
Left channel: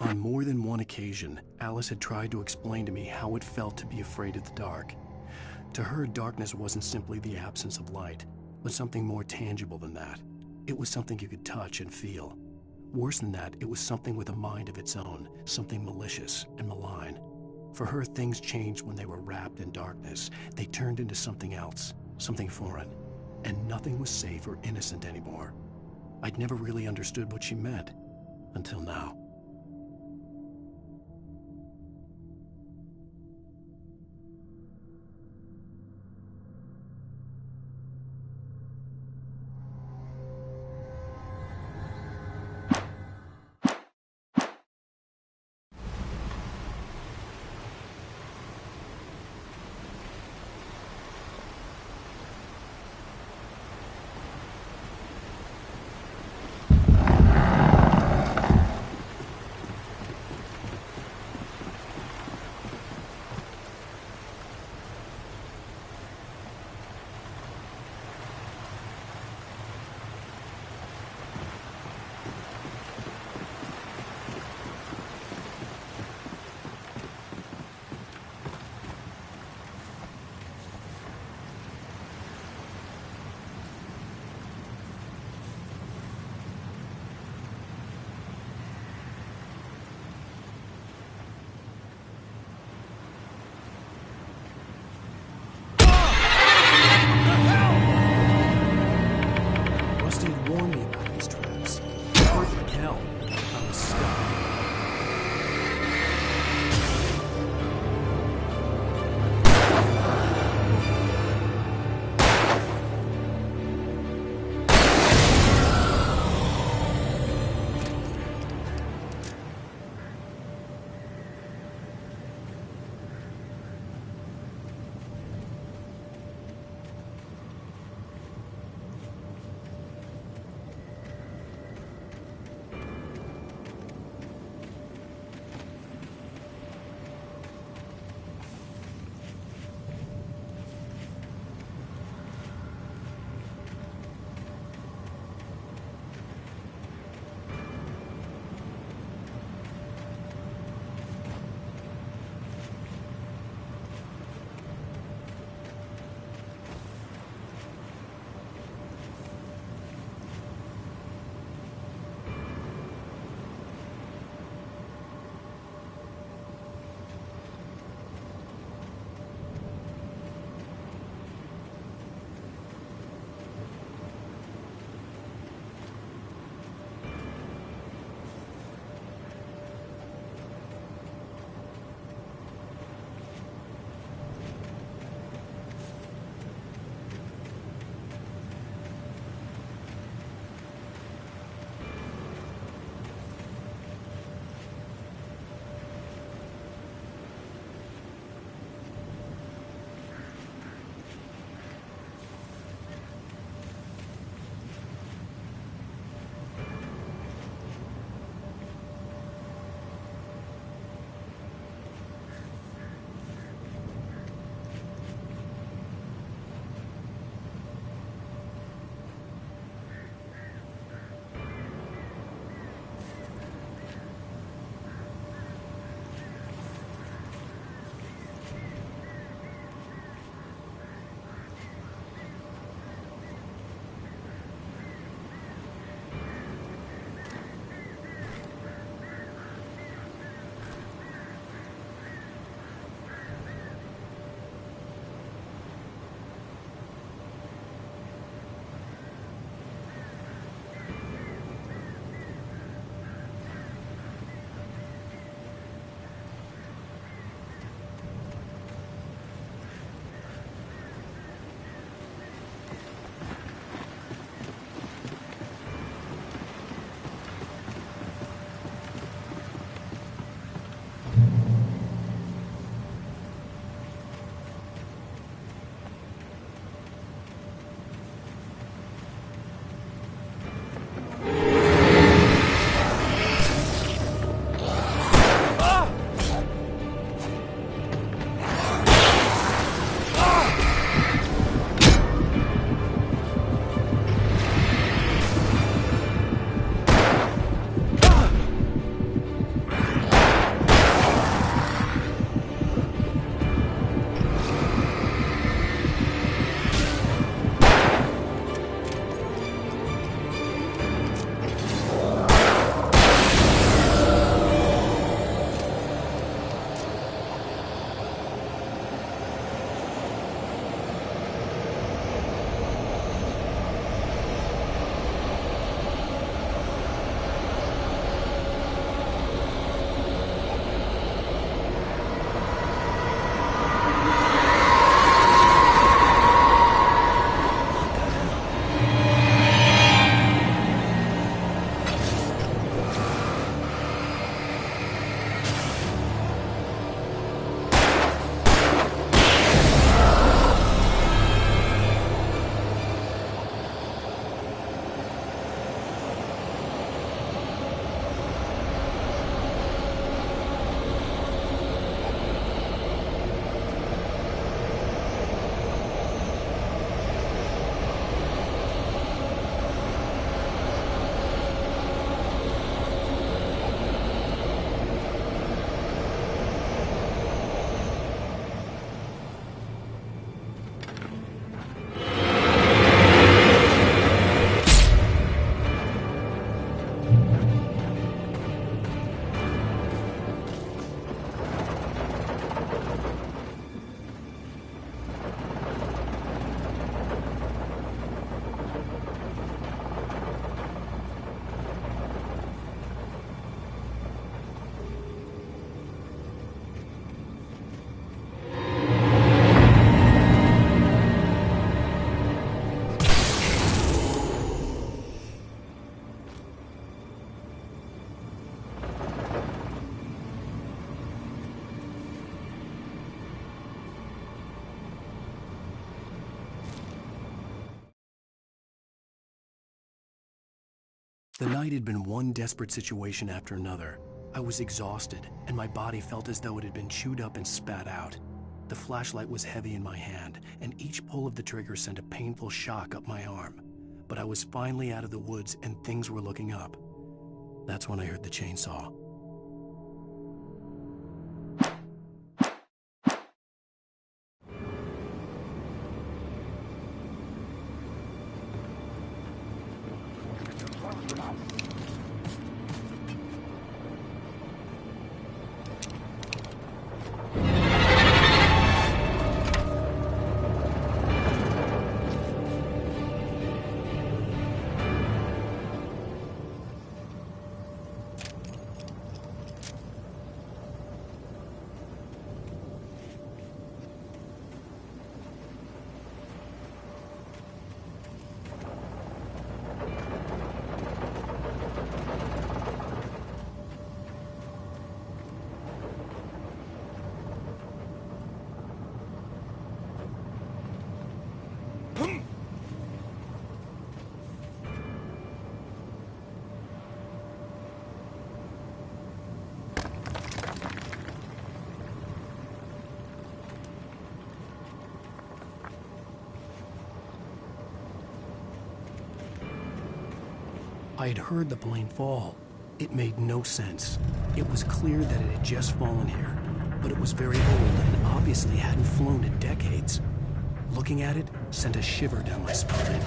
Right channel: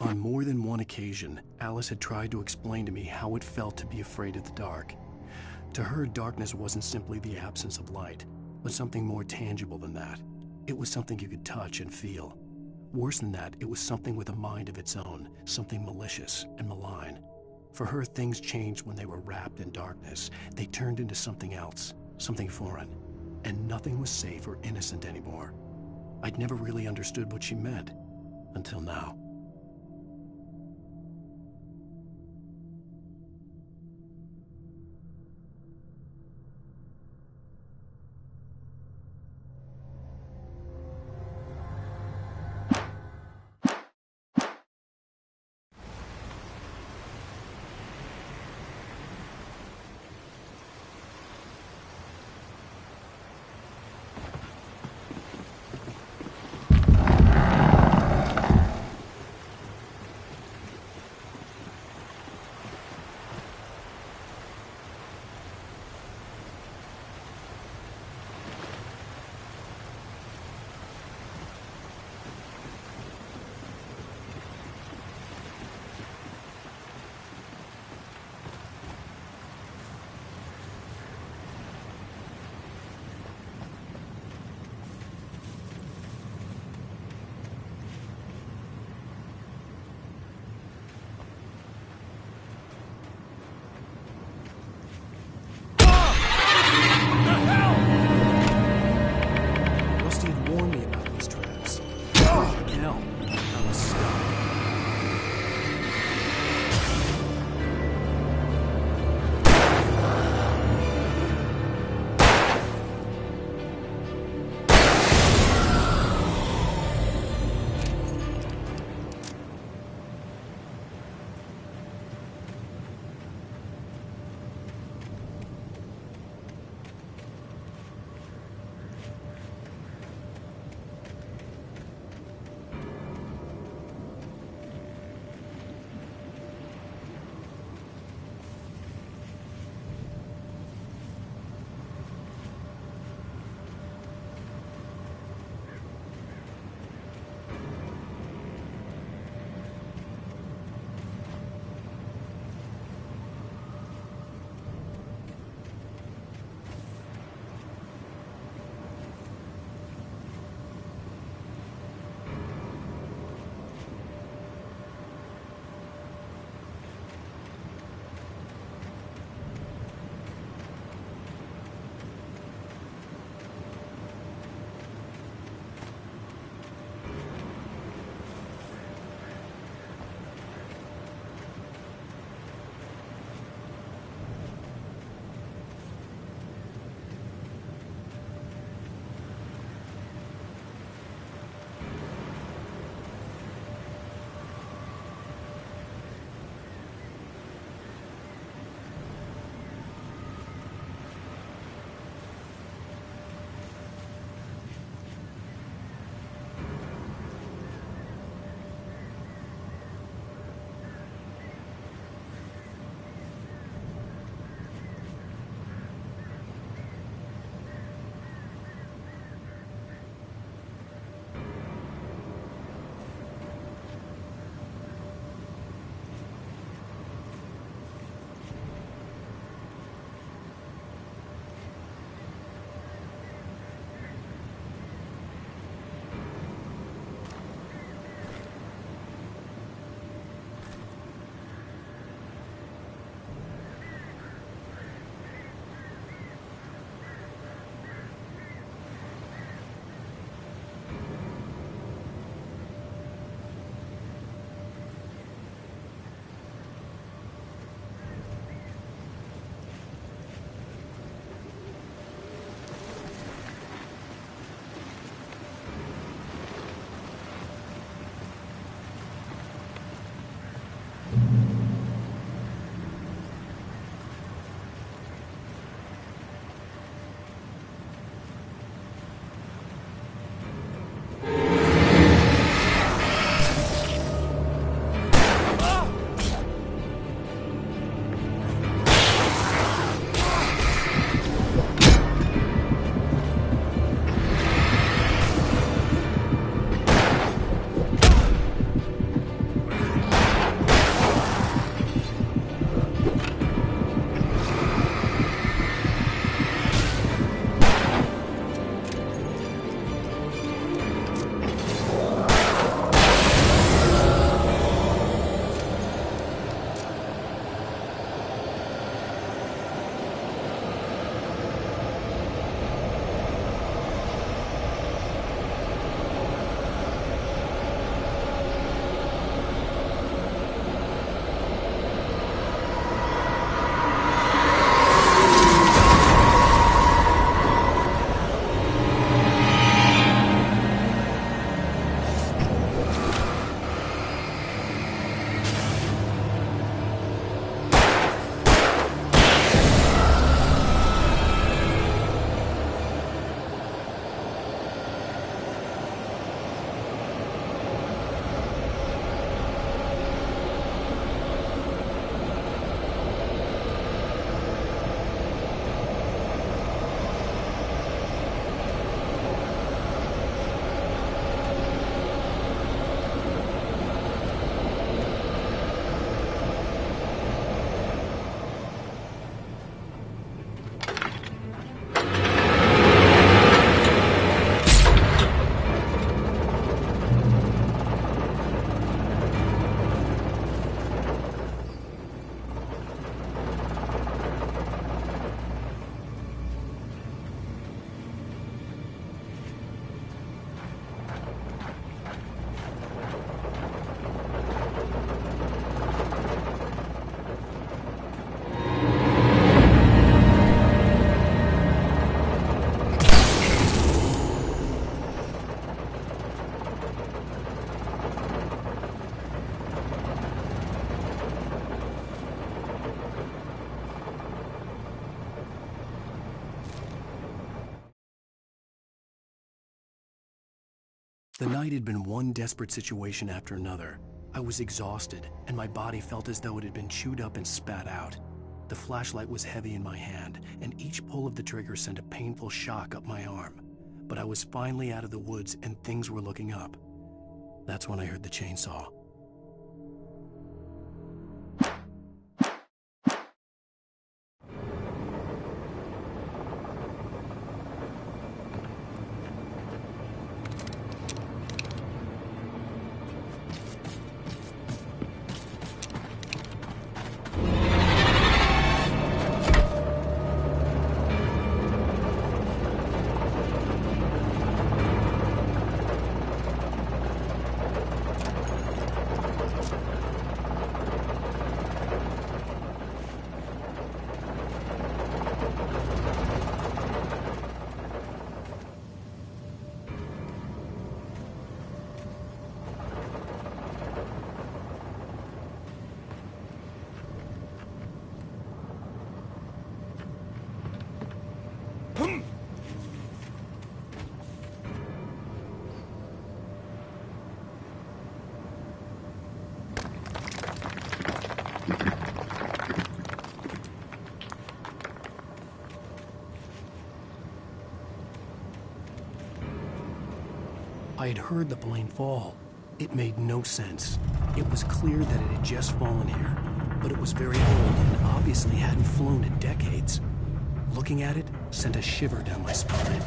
On more than one occasion, Alice had tried to explain to me how it felt to be afraid of the dark. To her, darkness wasn't simply the absence of light, but something more tangible than that. It was something you could touch and feel. Worse than that, it was something with a mind of its own, something malicious and malign. For her, things changed when they were wrapped in darkness. They turned into something else, something foreign, and nothing was safe or innocent anymore. I'd never really understood what she meant, until now. The night had been one desperate situation after another. I was exhausted, and my body felt as though it had been chewed up and spat out. The flashlight was heavy in my hand, and each pull of the trigger sent a painful shock up my arm. But I was finally out of the woods, and things were looking up. That's when I heard the chainsaw. I had heard the plane fall. It made no sense. It was clear that it had just fallen here, but it was very old and obviously hadn't flown in decades. Looking at it sent a shiver down my spine.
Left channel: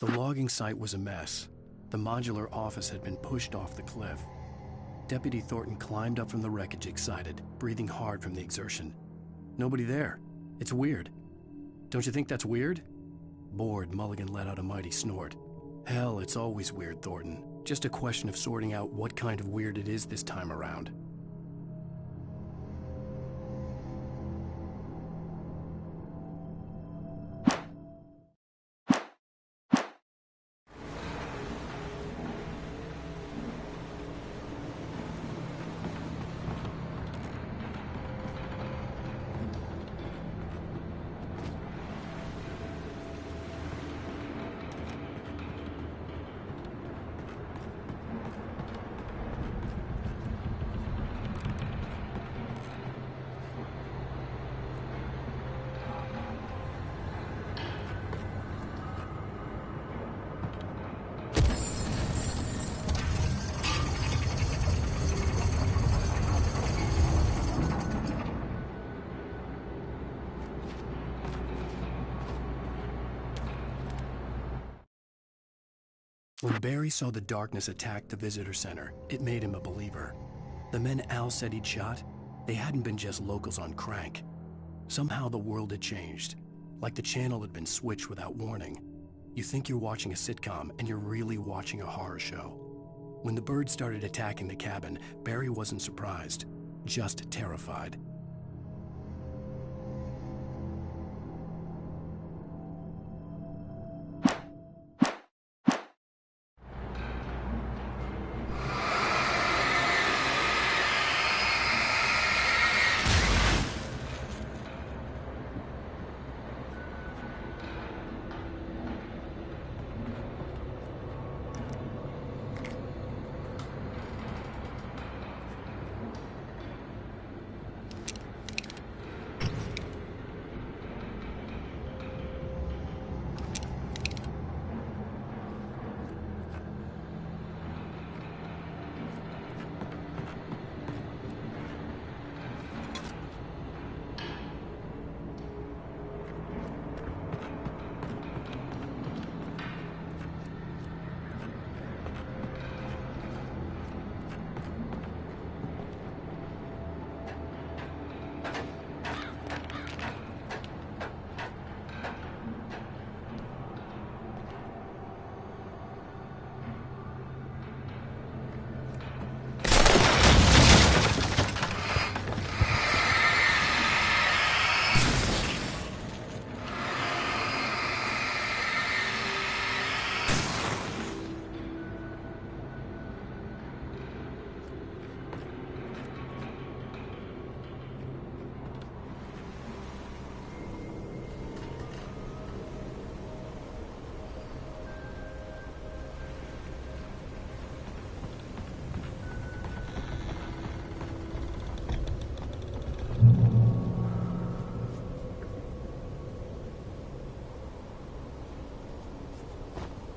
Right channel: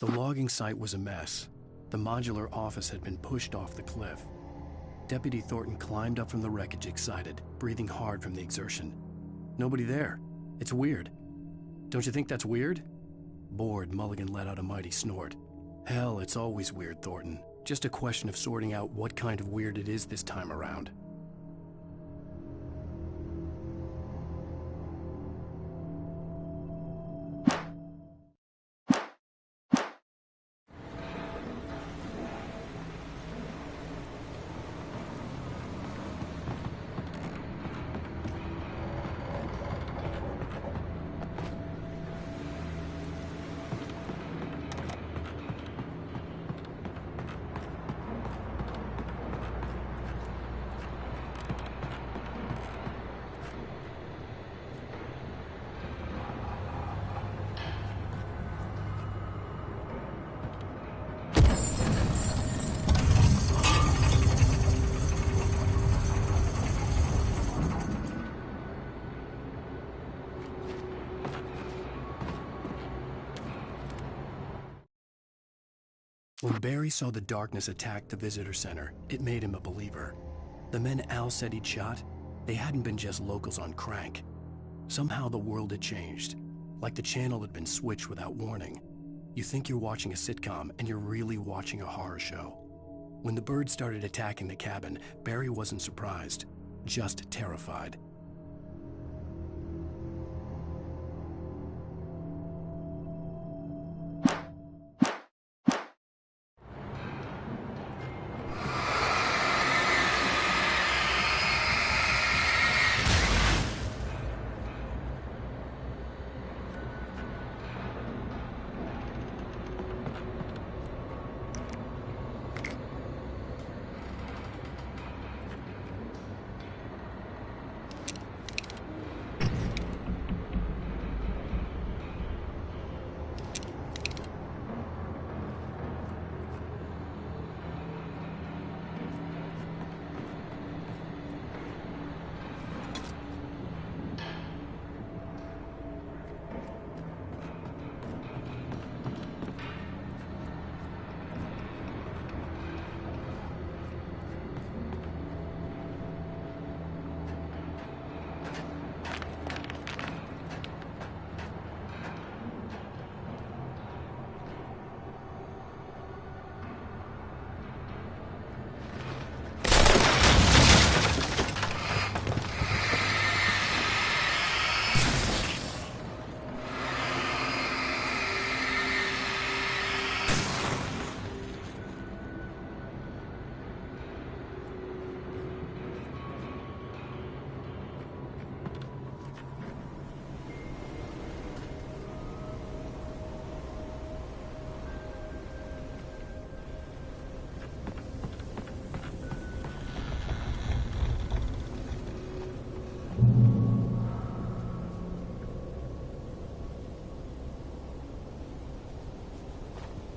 The logging site was a mess. The modular office had been pushed off the cliff. Deputy Thornton climbed up from the wreckage excited, breathing hard from the exertion. Nobody there. It's weird. Don't you think that's weird? Bored, Mulligan let out a mighty snort. Hell, it's always weird, Thornton. Just a question of sorting out what kind of weird it is this time around. When Barry saw the darkness attack the visitor center, it made him a believer. The men Al said he'd shot, they hadn't been just locals on crank. Somehow the world had changed, like the channel had been switched without warning. You think you're watching a sitcom, and you're really watching a horror show. When the birds started attacking the cabin, Barry wasn't surprised, just terrified.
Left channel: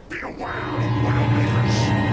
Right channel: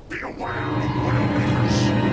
Beware of Widowmakers!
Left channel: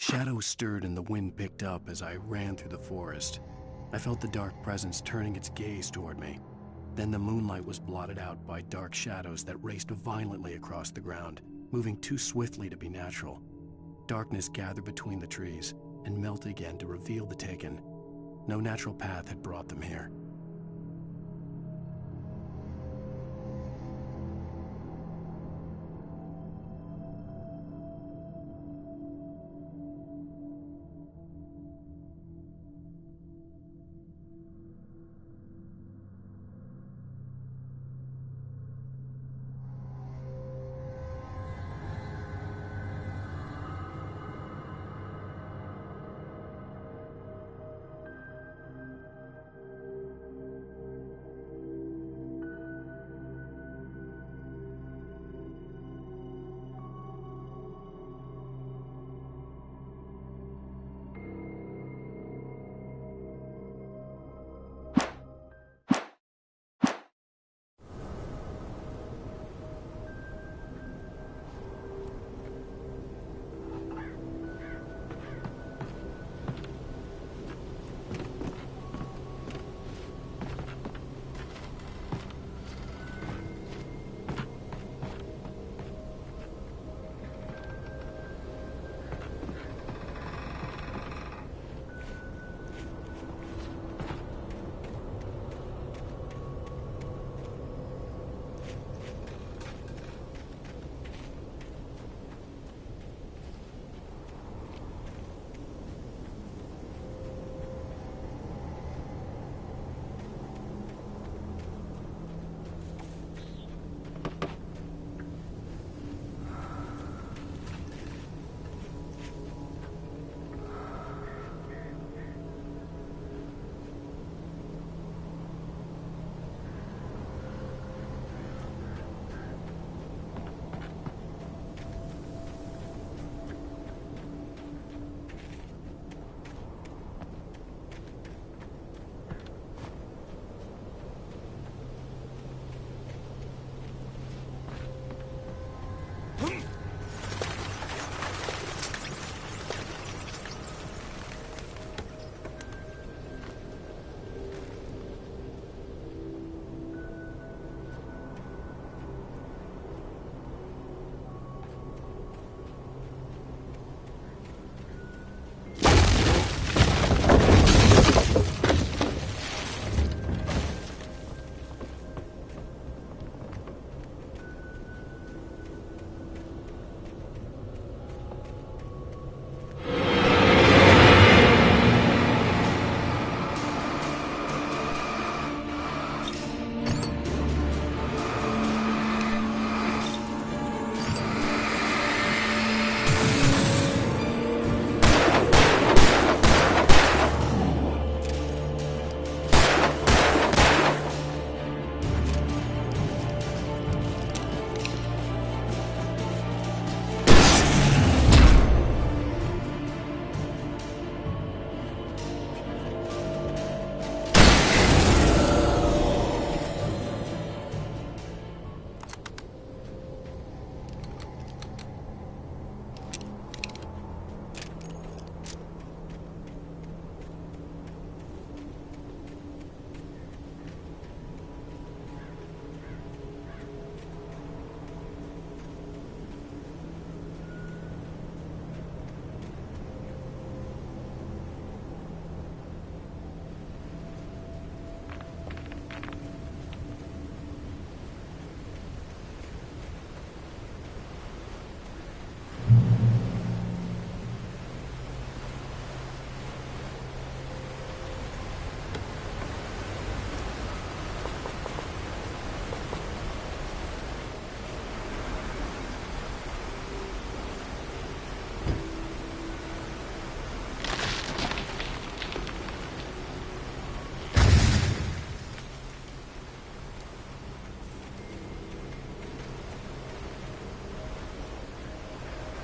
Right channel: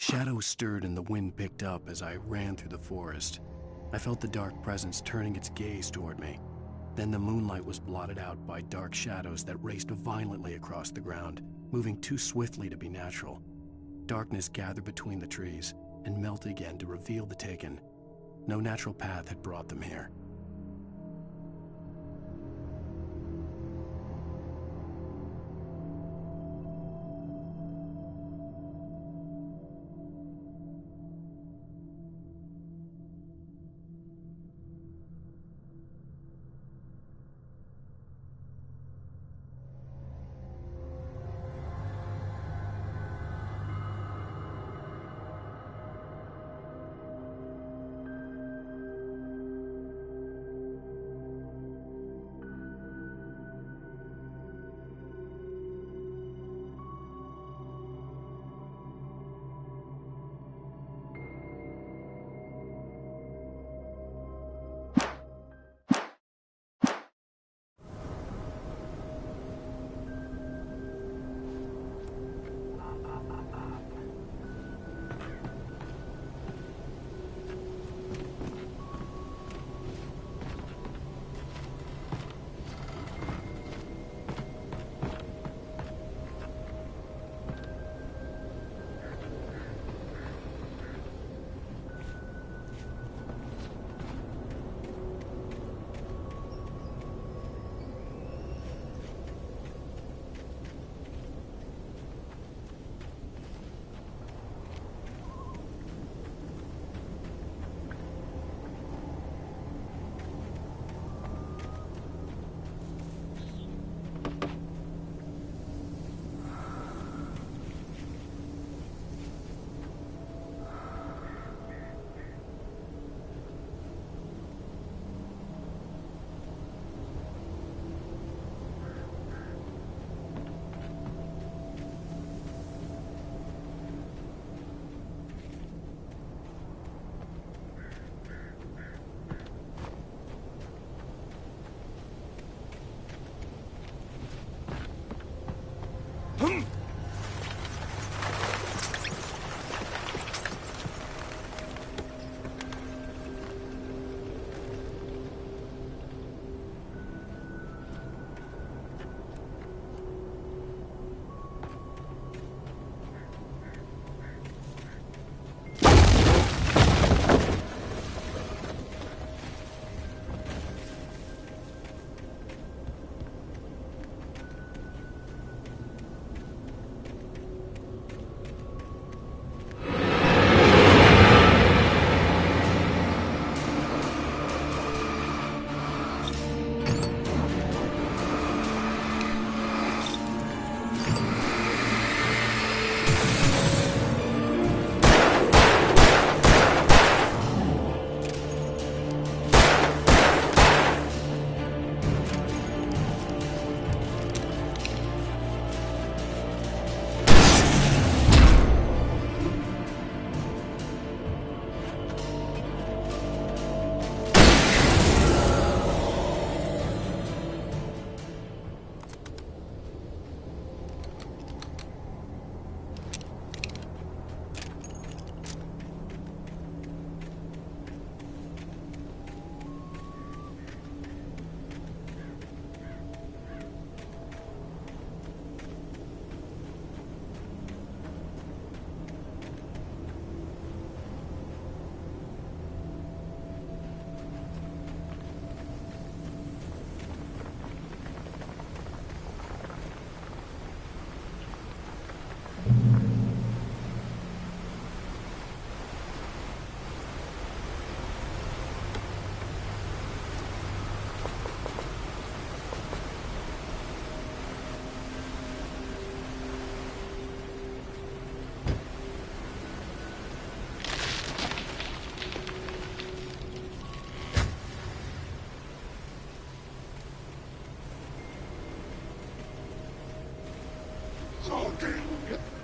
Shadows stirred and the wind picked up as I ran through the forest. I felt the dark presence turning its gaze toward me. Then the moonlight was blotted out by dark shadows that raced violently across the ground, moving too swiftly to be natural. Darkness gathered between the trees and melted again to reveal the Taken. No natural path had brought them here.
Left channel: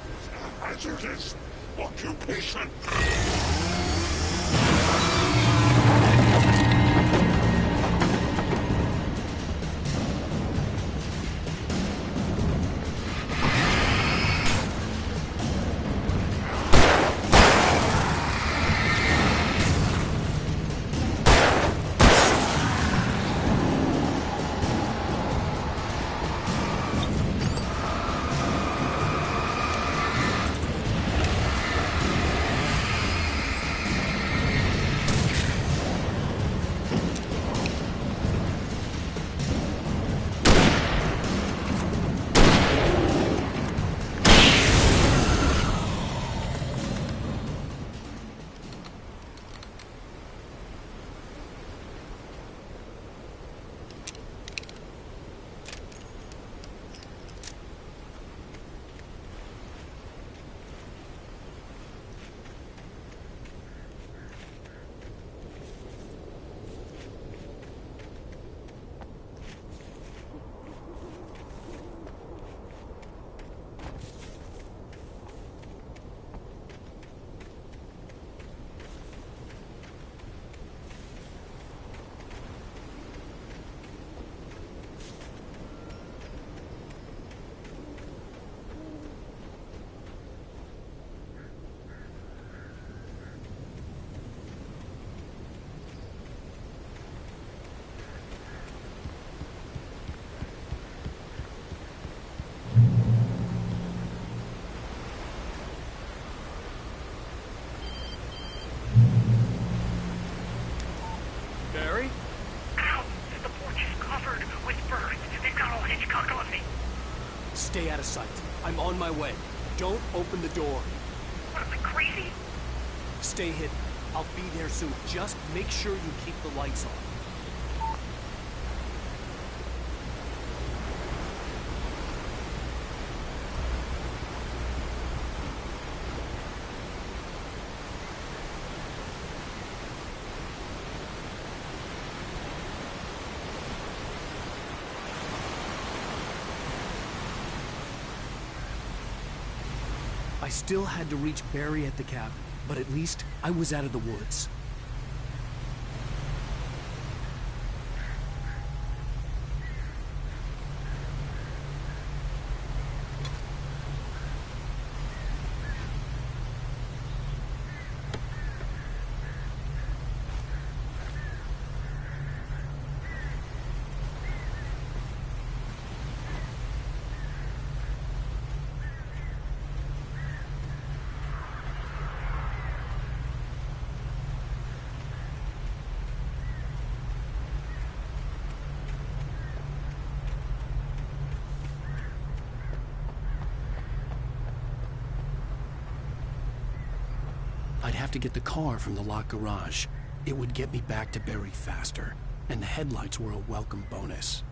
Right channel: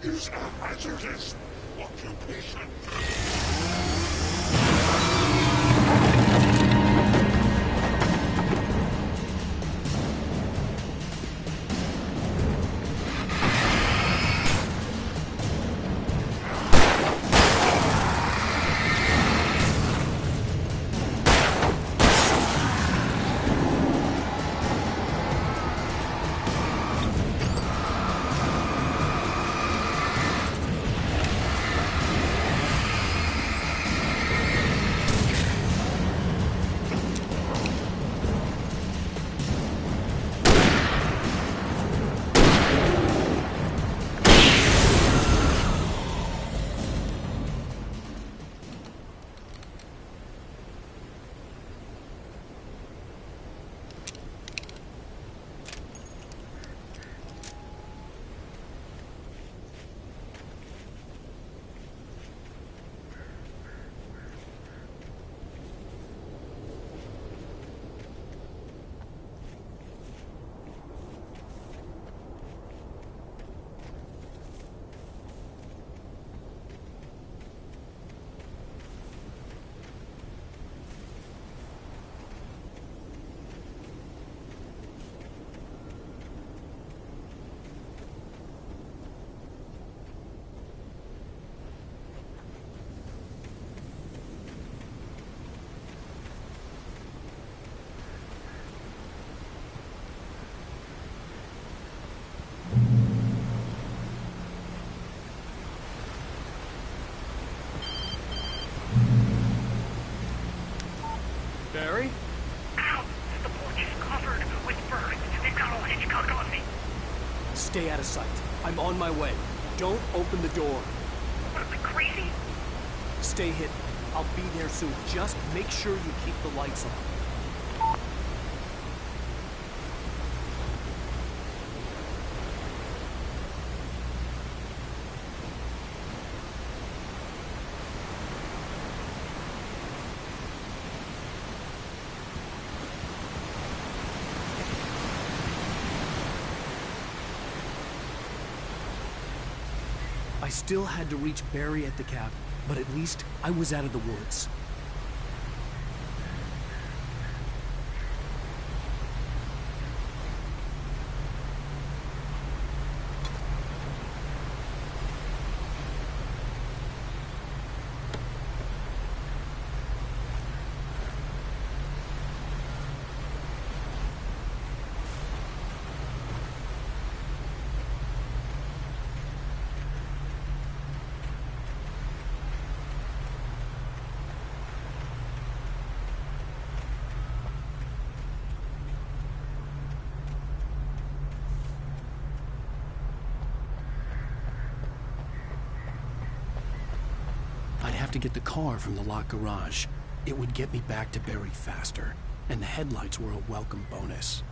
is a hazardous occupation. Stay out of sight. I'm on my way. Don't open the door. What, am I crazy? Stay hidden. I'll be there soon. Just make sure you keep the lights on. I still had to reach Barry at the cabin, but at least I was out of the woods. I'd have to get the car from the locked garage. It would get me back to Barry faster, and the headlights were a welcome bonus.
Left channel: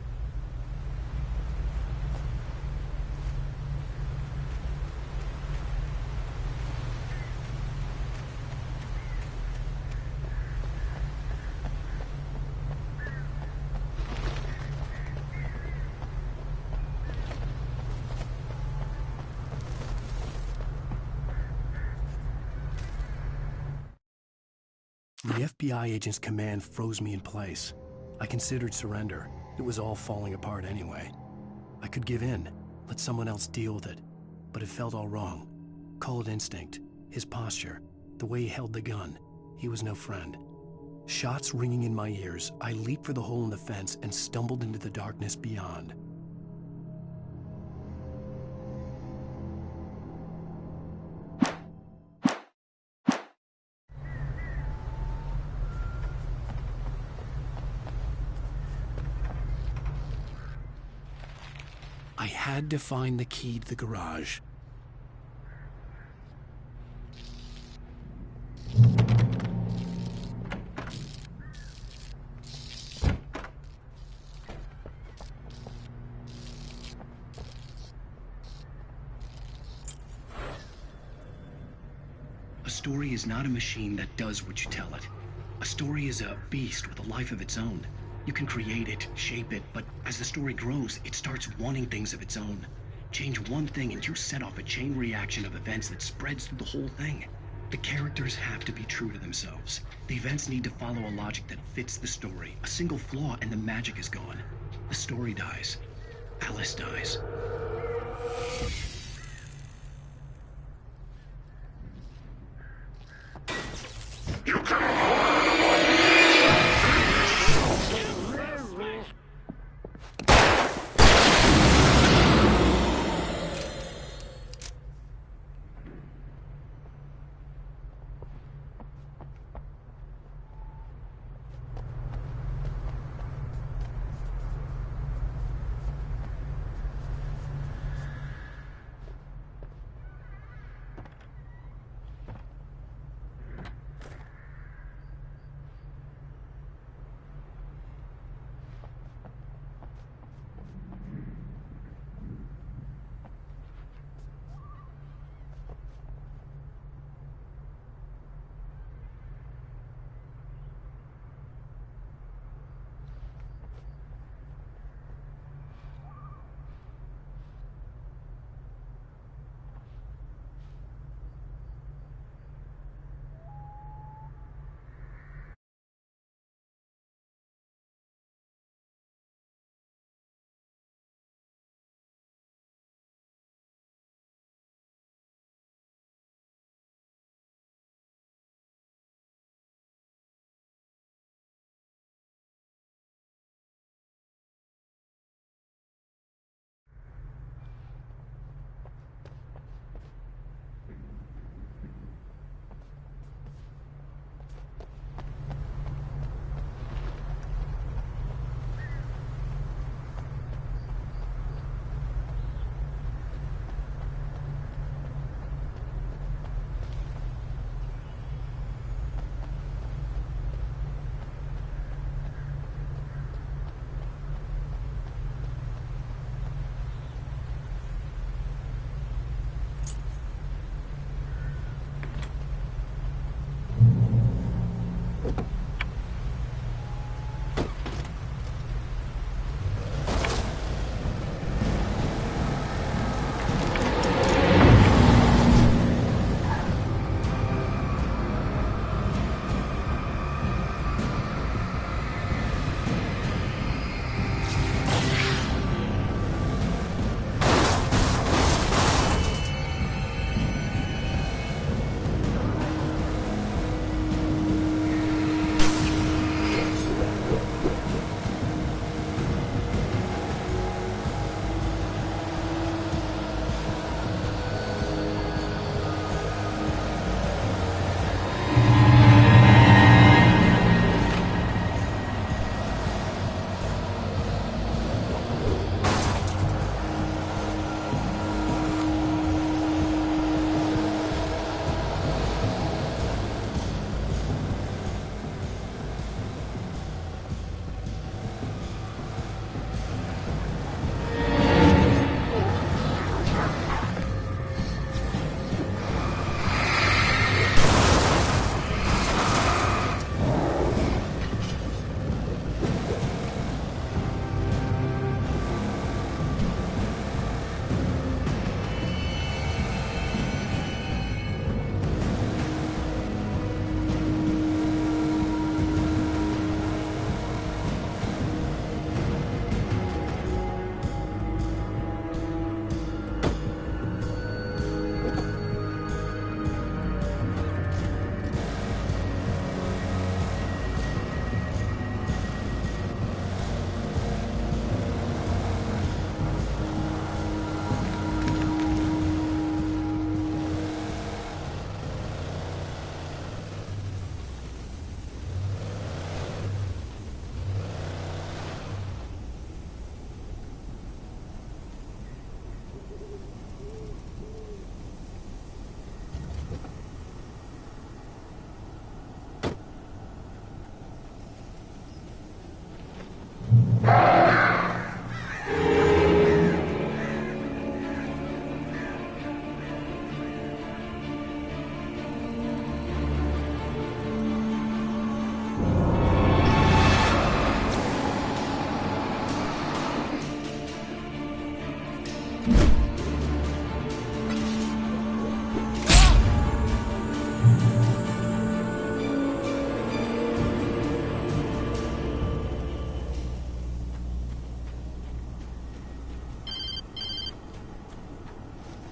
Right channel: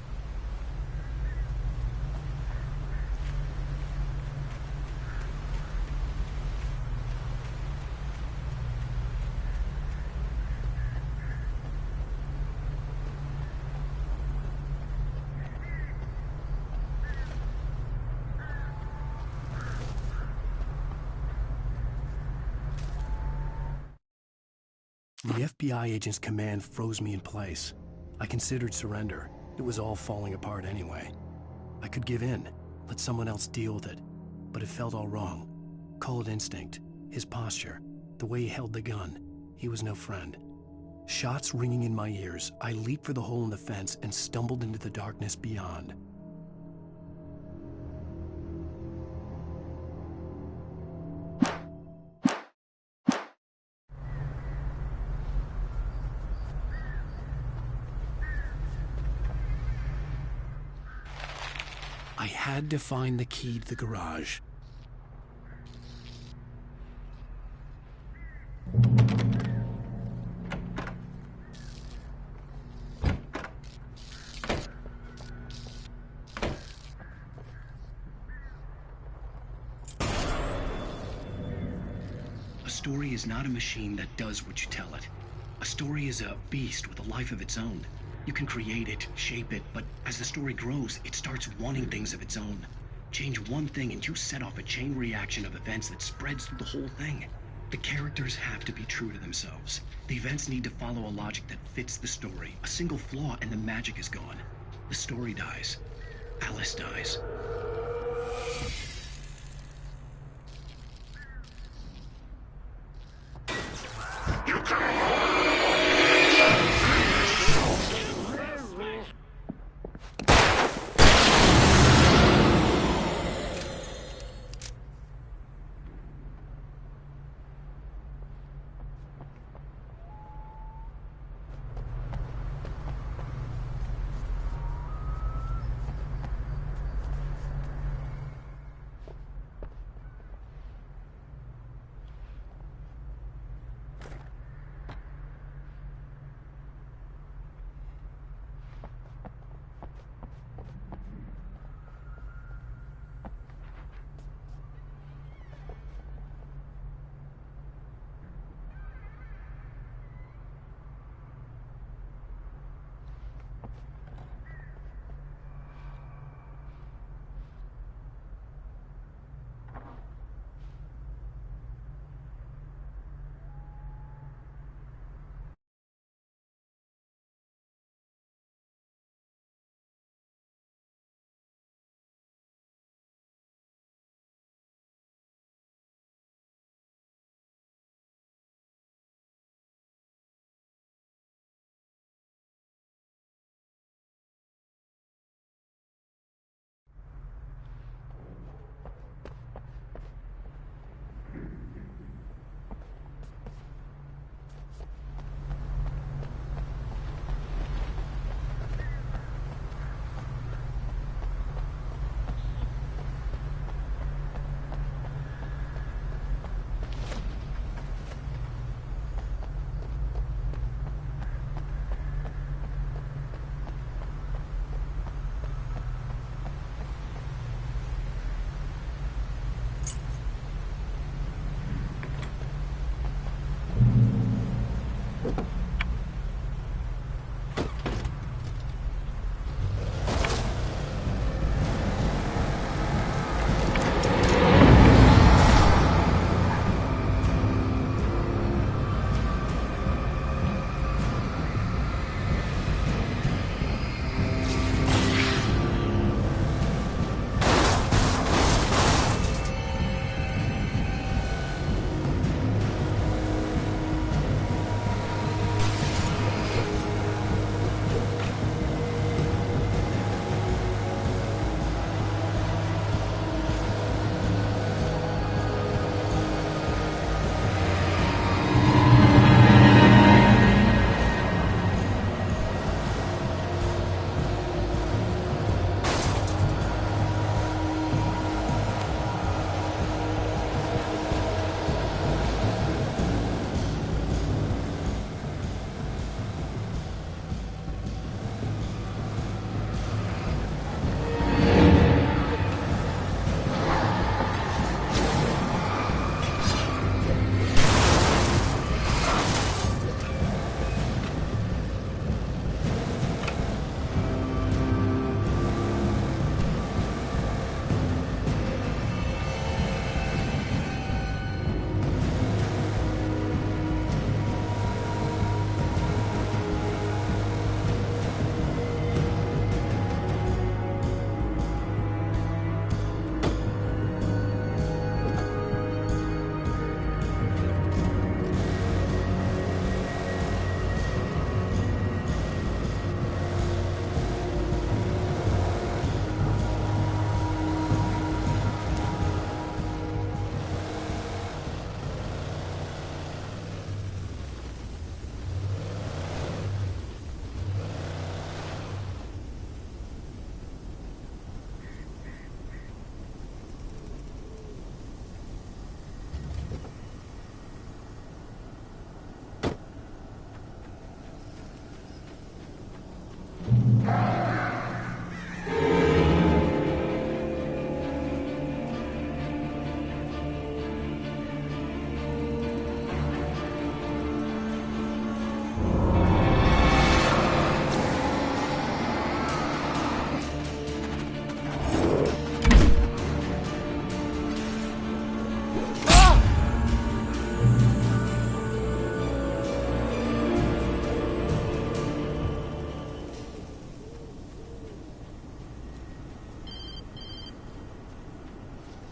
The FBI agent's command froze me in place. I considered surrender. It was all falling apart anyway. I could give in, let someone else deal with it, but it felt all wrong. Call it instinct, his posture, the way he held the gun. He was no friend. Shots ringing in my ears, I leaped for the hole in the fence and stumbled into the darkness beyond. I had to find the key to the garage. A story is not a machine that does what you tell it. A story is a beast with a life of its own. You can create it, shape it, but as the story grows, it starts wanting things of its own. Change one thing and you set off a chain reaction of events that spreads through the whole thing. The characters have to be true to themselves. The events need to follow a logic that fits the story. A single flaw and the magic is gone. The story dies. Alice dies. You can hold the body.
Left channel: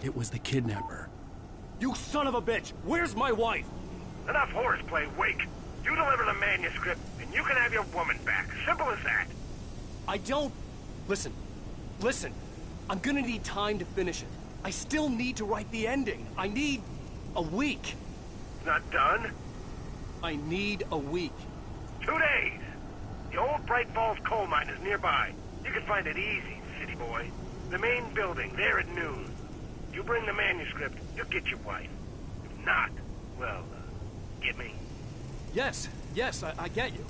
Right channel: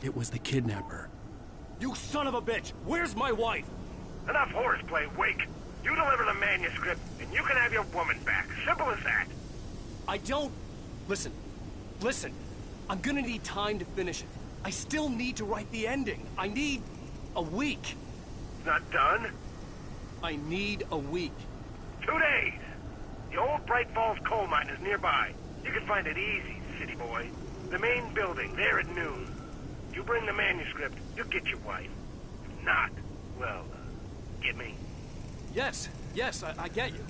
It was the kidnapper. You son of a bitch! Where's my wife? Enough horseplay, Wake. You deliver the manuscript, and you can have your woman back. Simple as that. I don't... Listen. I'm gonna need time to finish it. I still need to write the ending. I need a week. It's not done? I need a week. 2 days. The old Bright Falls coal mine is nearby. You can find it easy, city boy. The main building, there at noon. You bring the manuscript, you'll get your wife. If not, well, get me? Yes, I get you.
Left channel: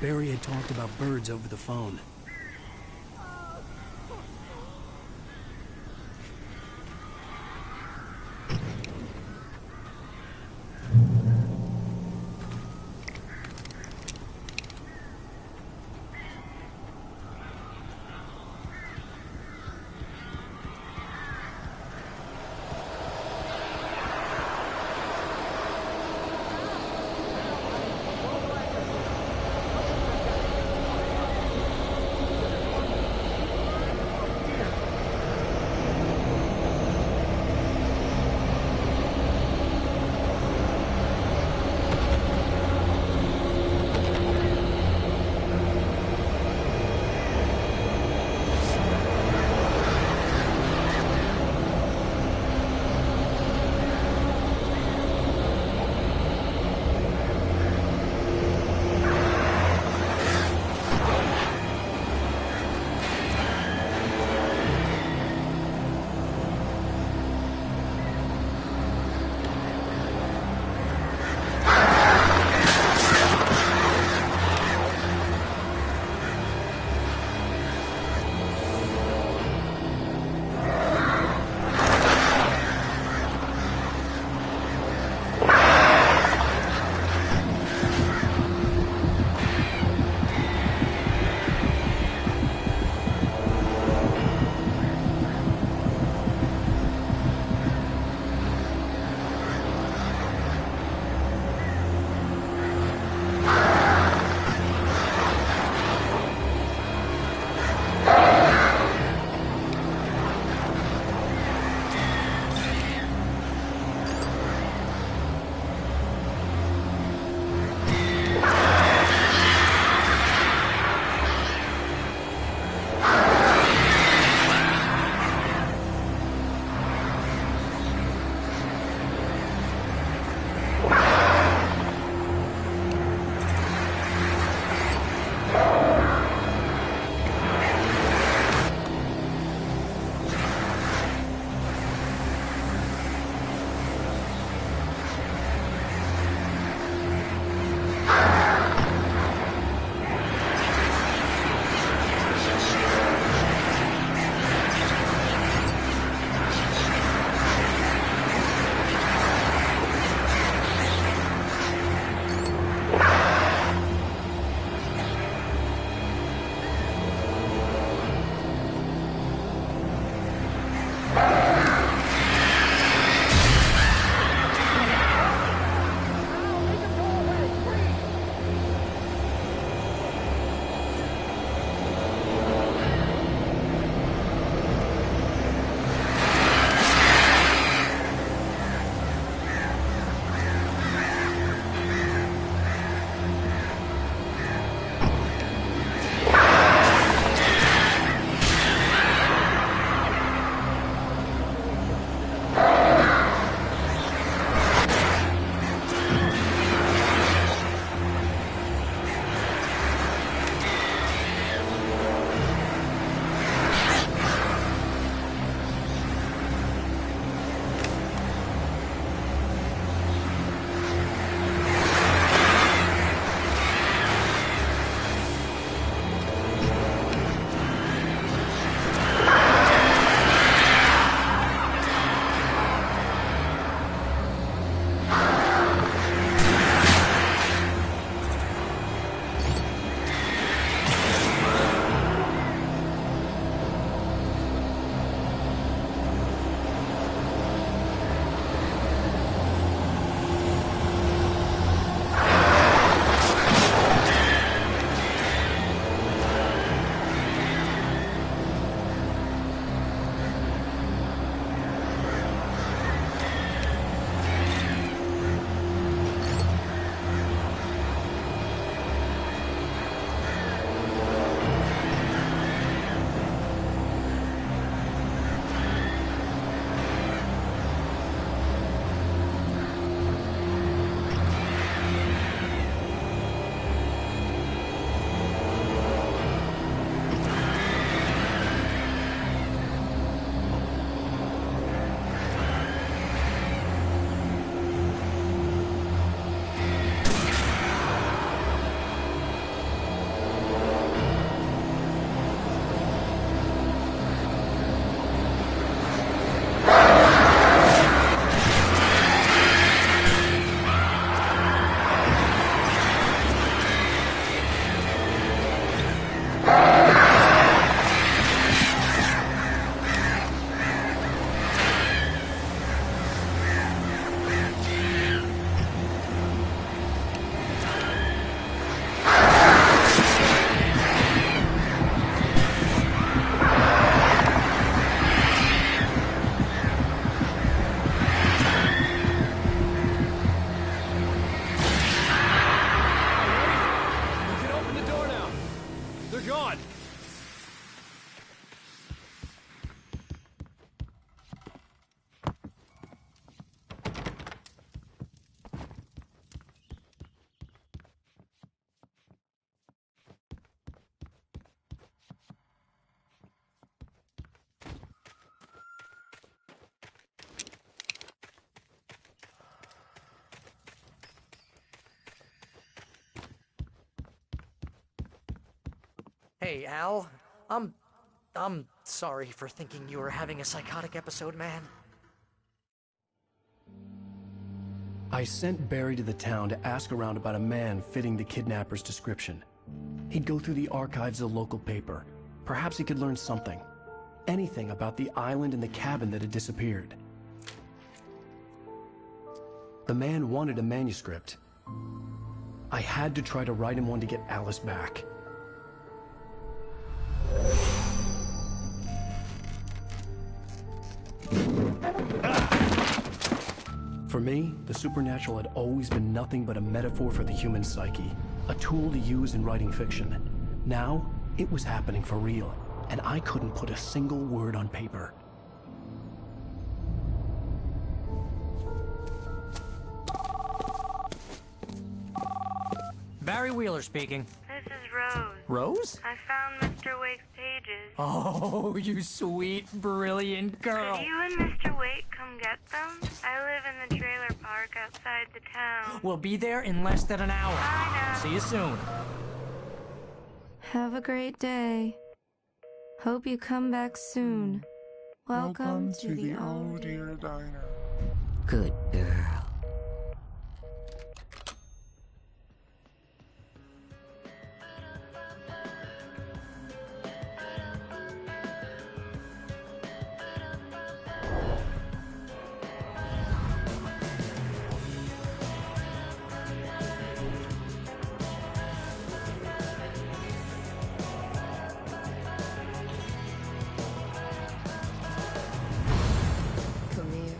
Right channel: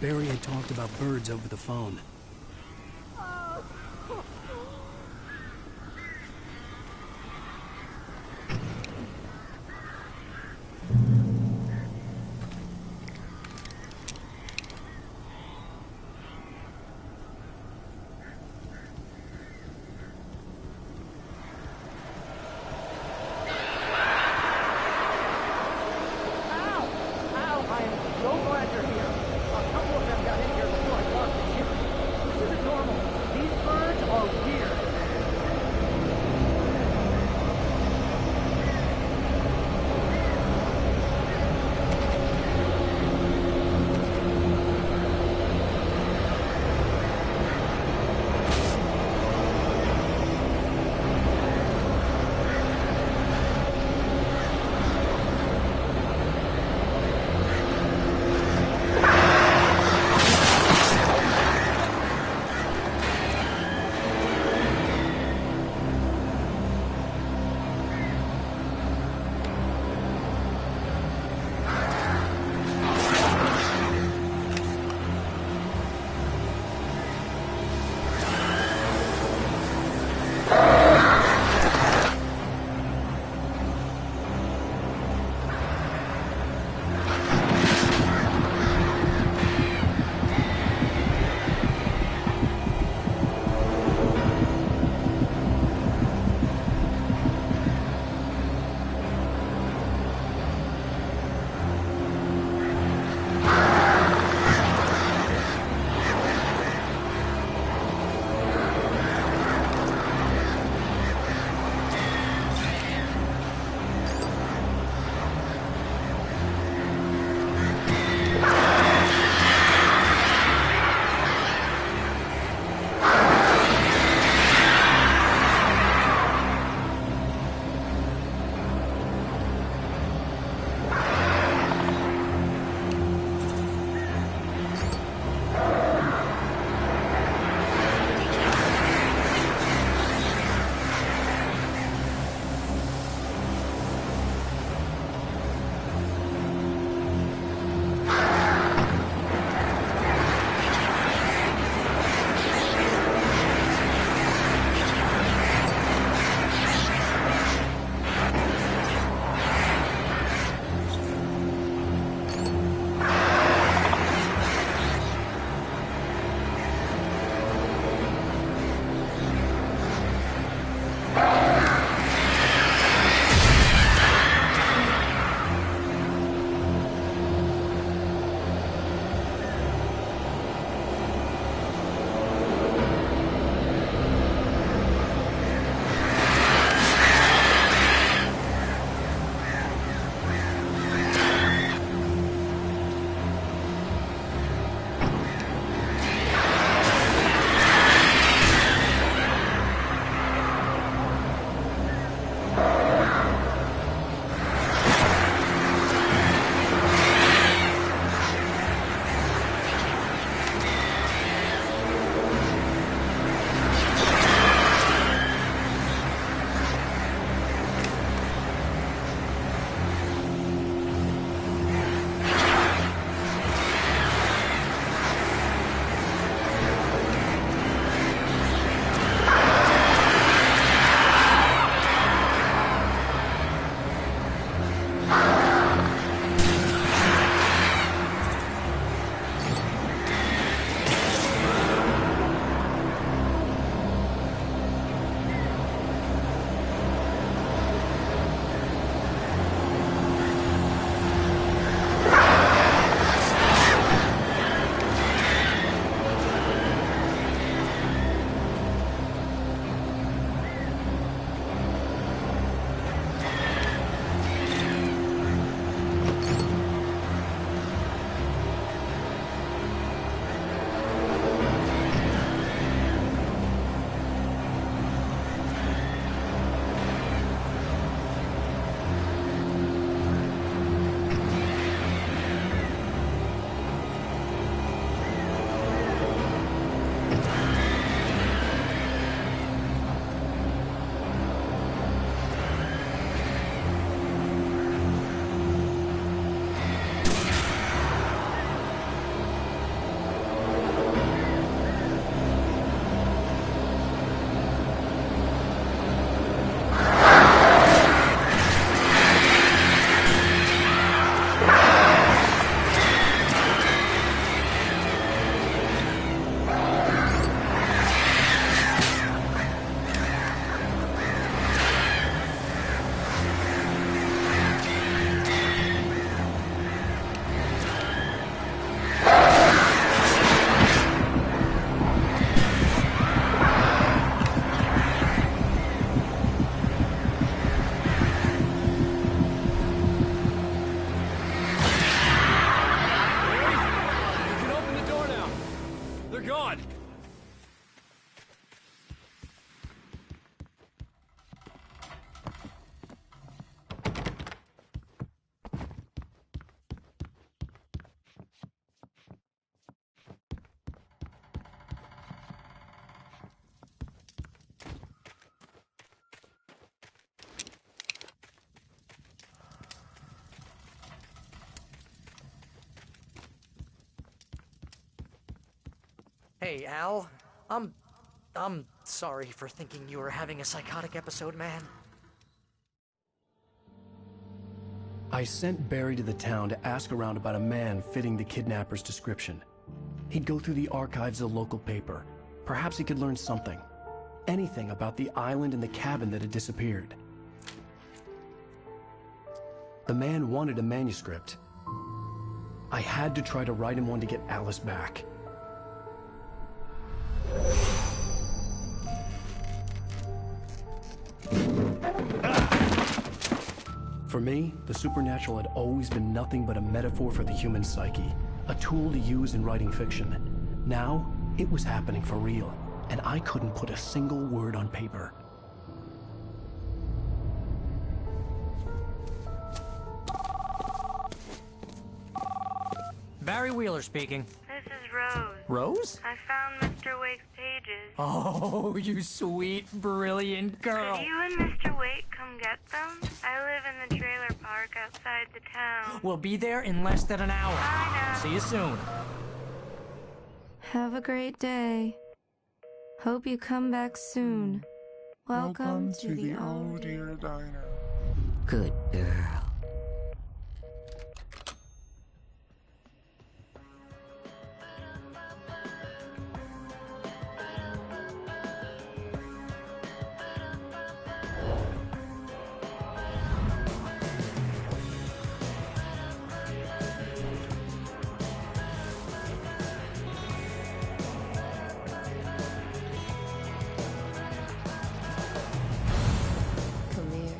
Barry had talked about birds over the phone. I am so glad you're here. A couple of them got in here before I lost the ship. Hey, Al. I'm sorry for thinking you were having a psychotic episode, man. I sent Barry to the town to ask around about a man fitting the kidnapper's description. He'd go through the archives of the local paper. Perhaps he could learn something. Anything about the island and the cabin that had disappeared. The man wanted a manuscript. I had to try to write him one to get Alice back. For me, the supernatural had always been nothing but a metaphor for the human psyche, a tool to use in writing fiction. Now, it was happening for real, and I couldn't put a single word on paper. Barry Wheeler speaking. This is Rose. Rose? I found Mr. Wake's pages. Oh, you sweet, brilliant girl. Could you and Mr. Wake come get them? I live in the trailer park outside the town. We'll be there in less than an hour. Bye now. See you soon. Have a great day. Hope you come back soon. Welcome to the Oh Dear Diner. Good girl. Come here.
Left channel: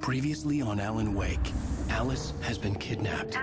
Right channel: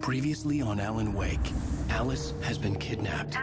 Previously on Alan Wake, Alice has been kidnapped.